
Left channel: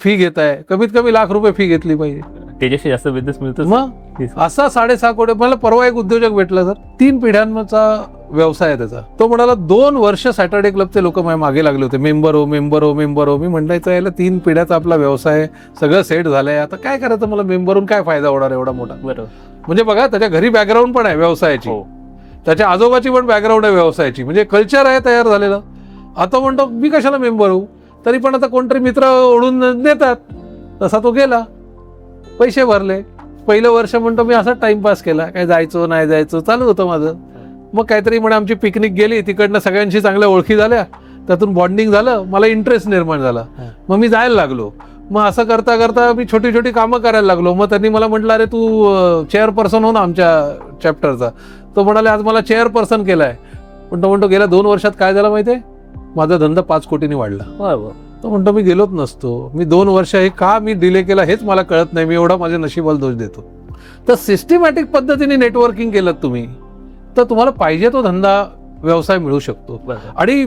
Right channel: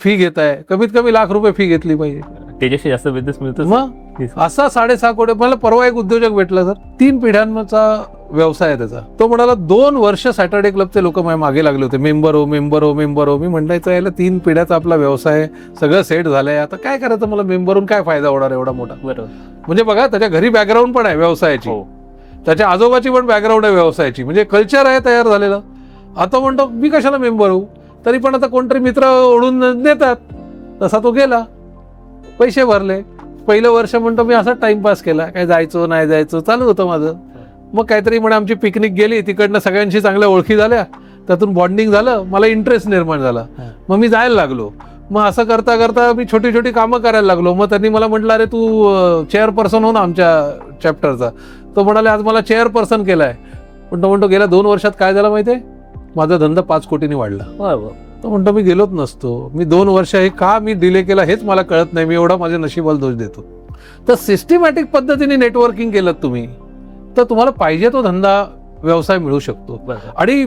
फी घेताय, कमीत कमी ₹1,00,000 फी घेतली पाहिजे. त्याच्याशी जास्त बिझनेस मिळतो. मग असा 6.5 कोटी. मला परवा एक उद्योजक भेटला सर, 3 पिढ्यांचा व्यवसाय आहे त्याचा. तो म्हणाला 2 वर्ष सॅटर्डे क्लबचे लोक माझ्या मागे लागले होते, मेंबर हो मेंबर हो मेंबर हो. मी म्हणायचं याला 3 पिढ्याचा आपला व्यवसाय सगळं सेट झालंय, आता काय करायचं, मला मेंबरून काय फायदा होणार एवढा मोठा. बरोबर. म्हणजे बघा त्याच्या घरी बॅकग्राऊंड पण आहे व्यवसायाची, त्याच्या आजोबाची पण बॅकग्राऊंड आहे व्यवसायाची, म्हणजे कल्चर आहे तयार झालेलं. आता म्हणतो मी कशाला मेंबर होऊ, तरी पण आता कोणतरी मित्र ओढून देतात, तसा तो गेला, पैसे भरले. पहिलं वर्ष म्हणतो मी असं टाइमपास केला, काय जायचं नाही जायचं चालू होतं माझं. मग काहीतरी म्हणे आमची पिकनिक गेली, तिकडनं सगळ्यांशी चांगल्या ओळखी झाल्या, त्यातून बॉन्डिंग झालं, मला इंटरेस्ट निर्माण झाला, मग मी जायला लागलो. मग असं करता करता मी छोटी छोटी कामं करायला लागलो. मग त्यांनी मला म्हटलं अरे तू चेअरपर्सन हो ना आमच्या चॅप्टरचा. तो म्हणाले आज मला चेअरपर्सन केलाय. पण तो म्हणतो गेल्या 2 वर्षात काय झालं माहितीये, माझा धंदा 5 कोटींनी वाढला. तो म्हणतो मी गेलोच नसतो, मी 2 वर्ष हे का मी डिले केला हेच मला कळत नाही, मी एवढा माझ्या नशिबाला दोष देतो. तर सिस्टमॅटिक पद्धतीने नेटवर्किंग केलं तुम्ही तर तुम्हाला पाहिजे तो धंदा व्यवसाय मिळू शकतो. आणि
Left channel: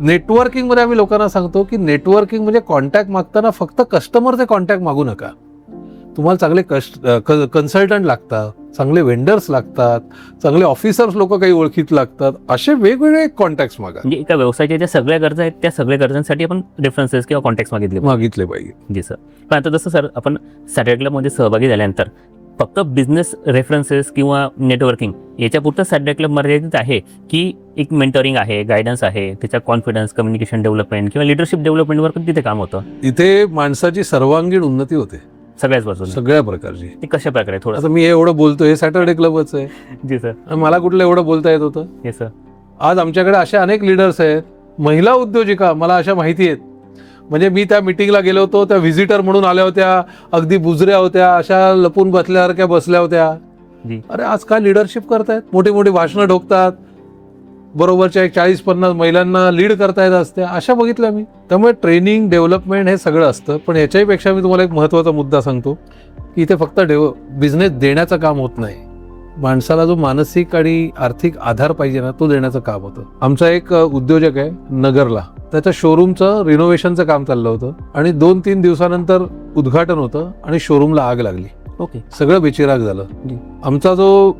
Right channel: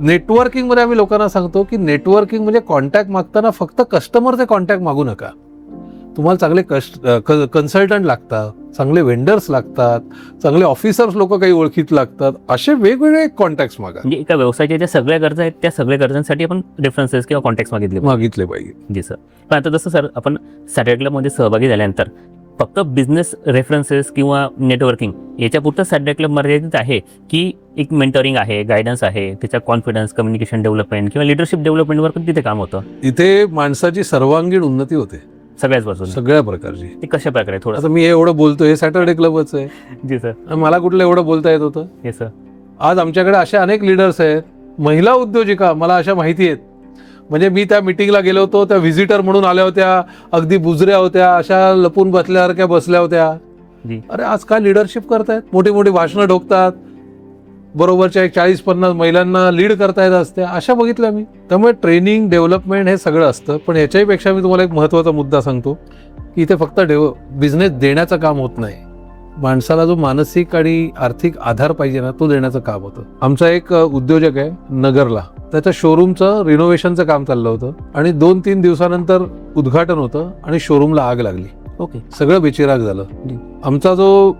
नेटवर्किंग मध्ये आम्ही लोकांना सांगतो की नेटवर्किंग म्हणजे कॉन्टॅक्ट मागताना फक्त कस्टमरचे कॉन्टॅक्ट मागू नका. तुम्हाला चांगले कन्सल्टंट लागतात, चांगले वेंडर्स लागतात, चांगले ऑफिसर्स लोक काही ओळखीत लागतात, असे वेगवेगळे कॉन्टॅक्ट मागा. म्हणजे एका व्यवसायाच्या ज्या सगळ्या गरजा आहेत त्या सगळ्या गरजांसाठी आपण रेफरन्सेस किंवा कॉन्टॅक्ट मागितले पाहिजे. जी सर. पण आता जसं सर आपण सॅटर्डे क्लबमध्ये सहभागी झाल्यानंतर फक्त बिझनेस रेफरन्सेस किंवा नेटवर्किंग याच्यापुरतं सॅटर्डे क्लब मर्यादित आहे, की एक मेंटरिंग आहे, गायडन्स आहे, त्याचा कॉन्फिडन्स, कम्युनिकेशन डेव्हलपमेंट किंवा लिडरशिप डेव्हलपमेंटवर पण तिथे काम होतं? इथे माणसाची सर्वांगीण उन्नती होते सगळ्याच बाजूला. सगळ्या प्रकारची. ते कशा प्रकारे थोडं? आता मी एवढं बोलतोय हे सॅटर्डे क्लबच आहे. जी सर. आणि मला कुठलं एवढं बोलता येत होतं? Yes sir. आज आमच्याकडे असे अनेक लीडर्स आहेत, महिला उद्योजिका मला अशा माहिती आहेत. म्हणजे मी त्या मिटिंगला गेलो होतो, त्या व्हिजिटर म्हणून आल्या होत्या, अगदी बुजऱ्या होत्या, अशा लपून बसल्यासारख्या बसल्या होत्या. जी. अरे आज काय लिडरशिप करतायत, मोठी मोठी भाषणं ठोकतात, बरोबरच्या 40-50 महिलांना लीड करतायत असते, अशा बघितल्या मी. त्यामुळे ट्रेनिंग डेव्हलपमेंट हे सगळं असतं. पण याच्याही पेक्षा मी तुम्हाला एक महत्त्वाचा मुद्दा सांगतो की इथे फक्त बिझनेस देण्याचं काम होत नाही, माणसाला जो मानसिक आणि आर्थिक आधार पाहिजे ना, तो देण्याचं काम होतं. आमचा एक उद्योजक आहे नगरला, तर तो शोरूमचं रिनोव्हेशनचं काम चाललं होतं आणि 2-3 दिवसानंतर उद्घाटन होतं आणि शोरूमला आग लागली. ओके. सगळं बेचिराग झालं. आमचा जो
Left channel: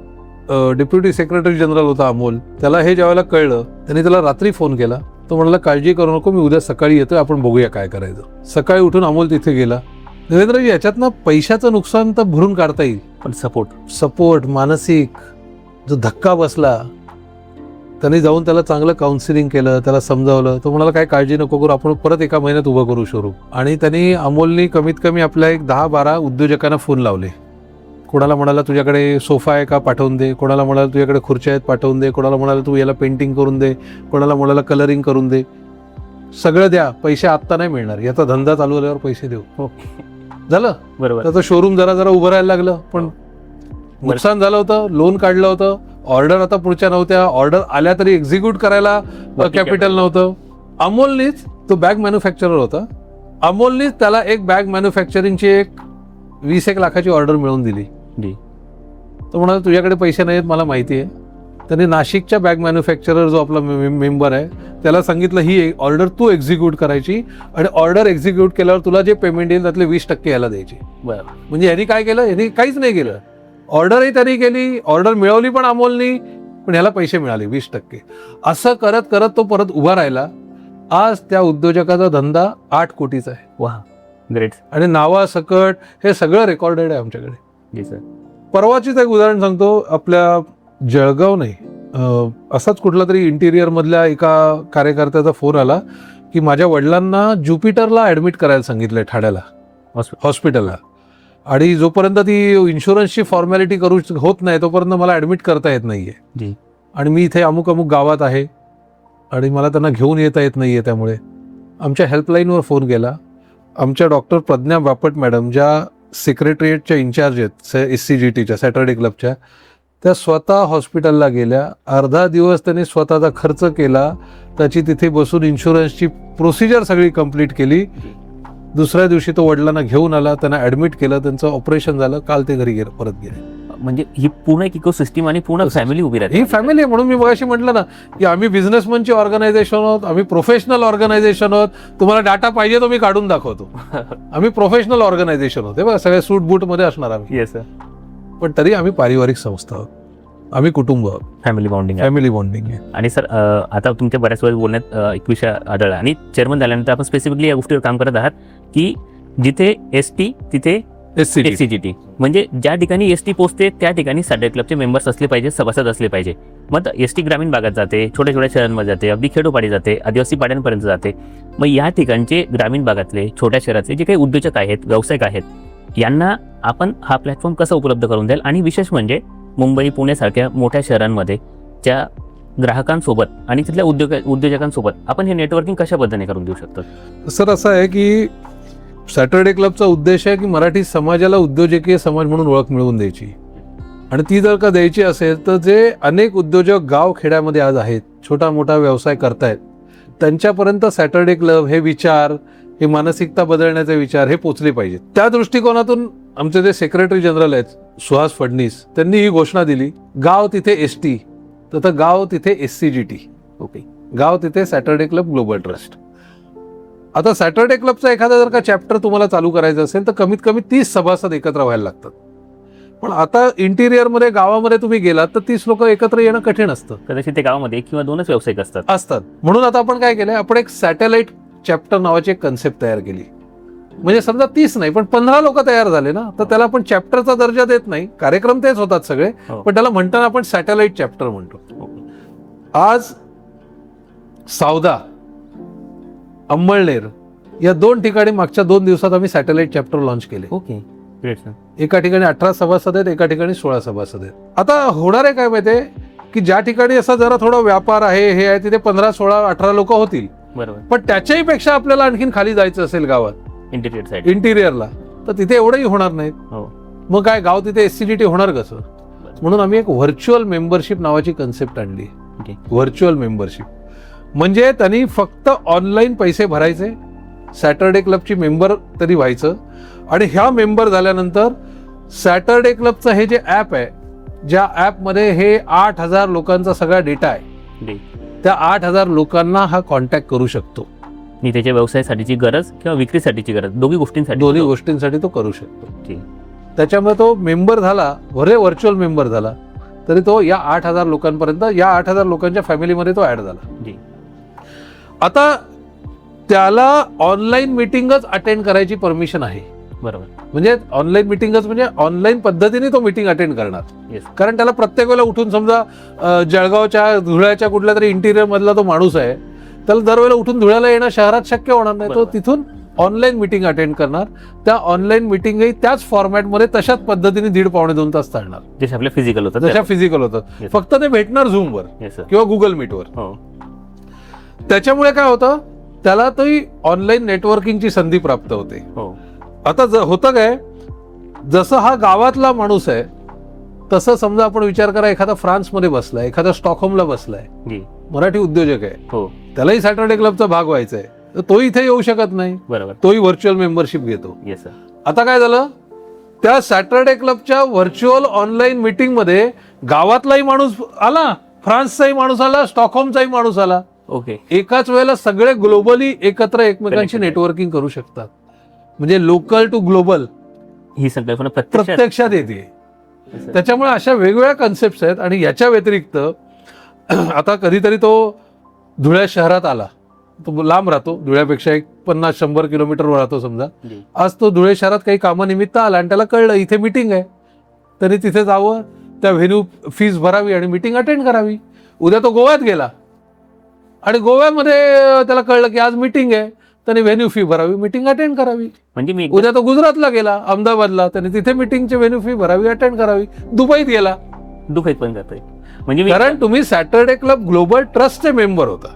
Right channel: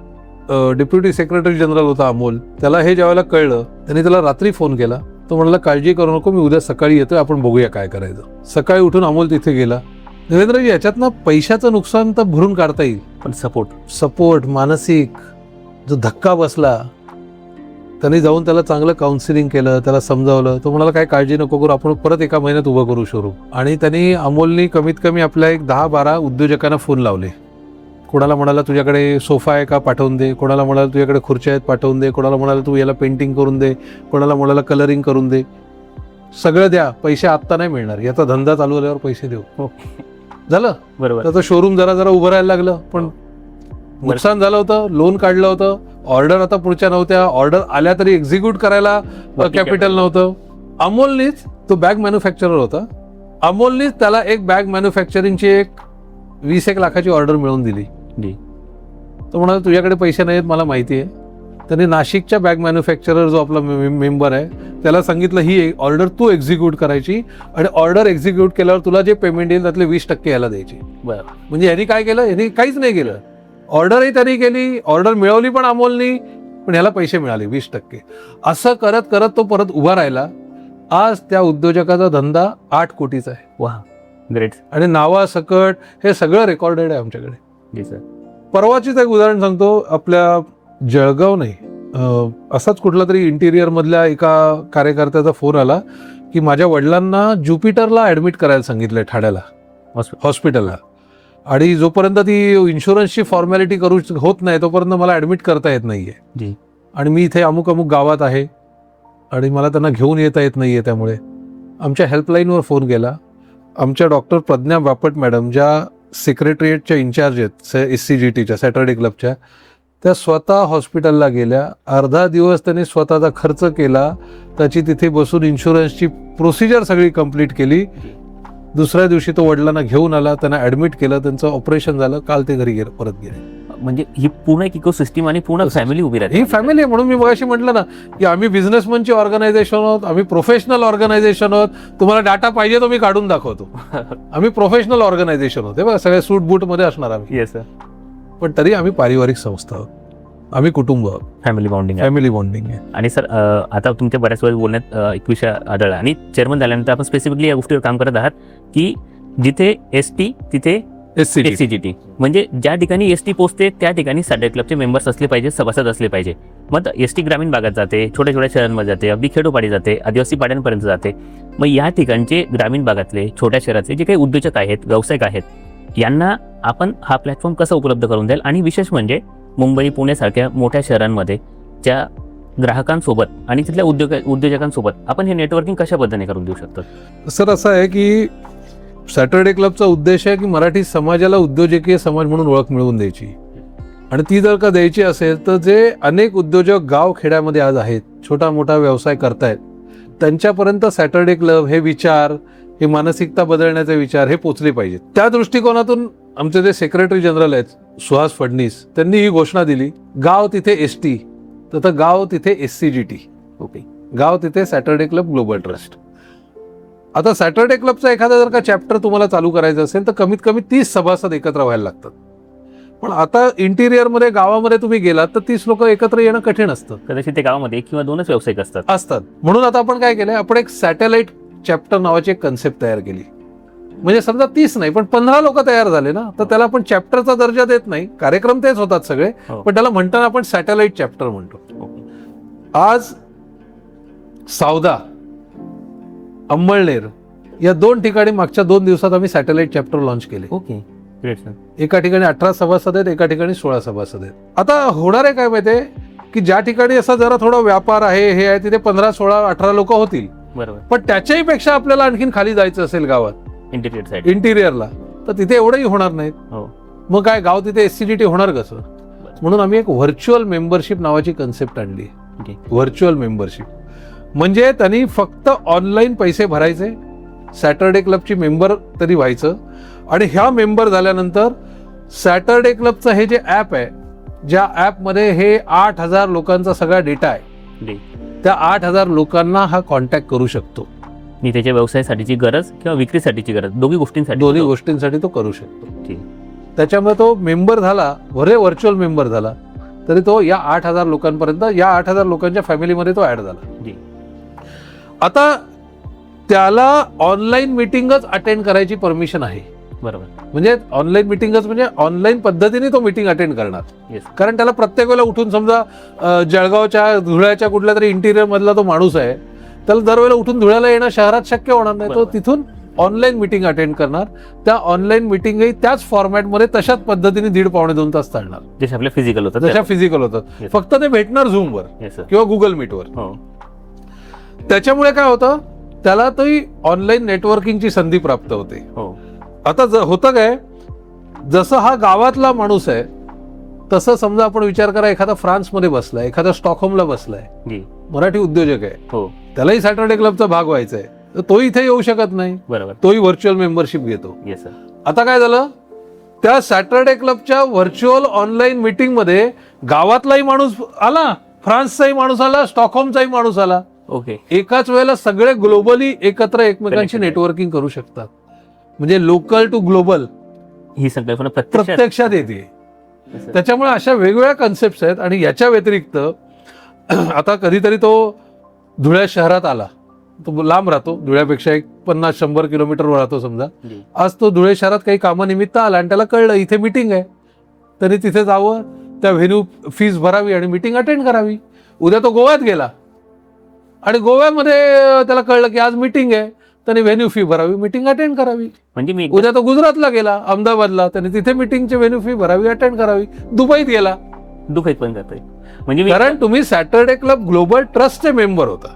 डेप्युटी सेक्रेटरी जनरल होता अमोल, त्याला हे ज्यावेळेला कळलं त्याने त्याला रात्री फोन केला. तो म्हणला काळजी करू नको, मी उद्या सकाळी येतो, आपण बघूया काय करायचं. सकाळी उठून अमोल तिथे गेला. देवेंद्रजी, याच्यातनं पैशाचं नुकसान तर भरून काढता येईल, पण सपोर्ट मानसिक जो धक्का बसला, त्यांनी जाऊन त्याला चांगलं काउन्सिलिंग केलं, त्याला समजावलं. तो म्हणाला काय काळजी नको करू, आपण परत एका महिन्यात उभं करू शोरूम. आणि त्यांनी अमोलनी कमीत कमी आपल्या एक 10-12 उद्योजकांना फोन लावले. कोणाला म्हणाला तुझ्याकडे सोफा आहे का, पाठवून दे. कोणाला म्हणाला तुझ्याकडे खुर्च्या आहेत, पाठवून दे. कोणाला म्हणाला तू याला पेंटिंग करून दे. कोणाला म्हणाला कलरिंग करून दे. सगळं द्या, पैसे आत्ता नाही मिळणार, याचा धंदा चालू झाल्यावर पैसे देऊ. झालं बरोबर. त्याचं शोरूम जरा जरा उभं राहायला लागलं. पण नुकसान झालं होतं, लोन काढलं होतं, ऑर्डर आता पुढच्या नव्हत्या, ऑर्डर आल्या तरी एक्झिक्यूट करायला कॅपिटल नव्हतं. अमोलनीच, तो बॅग मॅन्युफॅक्चरर होता, अमोलनीच त्याला एक बॅग मॅन्युफॅक्चरिंगची एक 20-1 लाखाची ऑर्डर मिळवून दिली. तो म्हणाला तुझ्याकडे पैसे नाहीत मला माहिती आहे. त्याने नाशिकच्या बॅग मॅन्युफॅक्चरर जो आपला मेंबर आहे त्याला सांगितलं ही ऑर्डर तू एक्झिक्यूट करायची आणि ऑर्डर एक्झिक्यूट केल्यावर तुला जे पेमेंट येईल त्यातले 20% याला द्यायचे. म्हणजे यांनी काय केलं, यांनी काहीच नाही केलं, ऑर्डरही त्यांनी केली, ऑर्डर मिळवली पण अमोलनी, पण ह्याला पैसे मिळाले 20%. असं करत करत तो परत उभा राहिला. आज त्या उद्योजकाचा धंदा 8 कोटीचा आहे. ग्रेट. आणि नावासकट हे सगळं रेकॉर्डेड आहे आमच्याकडे. जी सर. परवाचीच एक उदाहरण सांगतो. आपल्या जळगाव नाही, असाच कुठला तरी इंटिरियर मधल्या एका कार्यकर्त्याचा फोन आला की माझ्या वडिलांना ज्युपिटरला ऍडमिट करायला सांगितलंय ठाण्याला हॉस्पिटलला, आणि जोपर्यंत ती इन्शुरन्सची फॉर्मॅलिटी करू होत नाही तोपर्यंत मला ऍडमिट करता येत नाहीये. आणि मी इथे अमुक अमुक गावात आहे आणि मला त्यांना घेऊन येता येत नाहीये. त्यामुळे आमच्या हेल्पलाईनवर फोन गेला. आमच्या डॉक्टर प्रज्ञा बापट मॅडम, ज्या सेक्रेटरिएटच्या इन्चार्ज आहेत SCGTच्या सॅटर्डे क्लबच्या, त्या स्वतः हॉस्पिटलला गेल्या. अर्धा दिवस त्यांनी स्वतःचा खर्च केला, त्याची तिथे बसून इन्शुरन्सची प्रोसिजर सगळी कंप्लीट केली. दुसऱ्या दिवशी तो वडिलांना घेऊन आला, त्यांना ऍडमिट केलं, त्यांचं ऑपरेशन झालं, काल ते घरी परत गेले. म्हणजे ही पूर्ण एक इकोसिस्टम आणि पूर्ण फॅमिली उभी राहते. ही फॅमिली आहे. म्हणून मी मगाशी म्हटलं ना की आम्ही बिझनेसमॅनची ऑर्गनायझेशन आहोत, आम्ही प्रोफेशनल ऑर्गनायझेशन आहोत. तुम्हाला डाटा पाहिजे तो मी काढून दाखवतो. आम्ही प्रोफेशनल ऑर्गनायझेशन आहोत, सगळ्या सूट बूट मध्ये असणार आम्ही. Yes sir. पण तरी आम्ही पारिवारिक संस्था आहोत, आम्ही कुटुंब आहोत, फॅमिली बॉन्डिंग आहे. आणि सर आता तुमच्या बऱ्याच वेळेस बोलण्यात एक विषय आढळला आणि चेअरमन झाल्यानंतर आपण स्पेसिफिकली या गोष्टीवर काम करत आहात की जिथे ST तिथे SCGT, म्हणजे ज्या ठिकाणी ST पोहोचते त्या ठिकाणी सॅटर्डे क्लबचे मेंबर्स असले पाहिजे, सभासद असले पाहिजे. मग ST ग्रामीण भागात जाते, छोट्या छोट्या शहरांमध्ये जाते, अगदी खेडोपाडी जाते, आदिवासी पाड्यांपर्यंत जाते. मग या ठिकाणचे ग्रामीण भागातले, छोट्या शहरातले जे काही उद्योजक आहेत, व्यावसायिक आहेत, यांना आपण हा प्लॅटफॉर्म कसा उपलब्ध करून द्याल. आणि विशेष म्हणजे मुंबई, पुण्यासारख्या मोठ्या शहरांमध्ये ज्या ग्राहकांसोबत आणि तिथल्या उद्योजकांसोबत आपण हे नेटवर्किंग कशा पद्धतीने करून देऊ शकतो? सर असं आहे की सॅटर्डे क्लबचा उद्देश आहे की मराठी समाजाला उद्योजकीय समाज म्हणून ओळख मिळवून द्यायची. आणि ती जर का द्यायची असेल तर जे अनेक उद्योजक गाव खेड्यामध्ये आज आहेत, छोटा मोठा व्यवसाय करतायत, त्यांच्यापर्यंत सॅटर्डे क्लब हे विचार, हे मानसिकता बदलण्याचे विचार हे पोचले पाहिजे. त्या दृष्टिकोनातून आमचे जे सेक्रेटरी जनरल आहेत सुहास फडणीस, त्यांनी ही घोषणा दिली, गाव तिथे ST, तर गाव तिथे SCGT, ओके, गाव तिथे सॅटर्डे क्लब ग्लोबल ट्रस्ट. आता सॅटर्डे क्लबचा एखादा जर का चॅप्टर तुम्हाला चालू करायचा असेल तर कमीत कमी 30 सभासद एकत्र व्हायला लागतात. पण आता इंटिरियर मध्ये गावामध्ये तुम्ही गेलात तर 30 लोक एकत्र येणं कठीण असतं. कदाचित ते गावामध्ये 1 किंवा 2च व्यावसायिक असतात. म्हणून आता आपण काय केलंय, आपण एक सॅटेलाइट चॅप्टर नावाची एक कन्सेप्ट तयार केली. म्हणजे समजा 30 नाही पण 15 लोक तयार झाले ना, तर त्याला आपण चॅप्टरचा दर्जा देत नाही. कार्यक्रम तेच होतात सगळे, पण त्याला म्हणताना आपण सॅटेलाइट चॅप्टर म्हणतो. आज सावदा, अंमळनेर या 2 ठिकाणी मागच्या 2 दिवसात आम्ही सॅटेलाइट चॅप्टर लॉन्च केले. Okay, great sir. एका ठिकाणी 18 सभासद आहेत, एका ठिकाणी 16 सभासद आहेत. आता होणार आहे काय माहितीये की ज्या ठिकाणी असं जरा थोडा व्यापार आहे हे आहे, तिथे 15, 16, 18 लोक होती, पण त्याच्याही पेक्षा आपल्याला आणखीन खाली जायचं असेल गावात इंटिरियर साईड, इंटिरियरला, तर तिथे एवढंही होणार नाहीत. हो. मग काय गाव तिथे SCGT होणार कसं? म्हणून आम्ही एक व्हर्च्युअल मेंबरशिप नावाची कन्सेप्ट आणली. व्हर्च्युअल मेंबरशिप म्हणजे त्यांनी फक्त ऑनलाईन पैसे भरायचे, सॅटरडे क्लबची मेंबर तरी व्हायचं, आणि ह्या मेंबर झाल्यानंतर सॅटरडे क्लबचं हे जे ऍप आहे, ज्या ऍपमध्ये हे 8,000 लोकांचा सगळा डेटा आहे, त्या 8,000 लोकांना हा कॉन्टॅक्ट करू शकतो. मी त्याच्या व्यवसायासाठीची गरज किंवा विक्रीसाठीची गरज दोन्ही गोष्टींसाठी तो करू शकतो. त्याच्यामुळे तो मेंबर झाला, व्हर्च्युअल मेंबर झाला, तरी तो या 8,000 लोकांपर्यंत, या 8,000 लोकांच्या फॅमिलीमध्ये तो ऍड झाला. आता त्याला ऑनलाईन मिटिंगच अटेंड करायची परमिशन आहे. बरोबर. म्हणजे ऑनलाईन मिटिंगच म्हणजे ऑनलाईन पद्धतीने तो मिटिंग अटेंड करणार. कारण त्याला प्रत्येक वेळेला उठून, समजा जळगावच्या धुळ्याच्या कुठल्या तरी इंटिरियर मधला तो माणूस आहे, त्याला दरवेळेला उठून धुळ्याला येणं शहरात शक्य होणार नाही. तो तिथून ऑनलाईन मिटिंग अटेंड करणार. त्या ऑनलाईन मिटिंगही त्याच फॉर्मॅटमध्ये तशाच पद्धतीने 1.5-2 तास चालणार, जसे आपले फिजिकल होतात, जशा फिजिकल होतात. फक्त ते भेटणार झूमवर किंवा गुगल मीटवर. त्याच्यामुळे काय होतं, त्याला ते ऑनलाईन नेटवर्किंगची संधी प्राप्त होते. आता होतं काय, जसं हा गावातला माणूस आहे, तसं समजा आपण विचार करा, एखादा फ्रान्समध्ये बसलाय, एखादा स्टॉकहोमला बसलाय, मराठी उद्योजक आहे, त्यालाही सॅटरडे क्लबचा भाग व्हायचा आहे, तो इथे येऊ शकत नाही. बरोबर. तोही व्हर्च्युअल मेंबरशिप घेतो. आता काय झालं, त्या सॅटरडे क्लबच्या व्हर्च्युअल ऑनलाईन मीटिंग मध्ये गावातलाही माणूस आला, फ्रान्सचाही माणूस आला, स्टॉकहोमचाही माणूस आला. ओके. एकाच वेळेला सगळे ग्लोबली एकत्र एकमेकांशी नेटवर्किंग करू शकतात. म्हणजे लोकल टू ग्लोबल ही संकल्पना प्रत्यक्षात येते. त्याच्यामुळे अशा वेगवेगळ्या कन्सेप्ट आहेत. आणि याच्या व्यतिरिक्त आता कधीतरी तो धुळ्या शहरात आला, तो लांब राहतो, धुळ्यापेक्षा एक 50-100 किलोमीटरवर राहतो समजा. आज तो धुळे शहरात काही कामानिमित्त आला आणि त्याला कळलं इथे मीटिंग आहे, तरी तिथे जावं, त्या व्हेन्यू फीस भरावी आणि मीटिंग अटेंड करावी. उद्या तो गोव्यात गेला आणि गोव्यामध्ये त्याला कळलं की आज मीटिंग आहे, त्याने व्हेन्यू फी भरावी, मीटिंग अटेंड करावी. म्हणजे उद्या तो गुजरातला गेला, अहमदाबादला, त्याने तिथे मीटिंगची व्हेन्यू फी भरावी, अटेंड करावी. दुबईत गेला, दुबईत पण जातोय. म्हणजे कारण तुम्ही सॅटरडे क्लब ग्लोबल ट्रस्टचे मेंबर होता,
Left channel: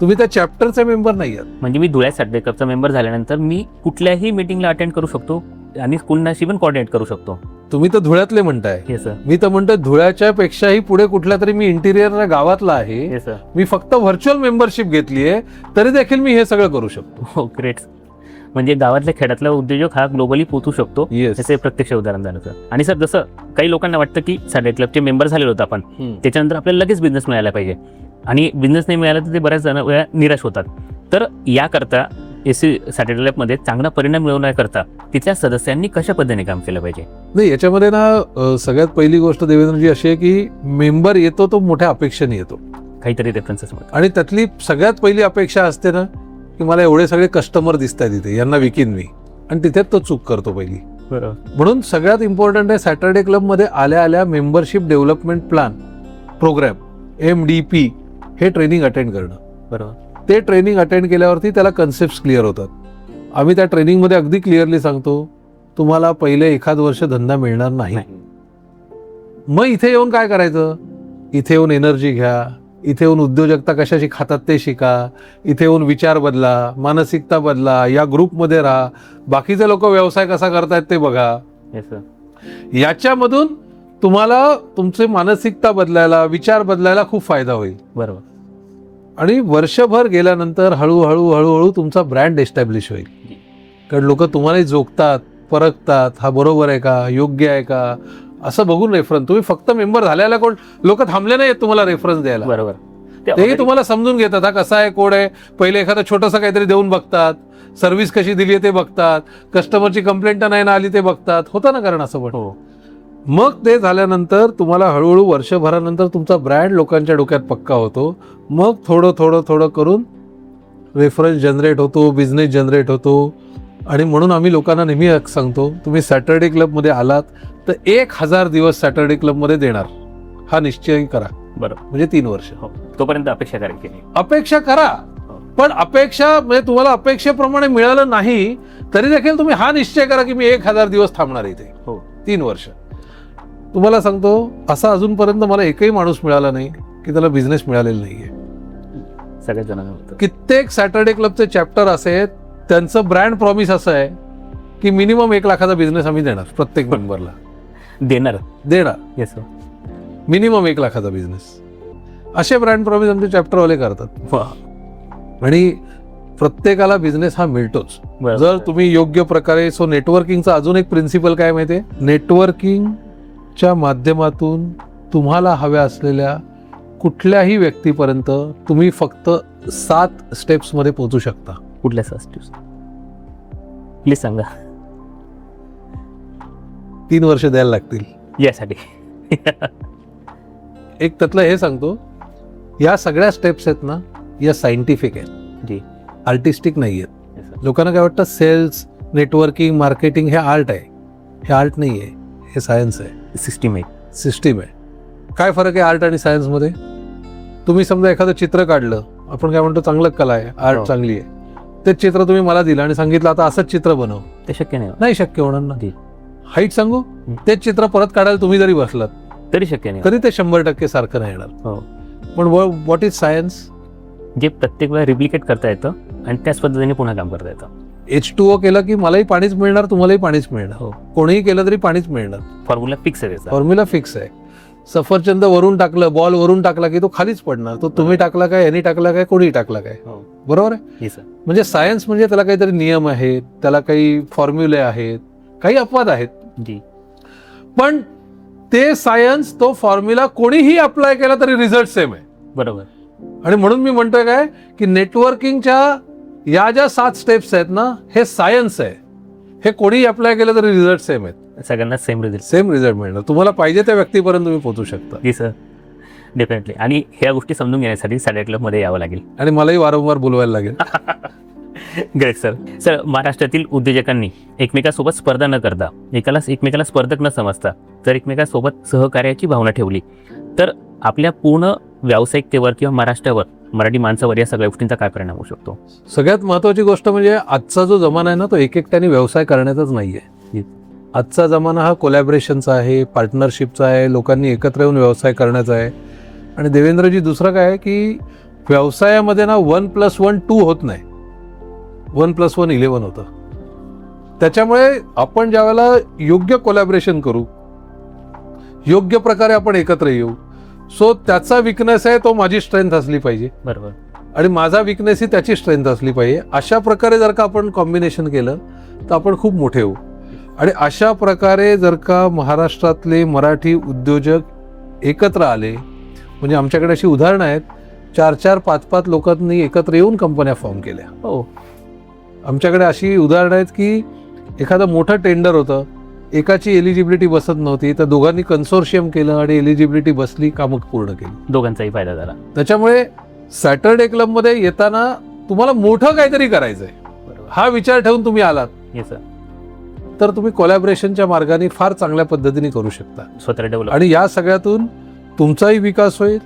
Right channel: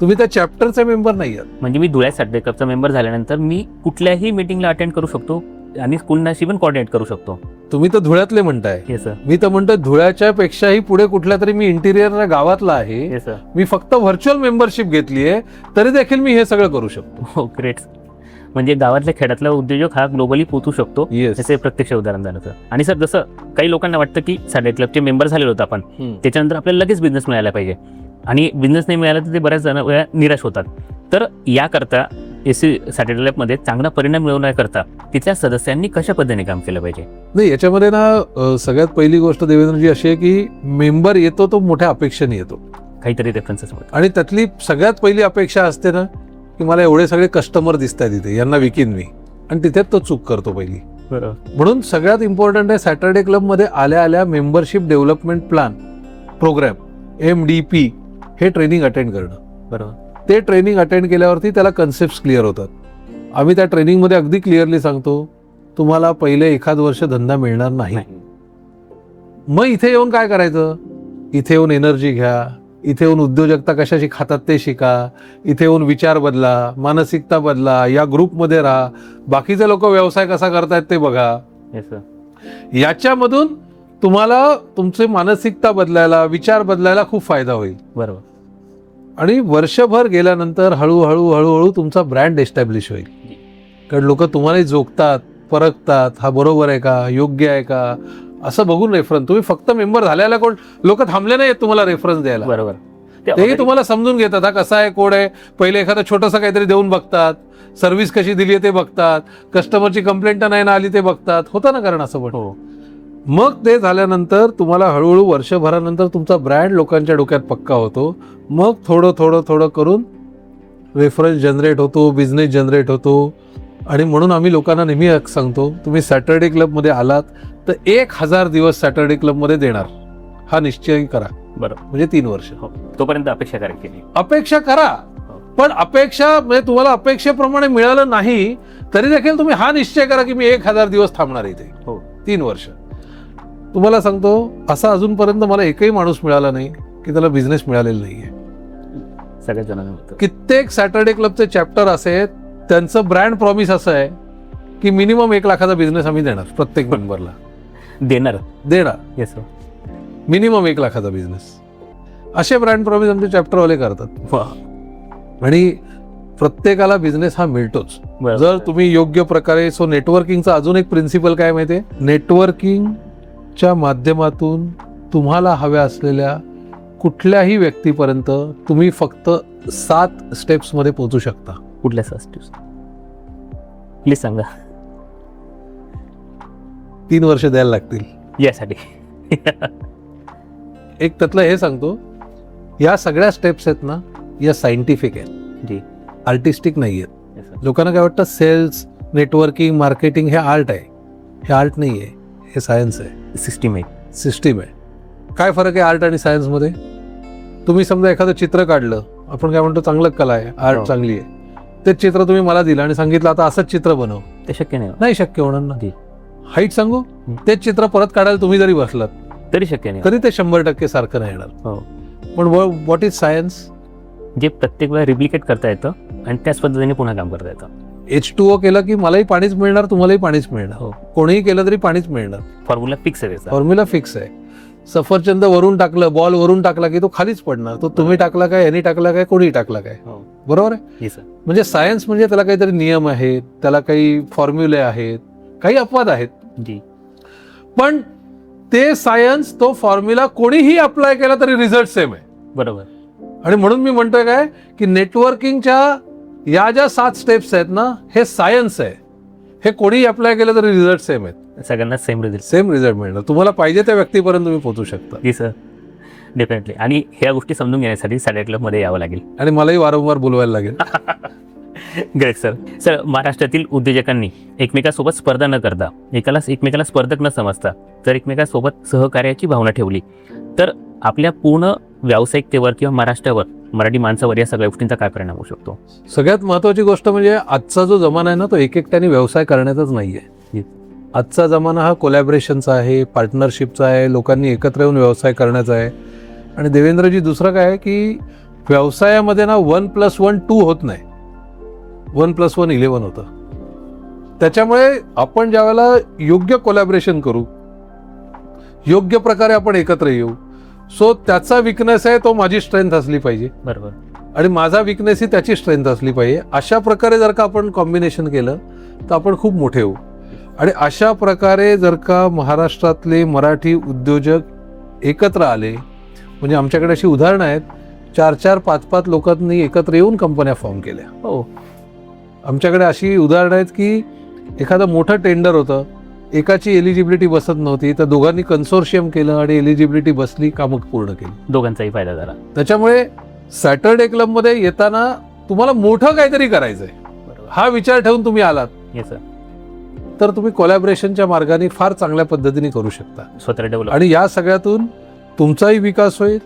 तुम्ही त्या चॅप्टरचे मेंबर नाही आहात. म्हणजे मी धुळ्या सॅटरडे क्लबचा मेंबर झाल्यानंतर मी कुठल्याही मीटिंगला अटेंड करू शकतो आणि कुणाशी पण कोऑर्डिनेट करू शकतो. तुम्ही तर धुळ्यातले म्हणताय. मी तर म्हणतो धुळ्याच्या पेक्षाही पुढे कुठल्या तरी मी इंटिरियर गावातला आहे, मी फक्त व्हर्च्युअल मेंबरशिप घेतली आहे, तरी देखील मी हे सगळं करू शकतो. ग्रेट. म्हणजे गावातल्या खेड्यातला उद्योजक हा ग्लोबली पोहोचू शकतो, याचे प्रत्यक्ष उदाहरण झालं. आणि सर, जसं काही लोकांना वाटतं की सॅटरडे क्लबचे मेंबर झाले होते आपण, त्याच्यानंतर आपल्याला लगेच बिझनेस मिळायला पाहिजे, आणि बिझनेस नाही मिळाला तर ते बऱ्याच जण निराश होतात. तर याकरता सॅटरडे क्लबमध्ये चांगला परिणाम मिळवण्याकरता तिथल्या सदस्यांनी कशा पद्धतीने काम केलं पाहिजे? नाही, याच्यामध्ये ना सगळ्यात पहिली गोष्ट देवेंद्रजी अशी आहे की मेंबर येतो तो मोठ्या अपेक्षेने येतो, काहीतरी रेफरन्सेस, आणि त्यातली सगळ्यात पहिली अपेक्षा असते ना की मला एवढे सगळे कस्टमर दिसत आहेत इथे, यांना विकीन मी, आणि तिथेच तो चूक करतो पहिली. बरोबर. म्हणून सगळ्यात इम्पॉर्टंट आहे सॅटरडे क्लब मध्ये आल्या आल्या membership development plan program MDP हे ट्रेनिंग अटेंड करणं. बरोबर. ते ट्रेनिंग अटेंड केल्यावरती त्याला कन्सेप्ट क्लिअर होतात. आम्ही त्या ट्रेनिंगमध्ये अगदी क्लिअरली सांगतो, तुम्हाला पहिले 1 वर्ष धंदा मिळणार नाही. मग इथे येऊन काय करायचं, इथे येऊन एनर्जी घ्या, इथे येऊन उद्योजकता कशाशी खातात ते शिका, इथे येऊन विचार बदला, मानसिकता बदला, या ग्रुपमध्ये राहा, बाकीचे लोक व्यवसाय कसा करतायत ते बघा. याच्यामधून तुम्हाला तुमचे मानसिकता बदलायला, विचार बदलायला खूप फायदा होईल. बरोबर. आणि वर्षभर गेल्यानंतर हळूहळू तुमचा ब्रँड एस्टॅब्लिश होईल. कारण लोक तुम्हालाही जोखतात, परखतात, हा बरोबर आहे का, योग्य आहे का, असं बघून रेफरन्स. तुम्ही फक्त मेंबर झाल्याला कोण लोक थांबले नाही तुम्हाला रेफरन्स द्यायला. बरोबर. तेही तुम्हाला समजून घेतात, हा कसा आहे, कोड आहे, पहिले एखादा छोटंसं काहीतरी देऊन बघतात, सर्व्हिस कशी दिली आहे ते बघतात, कस्टमरची कंप्लेंट नाही ना आली ते बघतात. होतं ना कारण असं बघून. मग ते झाल्यानंतर तुम्हाला हळूहळू वर्षभरानंतर तुमचा ब्रँड लोकांच्या डोक्यात पक्का होतो. मग थोडं करून रेफरन्स जनरेट होतो, बिझनेस जनरेट होतो, आणि म्हणून आम्ही लोकांना नेहमी सांगतो, तुम्ही सॅटर्डे क्लबमध्ये आलात तर 1000 दिवस सॅटर्डे क्लबमध्ये देणार हा निश्चय करा. बरोबर. म्हणजे 3 वर्ष. तोपर्यंत अपेक्षा करायची नाही. अपेक्षा करा, पण अपेक्षा म्हणजे तुम्हाला अपेक्षेप्रमाणे मिळालं नाही तरी देखील तुम्ही हा निश्चय करा की मी 1000 दिवस थांबणार इथे. 3 वर्ष. तुम्हाला सांगतो, असा अजूनपर्यंत मला एकही माणूस मिळाला नाही की त्याला बिझनेस मिळालेला नाहीये. सगळ्याच जणांना कित्येक सॅटर्डे क्लबचे चॅप्टर असे आहेत, त्यांचं ब्रँड प्रॉमिस असं आहे की मिनिमम 1 लाखाचा बिझनेस आम्ही देणार प्रत्येक मेंबरला. देणार. येस, मिनिमम 1 लाखाचा बिझनेस. असे ब्रँड प्रॉमिस आमचे चॅप्टरवाले करतात. आणि प्रत्येकाला बिझनेस हा मिळतोच जर तुम्ही योग्य प्रकारे. सो नेटवर्किंगचा अजून एक प्रिन्सिपल काय माहितीये, नेटवर्किंगच्या माध्यमातून तुम्हाला हव्या असलेल्या कुठल्याही व्यक्तीपर्यंत तुम्ही फक्त 7 स्टेप्स मध्ये पोहोचू शकता. कुठल्या स्टेप्स प्लीज सांगा. 3 वर्ष द्यायला लागतील यासाठी. एक त्यातलं हे सांगतो, या सगळ्या स्टेप्स आहेत ना, या सायंटिफिक आहेत, जी आर्टिस्टिक नाही आहेत. लोकांना काय वाटतं सेल्स, नेटवर्किंग, मार्केटिंग हे आर्ट आहे. हे आर्ट नाही आहे, हे सायन्स आहे. सिस्टीम आहे. सिस्टीम आहे. काय फरक आहे आर्ट आणि सायन्स मध्ये? तुम्ही समजा एखादं चित्र काढलं, आपण काय म्हणतो चांगलं कला आहे, आर्ट चांगली आहे. ते चित्र तुम्ही मला दिलं आणि सांगितलं आता असंच चित्र बनव, ते शक्य नाही. नाही शक्य होणार ना. हाईट सांगू, तेच चित्र परत काढायला तुम्ही जरी बसलात तरी शक्य नाही, तरी ते 100% सारखं नाही येणार. पण व्हॉट इज सायन्स? जे प्रत्येक वेळा रिप्लिकेट करता येतं आणि त्याच पद्धतीने पुन्हा काम करता येतं. H2O केलं की मलाही पाणीच मिळणार, तुम्हालाही पाणीच मिळणार. कोणीही केलं तरी पाणीच मिळणार. फॉर्म्युला फिक्स आहे. फॉर्म्युला फिक्स आहे. सफरचंद वरून टाकलं, बॉल वरून टाकला की तो खालीच पडणार. तो तुम्ही टाकला काय, यांनी टाकला काय, कोणीही टाकला काय. बरोबर आहे. म्हणजे सायन्स म्हणजे त्याला काहीतरी नियम आहेत, त्याला काही फॉर्म्युले आहेत, काही अपवाद आहेत. पण ते सायन्स, तो फॉर्म्युला कोणीही अप्लाय केला तरी रिझल्ट सेम आहे. बरोबर. आणि म्हणून मी म्हणतोय काय की नेटवर्किंगच्या या ज्या 7 स्टेप्स आहेत ना, हे सायन्स आहे. हे कोणीही अप्लाय केलं तरी रिझल्ट सेम आहेत. सगळ्यांना सेम रिझल्ट मिळणार. तुम्हाला पाहिजे त्या व्यक्तीपर्यंत तुम्ही पोहोचू शकता. आणि ह्या गोष्टी समजून घ्यायसाठी सॅटर्डे क्लब मध्ये यावं लागेल आणि मलाही वारंवार बोलवायला लागेल. महाराष्ट्रातील उद्योजकांनी एकमेकांसोबत स्पर्धा न करता, एकमेकाला स्पर्धक न समजता जर एकमेकांसोबत सहकार्याची भावना ठेवली तर आपल्या पूर्ण व्यावसायिकतेवर किंवा महाराष्ट्रावर, मराठी माणसावर या सगळ्या गोष्टींचा काय परिणाम होऊ शकतो? सगळ्यात महत्वाची गोष्ट म्हणजे आजचा जो जमाना आहे ना, तो एकट्याने व्यवसाय करण्याचाच नाहीये. आजचा जमाना हा कोलॅबरेशनचा आहे, पार्टनरशिपचा आहे, लोकांनी एकत्र येऊन व्यवसाय करण्याचा आहे. आणि देवेंद्रजी, दुसरं काय आहे की व्यवसायामध्ये ना 1+1 2 होत नाही, 1+1 11 होतं. त्याच्यामुळे आपण ज्यावेळेला योग्य कोलॅबरेशन करू, योग्य प्रकारे आपण एकत्र येऊ. सो त्याचा विकनेस आहे, तो माझी स्ट्रेंथ असली पाहिजे. बरोबर. आणि माझा विकनेस ही त्याची स्ट्रेंथ असली पाहिजे. अशा प्रकारे जर का आपण कॉम्बिनेशन केलं तर आपण खूप मोठे आहोत. आणि अशा प्रकारे जर का महाराष्ट्रातले मराठी उद्योजक एकत्र आले, म्हणजे आमच्याकडे अशी उदाहरणं आहेत, 4-4, 5-5 लोकांनी एकत्र येऊन कंपन्या फॉर्म केल्या. आमच्याकडे अशी उदाहरणं आहेत की एखादं मोठं टेंडर होतं, एकाची एलिजिबिलिटी बसत नव्हती, तर दोघांनी कन्सोर्शियम केलं आणि एलिजिबिलिटी बसली, कामं पूर्ण केली. दोघांचाही फायदा झाला. त्याच्यामुळे सॅटर्डे क्लब मध्ये येताना तुम्हाला मोठं काहीतरी करायचंय, हा विचार ठेवून तुम्ही आलात तर तुम्ही कोलॅबरेशनच्या मार्गाने फार चांगल्या पद्धतीने करू शकता. आणि या सगळ्यातून तुमचाही विकास होईल,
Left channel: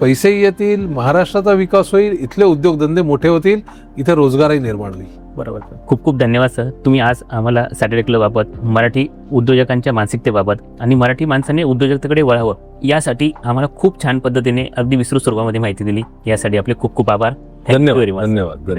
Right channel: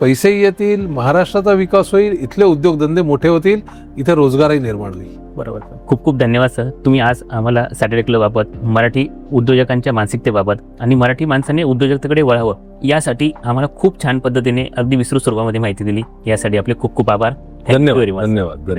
पैसेही येतील, महाराष्ट्राचा विकास होईल, इथले उद्योगधंदे मोठे होतील, इथे रोजगारही निर्माण होईल. बरोबर. खूप खूप धन्यवाद सर. तुम्ही आज आम्हाला सॅटर्डे क्लब बाबत, मराठी उद्योजकांच्या मानसिकतेबाबत आणि मराठी माणसाने उद्योजकतेकडे वळावं यासाठी आम्हाला खूप छान पद्धतीने अगदी विस्तृत स्वरूपामध्ये माहिती दिली. यासाठी आपले खूप खूप आभार. धन्यवाद.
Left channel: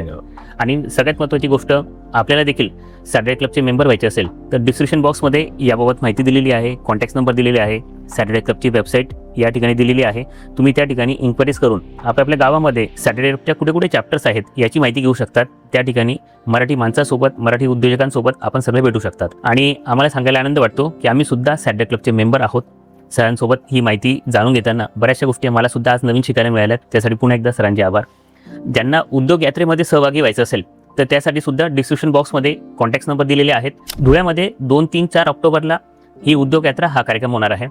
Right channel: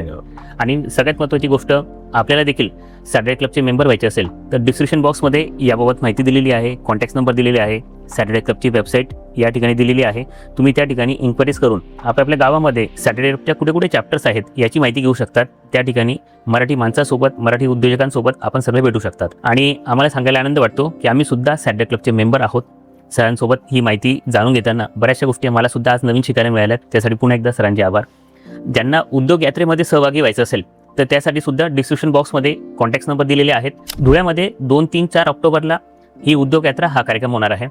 आणि सगळ्यात महत्त्वाची गोष्ट, आपल्याला देखील सॅटर्डे क्लबचे मेंबर व्हायचे असेल तर डिस्क्रिप्शन बॉक्समध्ये याबाबत माहिती दिलेली आहे, कॉन्टॅक्ट नंबर दिलेले आहे, सॅटर्डे क्लबची वेबसाईट या ठिकाणी दिलेली आहे. तुम्ही त्या ठिकाणी इन्क्वायरीज करून आपल्या गावामध्ये सॅटर्डे क्लबच्या कुठे कुठे चॅप्टर्स आहेत याची माहिती घेऊ शकतात. त्या ठिकाणी मराठी माणसासोबत, मराठी उद्योजकांसोबत आपण सर्व भेटू शकतात. आणि आम्हाला सांगायला आनंद वाटतो की आम्ही सुद्धा सॅटर्डे क्लबचे मेंबर आहोत. सरांसोबत ही माहिती जाणून घेताना बऱ्याचशा गोष्टी मला सुद्धा आज नवीन शिकायला मिळाल्यात. त्यासाठी पुन्हा एकदा सरांचे आभार. ज्यांना उद्योग यात्रेमध्ये सहभागी व्हायचं असेल तर त्यासाठी सुद्धा डिस्क्रिप्शन बॉक्समध्ये कॉन्टॅक्ट नंबर दिलेले आहेत. धुळ्यामध्ये 2, 3, 4 ऑक्टोबरला ही उद्योग यात्रा हा कार्यक्रम होणार आहे.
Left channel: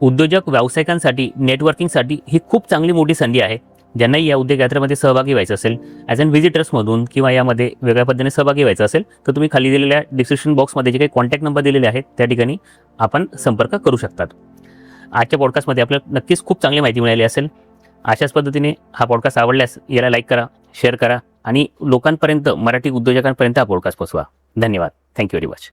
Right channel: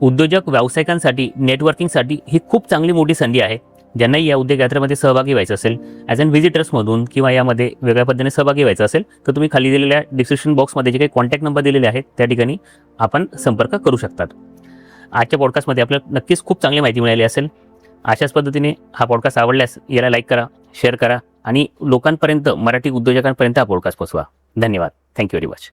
उद्योजक व्यावसायिकांसाठी, नेटवर्किंगसाठी ही खूप चांगली मोठी संधी आहे. ज्यांनाही या उद्योग यात्रेमध्ये सहभागी व्हायचं असेल ॲज अन व्हिजिटर्समधून किंवा यामध्ये वेगळ्या पद्धतीने सहभागी व्हायचं असेल तर तुम्ही खाली दिलेल्या डिस्क्रिप्शन बॉक्समध्ये जे काही कॉन्टॅक्ट नंबर दिलेले आहेत त्या ठिकाणी आपण संपर्क करू शकतात. आजच्या पॉडकास्टमध्ये आपल्याला नक्कीच खूप चांगली माहिती मिळाली असेल. अशाच पद्धतीने हा पॉडकास्ट आवडल्यास याला लाईक करा, शेअर करा आणि लोकांपर्यंत, मराठी उद्योजकांपर्यंत हा पॉडकास्ट पोहोचवा. धन्यवाद. Thank you very much.